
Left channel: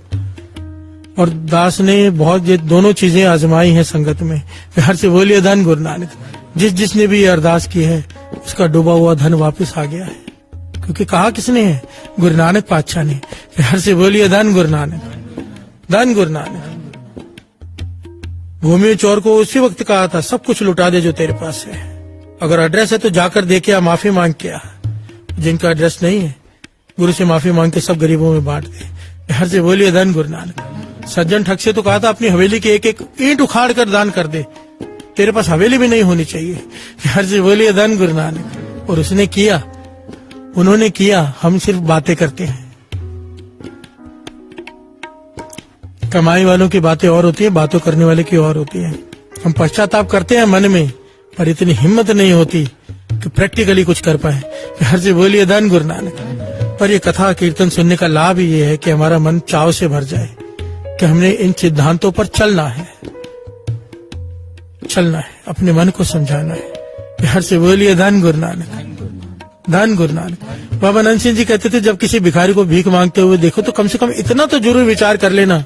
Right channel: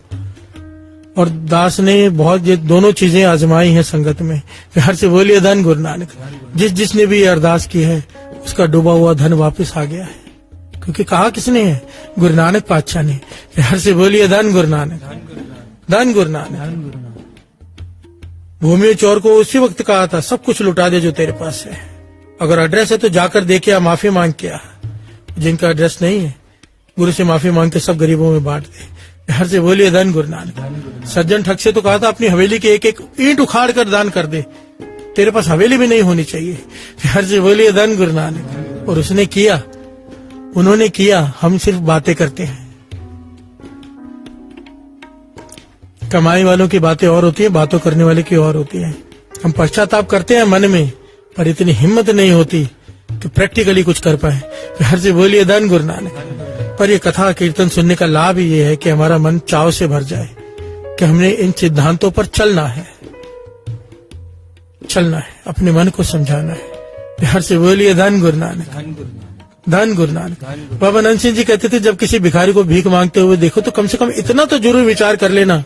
और दास ने बहुत ये दोनों चीजें आजमाई हैं संगत में। प्यार से बोलिए धन गुरु नानक। जिसने भी ये अरदास की है उसका डूबा हुआ धन वापस आ गया है, क्योंकि कहा किसने है? गुरु नानक पातशाह ने। प्यार से बोलिए धन गुरु नानक, धन गुरु नानक। भूमि चोर को उसी वक्त कहा था, सब कुछ लुटा दे जो तेरे पास है, अगर एड्रेस है तो जाकर देखे या माफी मांग के आ। जिनका एड्रेस नहीं है, गुरु से माफी मांग के सब गरीबों में बांट दे। प्यार से बोलिए धन गुरु नानक। सज्जन ठग से तो कहा था, अपनी हवेली की एक एक ईंट उखाड़ कर दान कर दे, तेरे पास हवेली भी नहीं होनी चाहिए। प्यार से बोलिए धन गुरु नानक। और उसने किया, उन्होंने किया, हम सिर्फ बातें करते हैं। कमाई वालों की बातें और होती हैं, बातों करने वाले की और होती हैं। हम पश्चाताप करते हैं मन में, पर इतनी हिम्मत नहीं होती कि प्रैक्टिकली कुछ कर पाए। प्यार से बोलिए धन गुरु नानक। पर ये कथा कीर्तन सुनने का लाभ ये है कि हमारा मन चाव से भर जाए कि हमने इन सिद्धांतों पर चलना है, अपने मन को समझाना है। प्यार से बोलिए धन गुरु नानक, धन गुरु नानक। बाबा नंद सिंह जी कहते थे, जब किसी भिखारी को भीख मांगते हुए देखो तो कम से कम इतना तो जरूर विचार कर लेना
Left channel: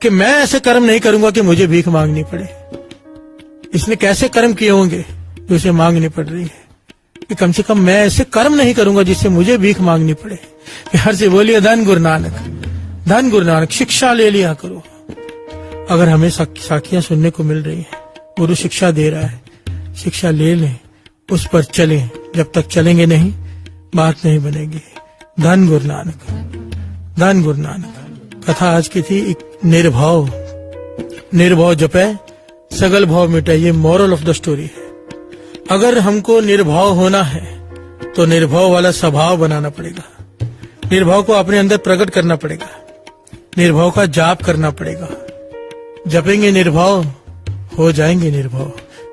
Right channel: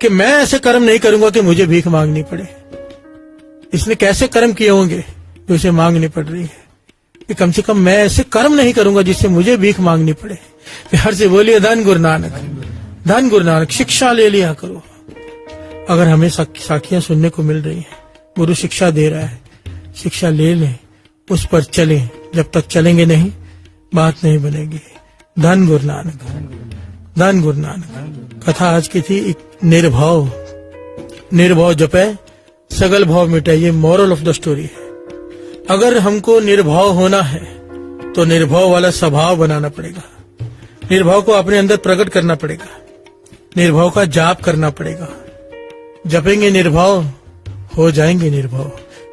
कि मैं ऐसे कर्म नहीं करूंगा कि मुझे भीख मांगनी पड़े। इसने कैसे कर्म किए होंगे जो इसे मांगनी पड़ रही है, कि कम से कम मैं ऐसे कर्म नहीं करूंगा जिससे मुझे भीख मांगनी पड़े। प्यार से बोलिए धन गुरु नानक, धन गुरु नानक। शिक्षा ले लिया करो। अगर हमें साखियां सुनने को मिल रही है, गुरु शिक्षा दे रहा है, शिक्षा ले लें, उस पर चलें। जब तक चलेंगे नहीं, बात नहीं बनेगी। धन गुरु नानक, धन गुरु नानक। कथा आज की थी निर्भाव, निर्भाव जपे सगल भाव मिटे, ये मॉरल ऑफ द स्टोरी है। अगर हमको निर्भाव होना है तो निर्भाव वाला स्वभाव बनाना पड़ेगा, निर्भाव को अपने अंदर प्रकट करना पड़ेगा, निर्भाव का जाप करना पड़ेगा। जपेंगे निर्भाव, हो जाएंगे निर्भाव।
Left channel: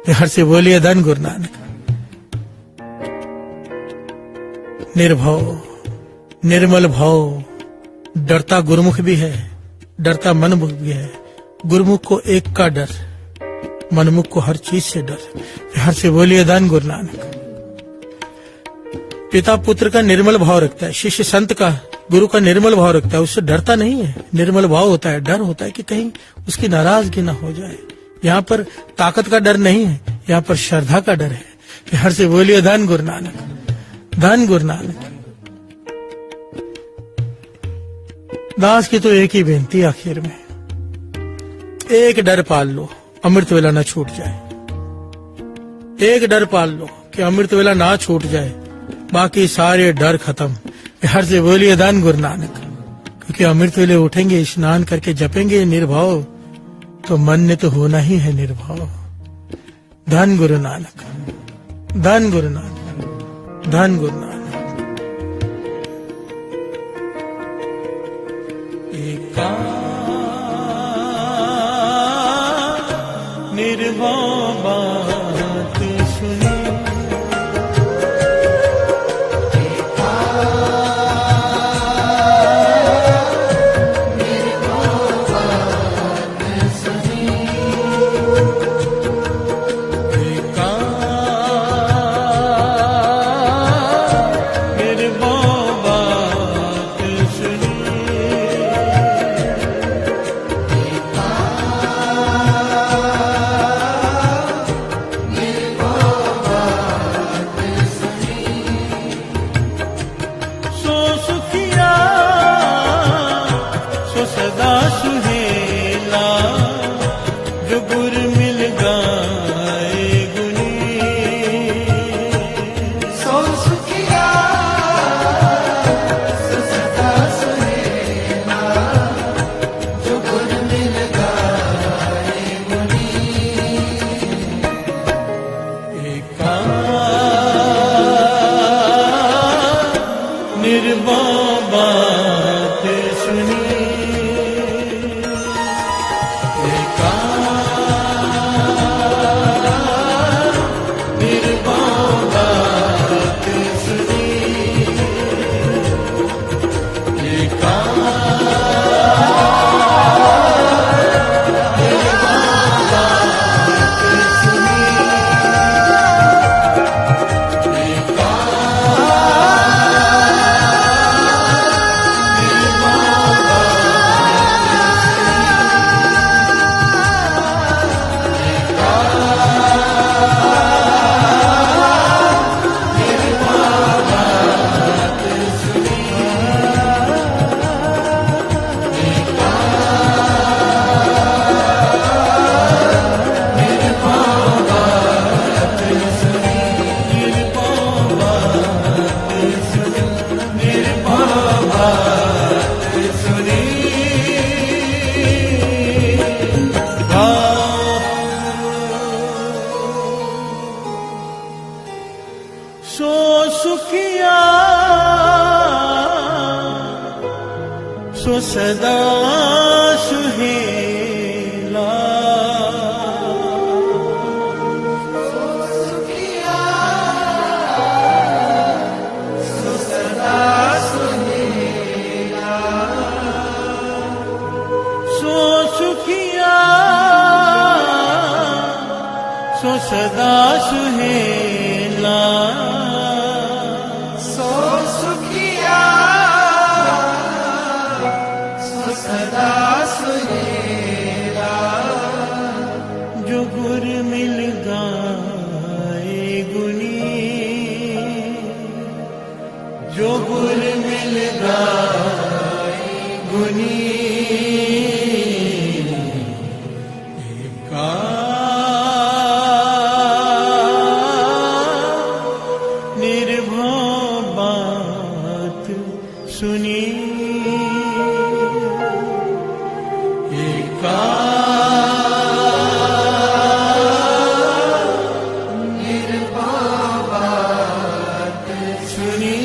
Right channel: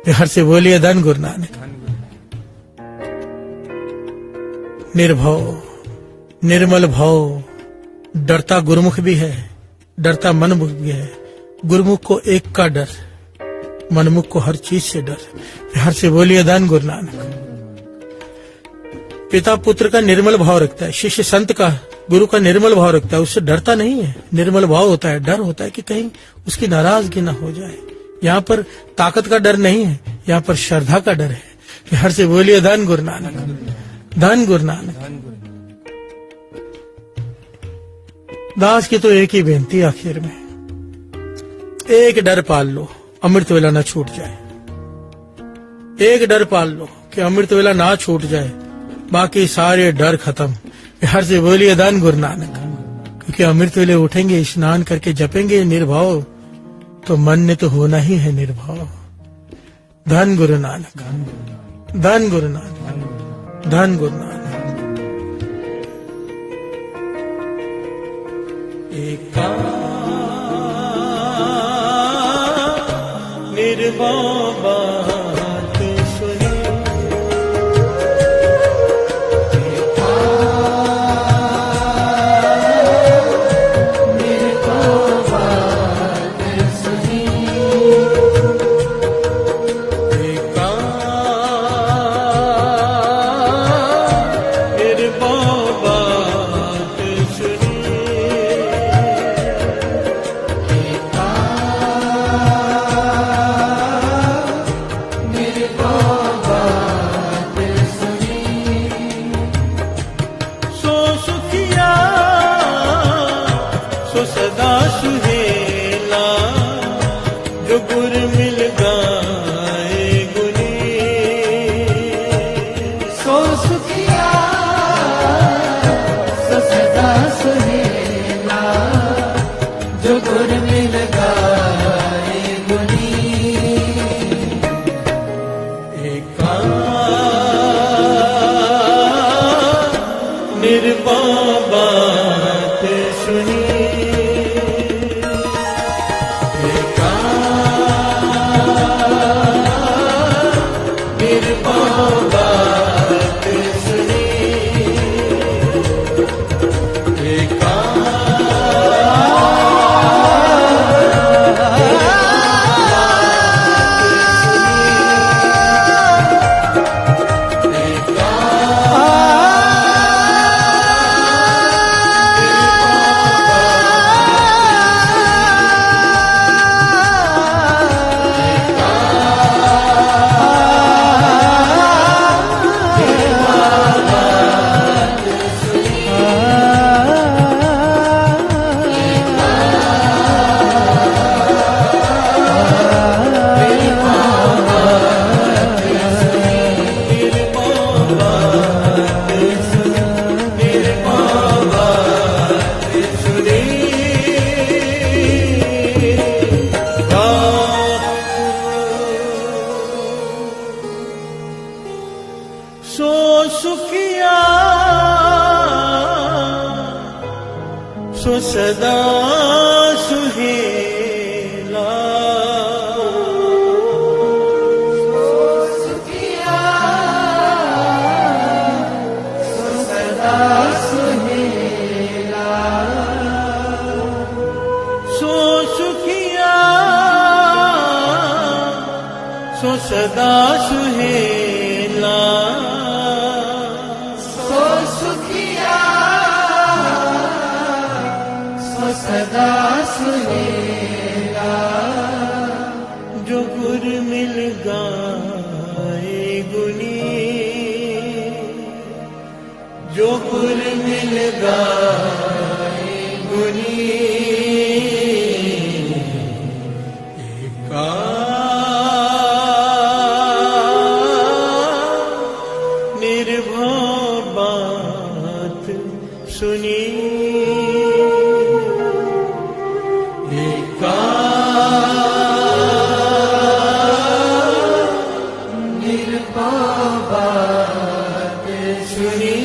प्यार से बोलिए धन गुरु नानक। निर्भाव, निर्मल भाव। डरता गुरुमुख भी है, डरता मनमुख भी है। गुरुमुख को एक का डर, मनमुख को हर चीज से डर। प्यार से बोलिए धन गुरु नानक। पिता पुत्र का निर्मल भाव रखता है, शिष्य संत का, गुरु का निर्मल भाव रखता है, उससे डरता नहीं है। निर्मल भाव होता है, डर होता है कि कहीं उसकी नाराजगी न हो जाए। यहाँ पर ताकत का डर नहीं है, यहाँ पर श्रद्धा का डर है। प्यार से बोलिए धन गुरु नानक, धन गुरु नानक। दास की तो एक ही बेनती आखिर में, एक डर पाल लो, अमृत वेला ना छूट जाए। एक डर पाल लो कि अमृत वेला ना छूट जाए, बाकी सारे डर खत्म। प्यार से बोलिए धन गुरु नानक। क्योंकि अमृत वेले उठेंगे, स्नान करके जपेंगे निर्भाव, तो मन ने तो होना ही है निर्भाव। धन गुरु नानक, धन गुरु नानक, धन गुरु नानक। निर्भाव बात सुनी, निर्भाव सदा सुहेला जो गुर मिल गाए गुनी। सो सुखिया सो सदा सुहेला जो गुर मिल गाए गुनी। निर्मम बात सुनी निर्मम बात सुनी। सो सुखिया सो सदा सुहेला सो सुखिया सो सदा सुहेला सो सुखिया सो सदा सुहेला सो सुखिया सो सदा सुहेला जो गुर मिल गाए गुनी। जो गुर मिल गाए गुनी। निर्भय बात सुनी निर्भय बात सुनी।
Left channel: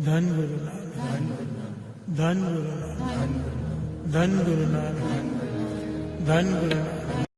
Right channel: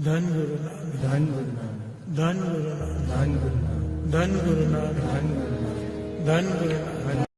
धन गुरु नानक, धन गुरु नानक, धन गुरु नानक, धन गुरु नानक।